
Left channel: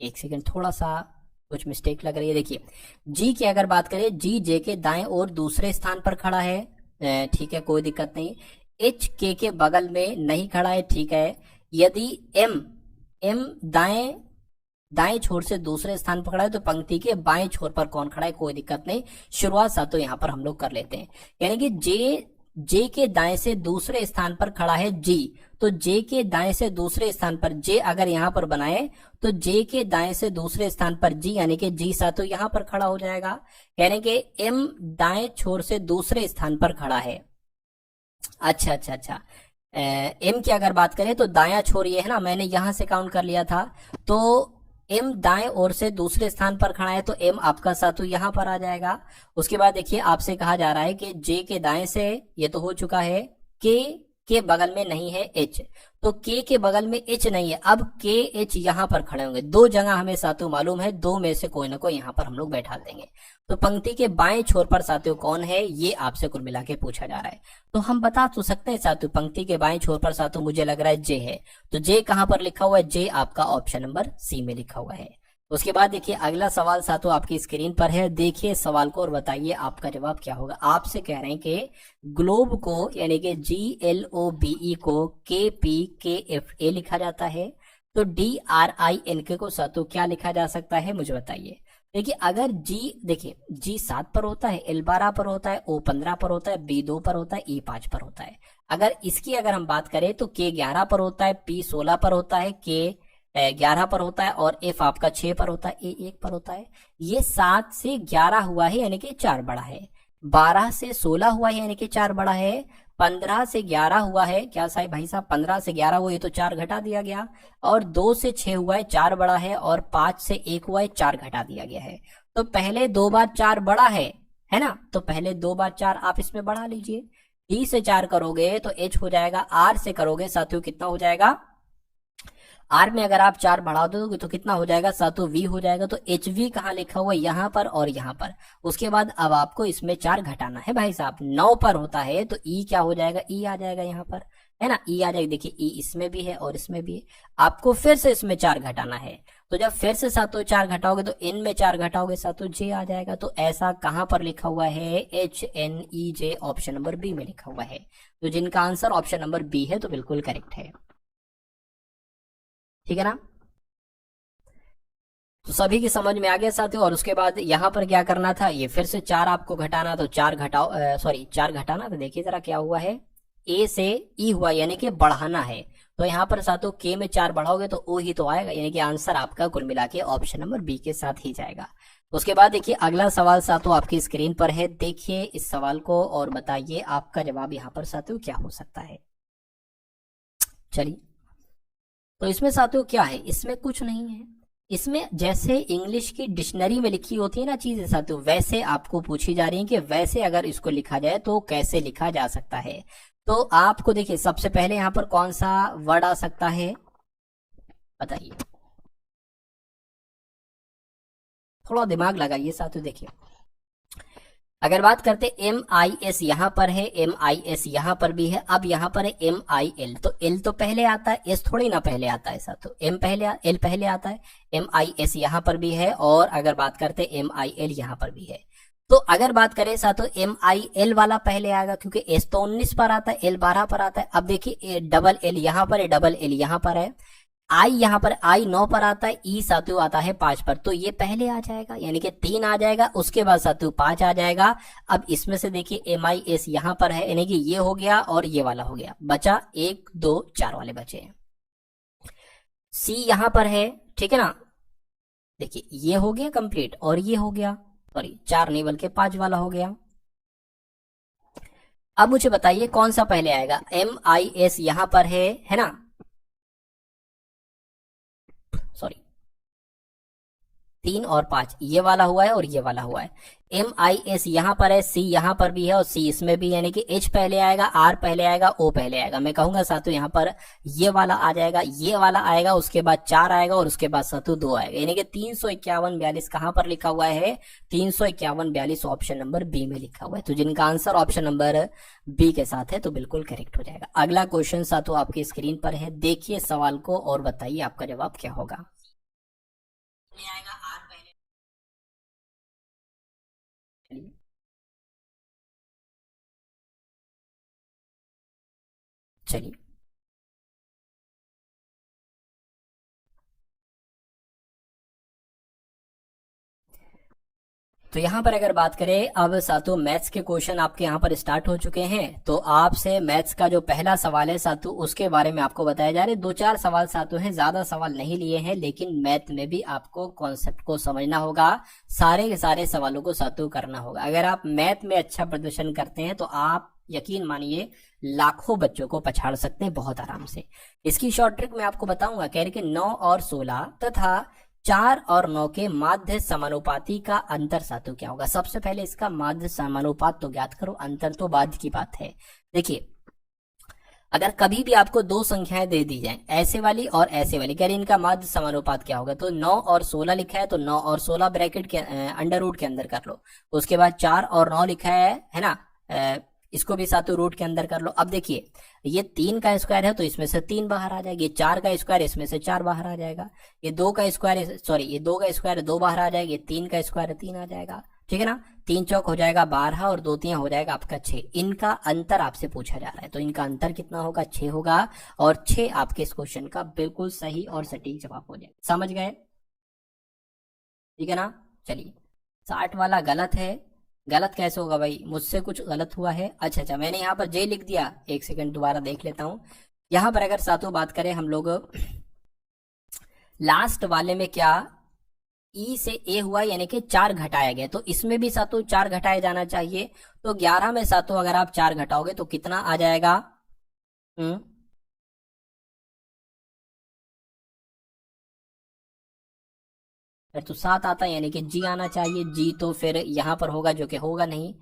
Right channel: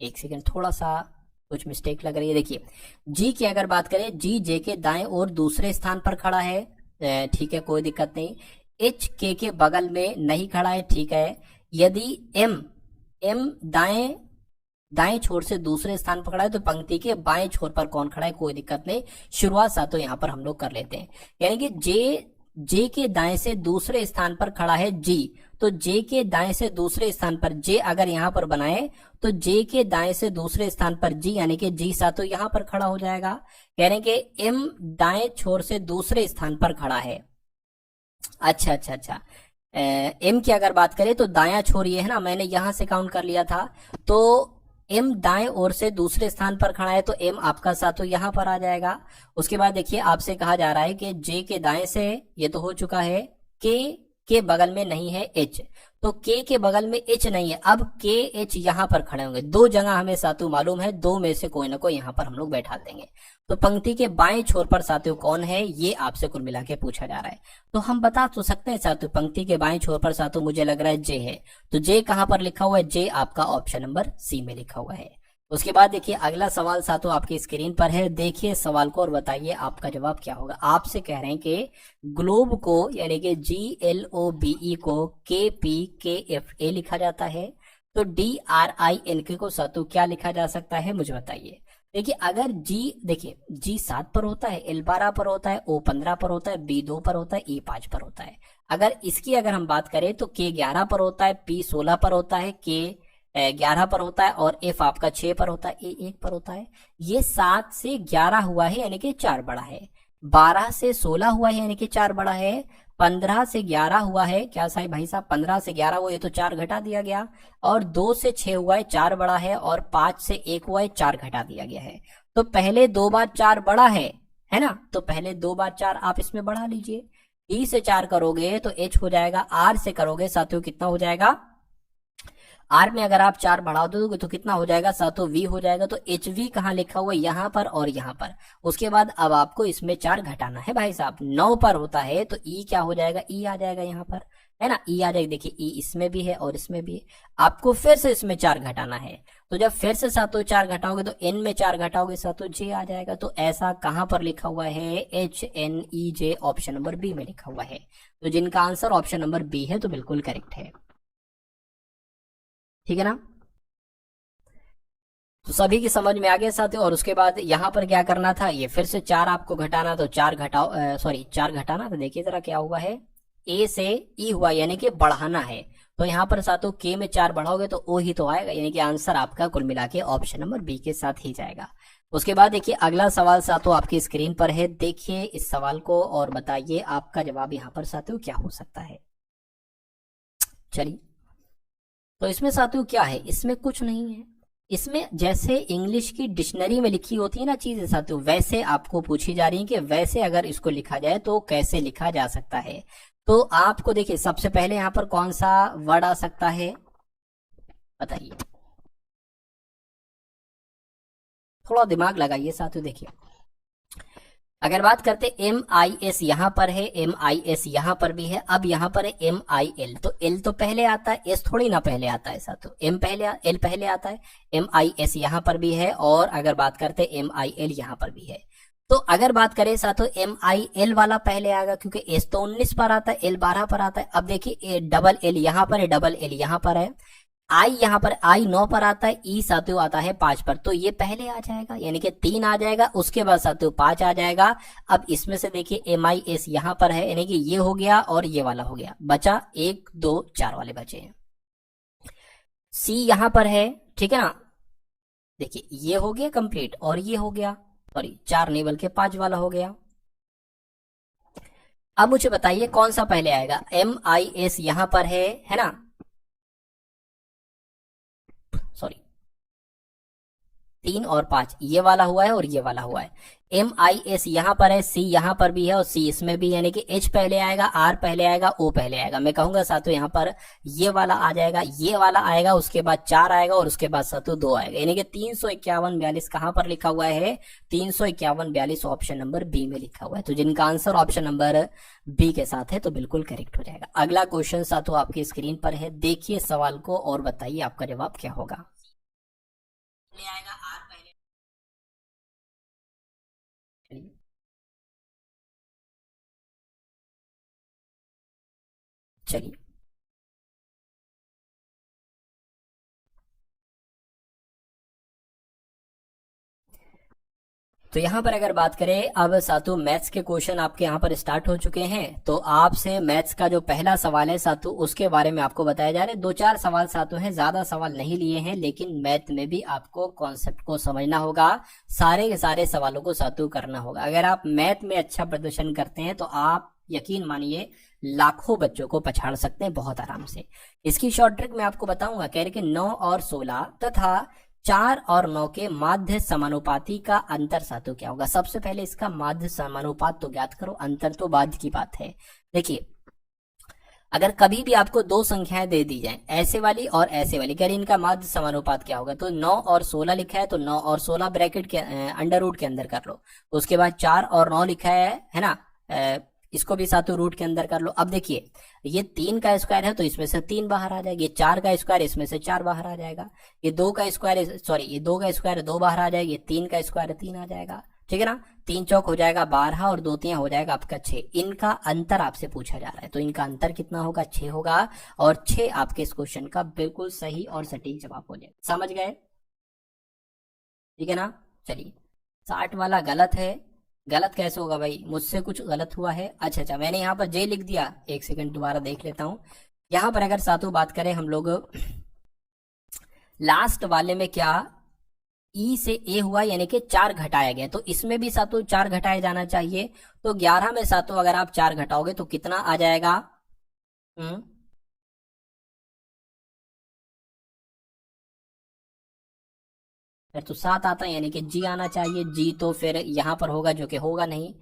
एक सेकंड, थोड़ा सा कुछ मिस्टेक लग रही है। देखिए जी की अगर बात करें, जी जे के दाएं और दूसरे स्थान पर खड़ा है, ठीक है कोई दिक्कत नहीं। एच के बगल में नहीं खड़ा है, ठीक है। यदि एम एम दाएं छोर से दूसरे स्थान पर खड़ा है, तो पंक्ति के बाएं छोर पर कौन खड़ा है, कोई दिक्कत नहीं। शुरुआत सातों यहाँ पर हम लोग कर लेते हैं, यानी कि जे जे के दाएं से दूसरे स्थान पर खड़ा है जी, तो जे के दाएं से दूसरे स्थान पर जे अगर यहां पर बनाए तो जे के दाएं से दूसरे स्थान पर जी यानी कि जी सा तो यहां पर खड़ा हो जाएगा, यानी कि एम दाएं छोर से दूसरे स्थान पर खड़ा है। अच्छा अच्छा अच्छा, एम की अगर बात करें तो दाया छोर ये है ना, मैंने यहां से काउंट कर लिया था, तो एम दाएं ओर से दूसरे स्थान पर खड़ा है तो एम आपका साथ तो यहां पर आ जाएगा। उसके बाद देखिए आपसे कहा जा रहा है कि जे के दाएं से, ये तो हो चुका है, के बगल में नहीं है एच, तो के बगल में एच नहीं है, अब के एच यहां पर खड़े होंगे, दो जगह हमें सातु मालूम है, दो में से कोई ना कोई यहां पर हम लोग बैठा देंगे। तो पंक्ति के बाएं छोर पर सातु कौन है ये आपसे कुल मिला के पूछा जा रहा है। तो हम बता तो सकते हैं सातु, पंक्ति के बाएं छोर पर सातु मुझे लग रहा है जे है, तो जे कहां पर लिखा हुआ है, जे आपका ऑप्शन नंबर सी में लिखा हुआ है। उसके बाद देखिए अगला सवाल सातों आपकी स्क्रीन पर है, देखिए सवाल को और बताइए आपका जवाब क्या होगा। आपसे कह रहे हैं कि ग्लोब को यानी कि GLOBE को KPKFA लिखा जाता है, तो DRINK को सातों क्या लिखा जा सकता है मुझे बताइए। देखिए अगर देखिए G 7 पर होता है, L 12 पर होता है, O 15 पर होता है, B 2 पर होता है, E 5 पर होता है। अगर इसकी अगर हम बात करें तो K 11 पर होता है, P 16 पर होता है, K 11 पर होता है और F आपका 6 पर होता है, A 1 पर होता है। ये 7 से 11 हुआ है यानी कि 4 बड़ा है, 12 से 16 हुआ है यानी कि 4 बड़ा है, 15 से 11 हुआ है, क्या साहब भाई साहब 15 से 11 हुआ, ये तो 4 घटा दिया गया, और 2 से 6 हुआ है 4 बड़ा है, और 5 से 1 हुआ है 4 घटा दिया गया है। तो पहले 2 बार 4 बड़ा है ना, तो पहले 2 बार 4 आप इसमें बढ़ा लीजिए, D से 4 करोगे तो H हो जाएगा, R से करोगे साथियों कितना हो जाएगा, आर में अगर आप 4 बढ़ा दोगे तो कितना हो जाएगा, सातों वी हो जाएगा, तो एच वी कहाँ लिखा हुआ है, यहाँ पर और यहाँ पर। उसके बाद अब आपको इसमें 4 घटाना है भाई साहब, 9 पर होता है तो ई क्या हो जाएगा, ई आ जाएगा यहाँ पर, है ना, ई आ जाएगा। देखिए ई इसमें भी है और इसमें भी है, आपको फिर से इसमें 4 घटाना है, तो जब फिर से सातों 4 घटाओगे तो एन में 4 घटाओगे सातों जे आ जाएगा। तो ऐसा कहां पर लिखा हुआ है, HNEJ ऑप्शन नंबर बी में लिखा हुआ है। तो जिनका आंसर ऑप्शन नंबर बी है तो बिल्कुल करेक्ट है, ठीक है ना। तो सभी की समझ में आ गया साथियों। और उसके बाद यहाँ पर क्या करना था, ये फिर से 4 आपको घटाना, तो 4 घटाओ, सॉरी 4 घटाना, तो देखिए जरा क्या हुआ है, ए से ई हुआ यानी कि बढ़ाना है, तो यहाँ पर साथियों के में 4 बढ़ाओगे तो ओ ही तो आएगा, यानी कि आंसर आपका कुल मिला के ऑप्शन नंबर बी के साथ ही जाएगा। उसके बाद देखिए अगला सवाल साथियों आपकी स्क्रीन पर है, देखिए इस सवाल को और बताइए आपका जवाब यहाँ पर साथियों क्या हो सकता है। चलिए तो इसमें साथियों क्या है, इसमें कुछ नहीं है, इसमें जैसे इंग्लिश की डिक्शनरी में लिखी होती है ना चीजें साथियों, वैसे आपको पूछी जा रही है कि वैसे अगर इसको लिखा जाए तो कैसे लिखा जा सकता है। तो आपको देखिए सबसे पहले यहाँ पर कौन सा वर्ड आ सकता है बताइए, थोड़ा दिमाग लगाइए साथियों। देखिए अगर बात करते MIS यहाँ पर है, MIS यहाँ पर भी है, अब यहाँ पर है MIL, तो L तो पहले आता है, S थोड़ी ना पहले आता है साथ, तो L पहले आता है, MIS यहाँ पर भी है, और अगर बात करते MIL यहाँ पर भी है। तो अगर बात करें साथों MIL वाला पहले आएगा, क्योंकि S तो 19 पर आता है, L 12 पर आता है। अब देखिए डबल L यहाँ पर है, डबल L यहाँ पर है, आई यहाँ पर आई 9 पर आता है, ई सातु आता है 5 पर, तो ये पहले आ जाएगा यानी कि 3 आ जाएगा, उसके बाद सातु 5 आ जाएगा। अब इसमें से देखिए MIS यहाँ पर है, यानी कि ये हो गया और ये वाला हो गया, बचा 1 2 4 वाले बचे हैं। सी यहाँ पर है, ठीक है ना, देखिए ये हो गया कंप्लीट और ये हो गया, सॉरी 4 नहीं बल्कि 5 वाला हो गया। अब मुझे बताइए कौन सा पहले आएगा, MIS यहाँ पर है ना, सॉरी 3 और 5 ये वाला हुआ है और ये वाला हुआ है, MIS यहाँ पर है, C यहाँ पर भी है और C इसमें भी, यानी कि H पहले आएगा, R पहले आएगा, O पहले आएगा। मैं कहूंगा सातों यहाँ पर ये वाला आ जाएगा, ये वाला आएगा, उसके बाद 4 आएगा और उसके बाद सातों 2 आएगा, यानी कि 351 42 कहाँ पर लिखा हुआ है, 351 42 ऑप्शन नंबर बी में लिखा हुआ है। तो जिनका आंसर ऑप्शन नंबर बी के साथ है तो बिल्कुल करेक्ट हो जाएगा। अगला क्वेश्चन सातों आपकी स्क्रीन पर है, देखिए सवाल को और बताइए आपका जवाब क्या होगा। चलिए तो यहाँ पर अगर बात करें, अब सातु मैथ्स के क्वेश्चन आपके यहाँ पर स्टार्ट हो चुके हैं। तो आपसे मैथ्स का जो पहला सवाल है सातु, उसके बारे में आपको बताया जा रहा है। 2-4 सवाल सातु हैं, ज्यादा सवाल नहीं लिए हैं, लेकिन मैथ में भी आपको कॉन्सेप्ट को समझना होगा, सारे के सारे सवालों को सातु करना होगा। अगर आप मैथ में अच्छा प्रदर्शन करते हैं तो आप यकीन मानिए लाखों बच्चों को पछाड़ सकते हैं बहुत आराम से। इसकी शॉर्ट ट्रिक मैं आपको बताऊंगा। कह रहे कि 9 और 16 तथा 4 और 9 के माध्य समानुपाती का अंतर सातु क्या होगा। सबसे पहले इसका माध्य समानुपात तो ज्ञात करो, अंतर तो बाद की बात है। देखिए, अगर कभी भी आपको दो संख्याएं दे दी जाए, ऐसे वाली और ऐसे वाली, कह रही इनका माध्य समानुपात क्या होगा, तो 9 और 16 लिखा है तो 9 और 16 ब्रैकेट के अंडर रूट के अंदर कर लो। उसके बाद 4 और 9 लिखा है ना, इसको भी सातों रूट के अंदर कर लो। अब देखिए, ये 3 का स्क्वायर है तो इसमें से 3 बाहर आ जाएगा, ये 4 का स्क्वायर इसमें से 4 बाहर आ जाएगा, ये 2 का स्क्वायर, सॉरी ये 2 का स्क्वायर 2 बाहर आ जाएगा, ये 3 का स्क्वायर 3 आ जाएगा, ठीक है ना। 3 चौक हो जाएगा 12 और 2 3 हो जाएगा आपका 6। इनका अंतर आपसे पूछा जा रहा है, तो इनका अंतर कितना होगा, 6 होगा, और 6 आपके इस क्वेश्चन का बिल्कुल सही और सटीक जवाब हो जाएगा। समझ गए, ठीक है ना। चलिए, 60 वाला गलत है। गलत कैसे होगा भाई, मुझसे कुछ गलत हुआ है। अच्छा, मैंने यहाँ पर जे लिख दिया, एक सेकंड दोबारा देख लेता हूँ। यहाँ पर अगर सातों बात करें हम लोग, लास्ट वाले में क्या ई से ए हुआ, यानी कि 4 घटाया गया, तो इसमें भी सातों 4 घटाया जाना चाहिए। तो 11 में सातों अगर आप 4 घटाओगे तो कितना आ जाएगा, फिर तो 7 आता है, यानी कि जी आना चाहिए। जी तो फिर यहां पर होगा, जो कि होगा नहीं।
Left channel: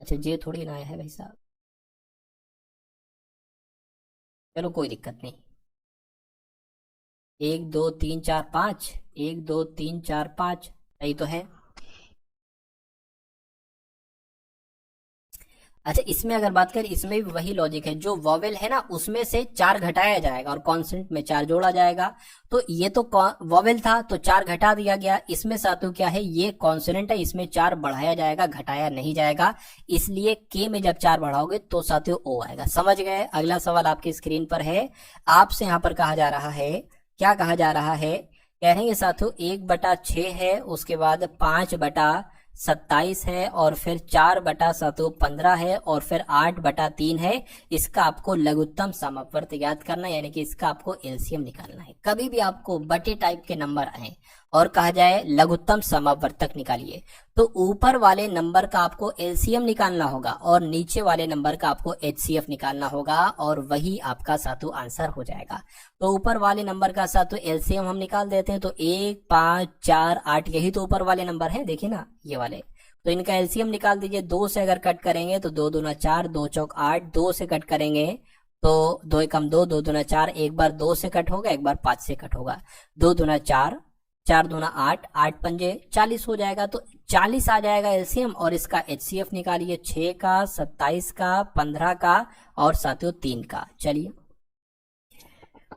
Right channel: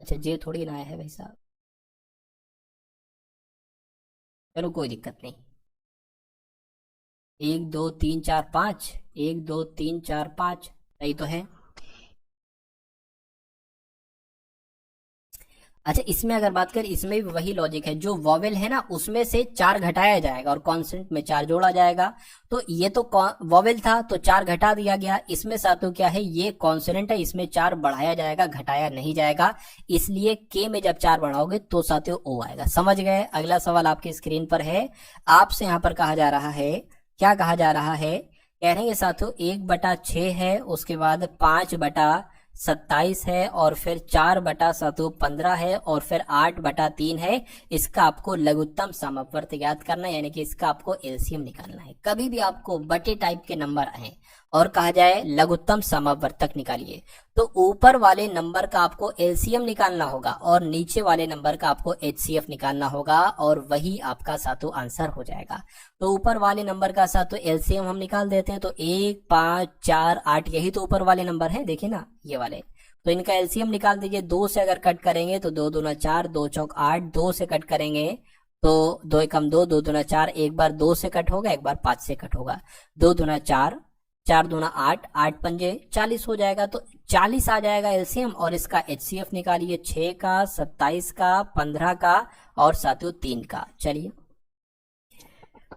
अच्छा, जे थोड़ी ना है भाई साहब, चलो कोई दिक्कत नहीं। 1 2 3 4 5, 1 2 3 4 5 सही तो है। अच्छा, इसमें अगर बात करें, इसमें भी वही लॉजिक है, जो वॉवेल है ना उसमें से 4 घटाया जाएगा और कॉन्सेंट में 4 जोड़ा जाएगा। तो ये तो वॉवेल था तो 4 घटा दिया गया, इसमें सातों क्या है, ये कॉन्सोनेंट है, इसमें 4 बढ़ाया जाएगा, घटाया नहीं जाएगा। इसलिए के में जब 4 बढ़ाओगे तो साथियों ओ आएगा। समझ गए। अगला सवाल आपके स्क्रीन पर है, आपसे यहाँ पर कहा जा रहा है, क्या कहा जा रहा है, कह रहे हैं साथियों 1/6 है, उसके बाद 5/27 है, और फिर 4/15 है, और फिर 8/3 है। इसका आपको लघुत्तम समवर्त ज्ञात करना है, यानी कि इसका आपको एलसीएम निकालना है। कभी भी आपको बटे टाइप के नंबर आए और कहा जाए लघुत्तम समवर्तक निकालिए, तो ऊपर वाले नंबर का आपको एलसीएम निकालना होगा और नीचे वाले नंबर का आपको एचसीएफ निकालना होगा, और वही आपका सातु आंसर हो जाएगा। तो ऊपर वाले नंबर का सातु एलसीएम हम निकाल देते हैं, तो 1 5 4 8, यही तो ऊपर वाले नंबर है, देखिए ना ये वाले। तो इनका एलसीएम निकाल दीजिए। 2 से अगर कट करेंगे तो 2 दूना 4, 2 चौक 8, 2 से कट करेंगे तो 2 एकम 2, 2 दूना 4, एक बार 2 से कट होगा, एक बार 5 से कट होगा। 2 दूना 4, 4 दूना 8, 8 पंजे 40 हो जाएगा, तो 40 आ जाएगा एलसीएम। और इसका एचसीएफ निकालिए, 6 का, 27 का, 15 का, और साथियों 3 का। चलिए,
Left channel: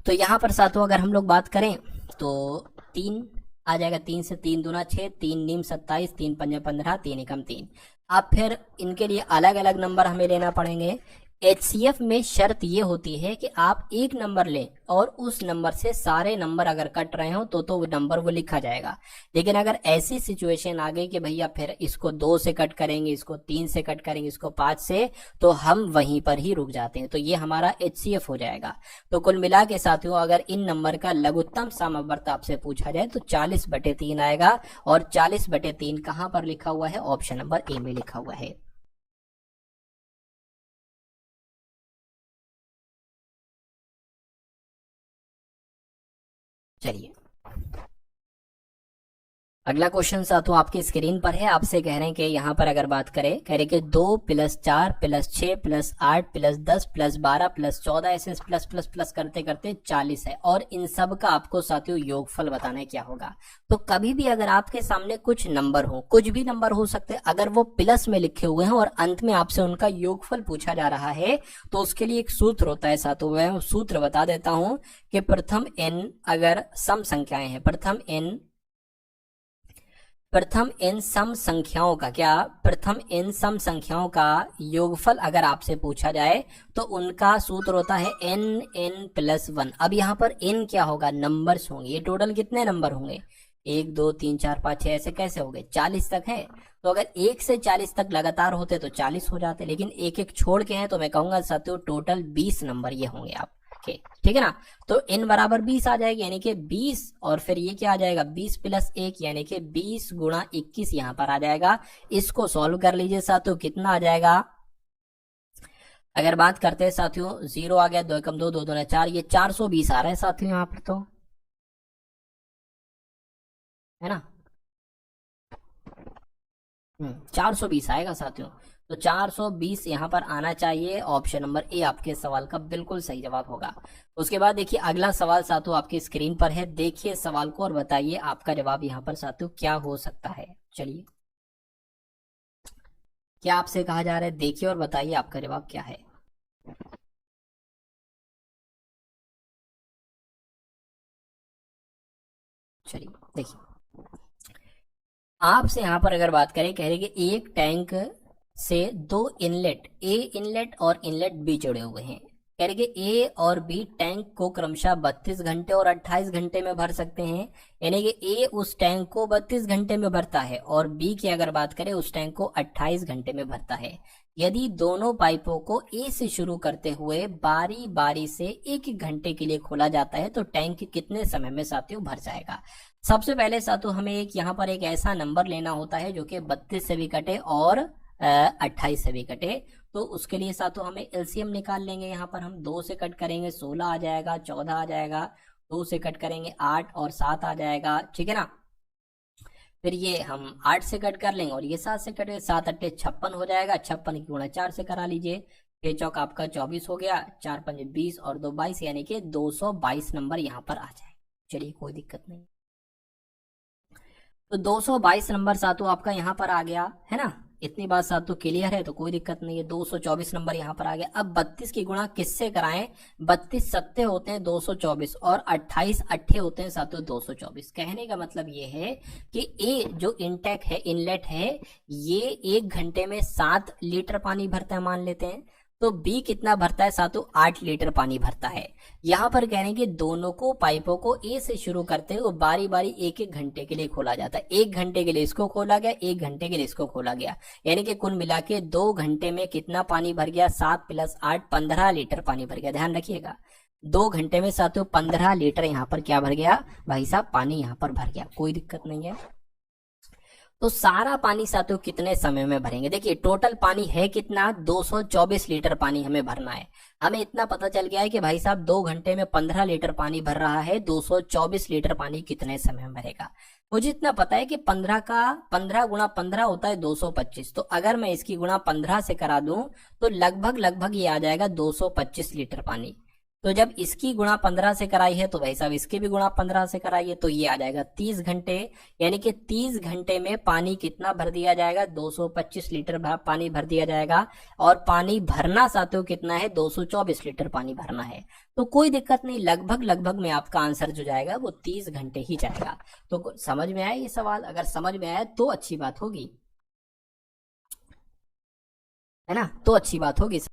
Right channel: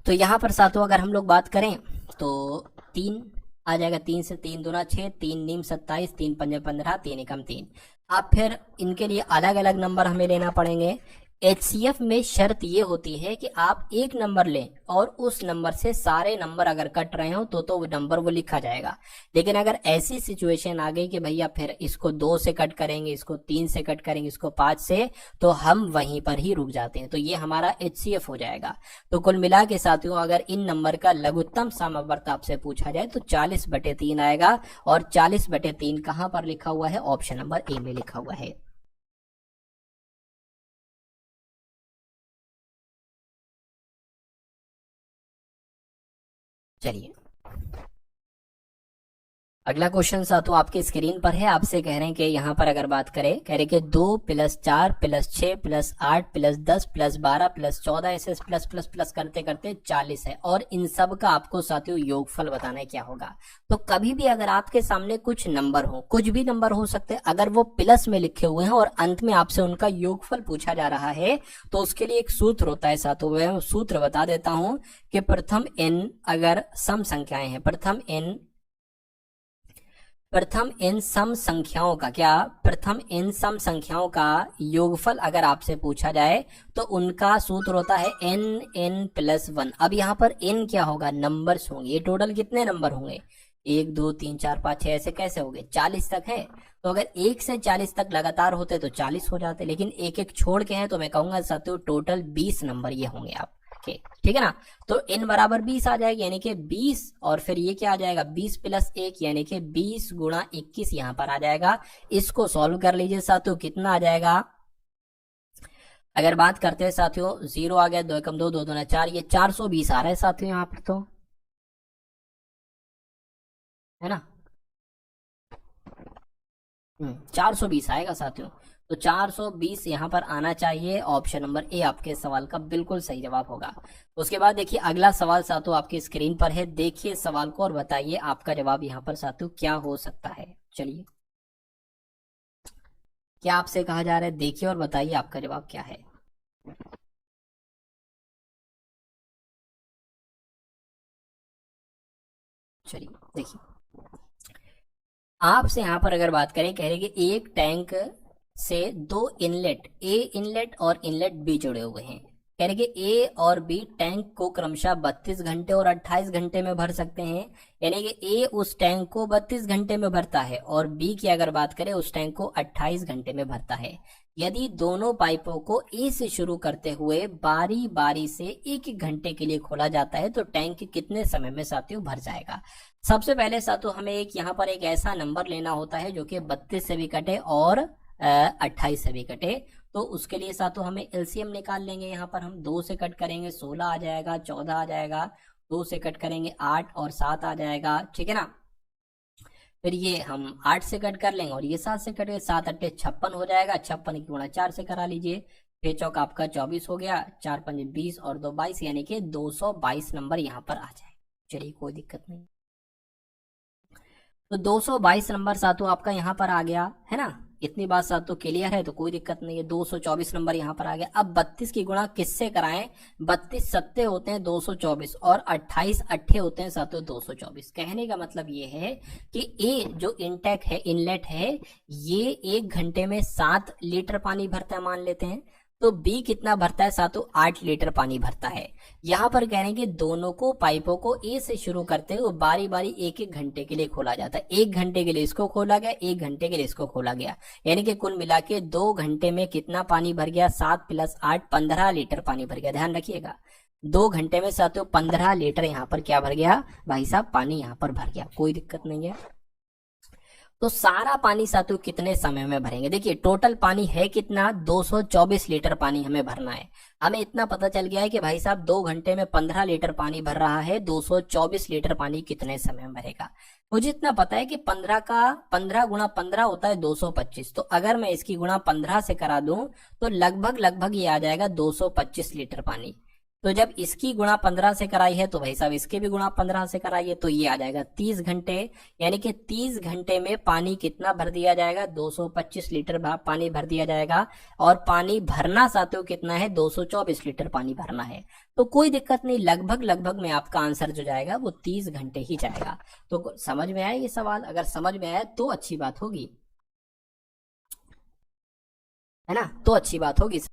तो यहाँ पर सातों अगर हम लोग बात करें तो 3 आ जाएगा, 3 से 3 दूना 6, 3 नीम 27, 3 पंजे 15, 3 एकम 3। अब फिर इनके लिए अलग अलग नंबर हमें लेना पड़ेंगे। एचसीएफ में शर्त ये होती है कि आप एक नंबर लें और उस नंबर से सारे नंबर अगर कट रहे हो तो वो नंबर वो लिखा जाएगा। लेकिन अगर ऐसी सिचुएशन आ गई कि भैया फिर इसको 2 से कट करेंगे, इसको 3 से कट करेंगे, इसको 5 से, तो हम वहीं पर ही रुक जाते हैं, तो ये हमारा एचसीएफ हो जाएगा। तो कुल मिला के साथियों, अगर इन नंबर का लघुत्तम समवर्त आपसे पूछा जाए तो 40/3 आएगा, और 40/3 कहां पर लिखा हुआ है, ऑप्शन नंबर ए में लिखा हुआ है। चलिए, अगला क्वेश्चन तो आपकी स्क्रीन पर है। आपसे कह रहे हैं कि यहाँ पर अगर बात करें, कह रहे कि 2 + 4 + 6 + 8 + 10 + 12 + 14 ऐसे प्लस प्लस प्लस करते करते 40 है, और इन सब का आपको साथियों योगफल बताना है क्या होगा। तो कभी भी अगर आपके सामने कुछ नंबर हो, कुछ भी नंबर हो सकते हैं, अगर वो प्लस में लिखे हुए हैं और अंत में आपसे उनका योगफल पूछा जा रहा है, तो उसके लिए एक सूत्र होता है साथियों। मैं सूत्र बता देता हूं कि प्रथम n अगर सम संख्याएं हैं, प्रथम n सम संख्याओं का, क्या, प्रथम n सम संख्याओं का योगफल अगर आपसे पूछा जाए तो उनका सूत्र होता है n+1। अब यहाँ पर n क्या होगा, नंबर्स होंगे। ये टोटल कितने नंबर होंगे, 1 2 3 4 5 6 ऐसे कैसे हो गए, 40 तक है। तो अगर 1 से 40 तक लगातार होते तो 40 हो जाते, लेकिन एक एक छोड़ के हैं, तो मैं कहूंगा साथियों टोटल 20 नंबर ये होंगे आपके, ठीक है ना। तो n बराबर 20 आ जाएगी, यानी कि 20, और फिर ये क्या आ जाएगा 20 प्लस 1 यानी कि 20 गुणा 21 यहाँ पर आ जाएगा। इसको सॉल्व कर लीजिए साथियों, कितना आ जाएगा। अगर बात करते हैं साथियों, 0 आ गया, 2 एकम 2, 2 दूना 4, ये 420 आ रहा है साथियों यहाँ पर, तो है ना। 420 आएगा साथियों। तो 420 यहाँ पर आना चाहिए। ऑप्शन नंबर ए आपके सवाल का बिल्कुल सही जवाब होगा। उसके बाद देखिए अगला सवाल साथियों आपकी स्क्रीन पर है, देखिए सवाल को और बताइए आपका जवाब यहाँ पर साथियों क्या हो सकता है। चलिए, क्या आपसे कहा जा रहा है, देखिए और बताइए आपका जवाब क्या है। चलिए देखिए, आपसे यहाँ पर अगर बात करें, कह रहे कि एक टैंक से दो इनलेट ए इनलेट और इनलेट बी जुड़े हुए हैं। कह रहे कि ए और बी टैंक को क्रमशः 32 घंटे और 28 घंटे में भर सकते हैं। यानी कि ए उस टैंक को 32 घंटे में भरता है और बी की अगर बात करें उस टैंक को 28 घंटे में भरता है। यदि दोनों पाइपों को ए से शुरू करते हुए बारी बारी से एक एक घंटे के लिए खोला जाता है तो टैंक कितने समय में साथियों भर जाएगा। सबसे पहले साथियों हमें एक यहाँ पर एक ऐसा नंबर लेना होता है जो कि 32 से भी कटे और 28 से भी कटे। तो उसके लिए साथियों हमें एलसीएम निकाल लेंगे। यहाँ पर हम 2 से कट करेंगे 16 आ जाएगा, 14 आ जाएगा, 2 से कट करेंगे 8 और 7 आ जाएगा, ठीक है ना। फिर ये हम 8 से कट कर लेंगे और ये 7 से कट के 7 अट्ठे 56 हो जाएगा, 56 की गुणा 4 से करा लीजिए, 6 चौक आपका 24 हो गया, 4 पंजे 20 और 2 22, यानी कि 222 नंबर यहाँ पर आ जाए। चलिए कोई दिक्कत नहीं। तो 222 नंबर सातों आपका यहाँ पर आ गया है ना। इतनी बात सातों क्लियर है तो कोई दिक्कत नहीं है। 224 नंबर यहाँ पर आ गया। अब 32 की गुणा किससे कराएं, 32 सत्ते होते हैं 224 और 28 अट्ठे होते हैं सातों 224। कहने का मतलब ये है कि ए जो इनटेक है इनलेट है ये 1 घंटे में 7 लीटर पानी भरता है मान लेते हैं। तो बी कितना भरता है सातों, 8 लीटर पानी भरता है। यहाँ पर कह रहे हैं कि दोनों को पाइपों को ए से शुरू करते हुए बारी बारी एक एक घंटे के लिए खोला जाता है। 1 घंटे के लिए इसको खोला गया, 1 घंटे के लिए इसको खोला गया, यानी कि कुल मिला के 2 घंटे में कितना पानी भर गया, 7 प्लस 8 15 लीटर पानी भर गया। ध्यान रखिएगा 2 घंटे में साथियों 15 लीटर यहाँ पर क्या भर गया भाई साहब, पानी यहाँ पर भर गया। कोई दिक्कत नहीं है। तो सारा पानी साथियों कितने समय में भरेंगे, देखिए टोटल पानी है कितना, 224 लीटर पानी हमें भरना है। हमें इतना पता चल गया है कि भाई साहब 2 घंटे में 15 लीटर पानी भर रहा है, 224 लीटर पानी कितने समय में भरेगा। मुझे इतना पता है कि 15 का 15 गुणा 15 होता है 225। तो अगर मैं इसकी गुणा 15 से करा दूं तो लगभग ये आ जाएगा 225 लीटर पानी। तो जब इसकी गुणा 15 से कराई है तो भाई साहब इसके भी गुणा 15 से कराइए तो ये आ जाएगा 30 घंटे। यानी कि 30 घंटे में पानी कितना भर दिया जाएगा, 225 लीटर पानी भर दिया जाएगा। और पानी भरना साथियों कितना है, 224 लीटर पानी भरना है। तो कोई दिक्कत नहीं, लगभग में आपका आंसर जो जाएगा वो 30 घंटे ही जाएगा। तो समझ में आया ये सवाल, अगर समझ में आया तो अच्छी बात होगी, है ना, तो अच्छी बात होगी।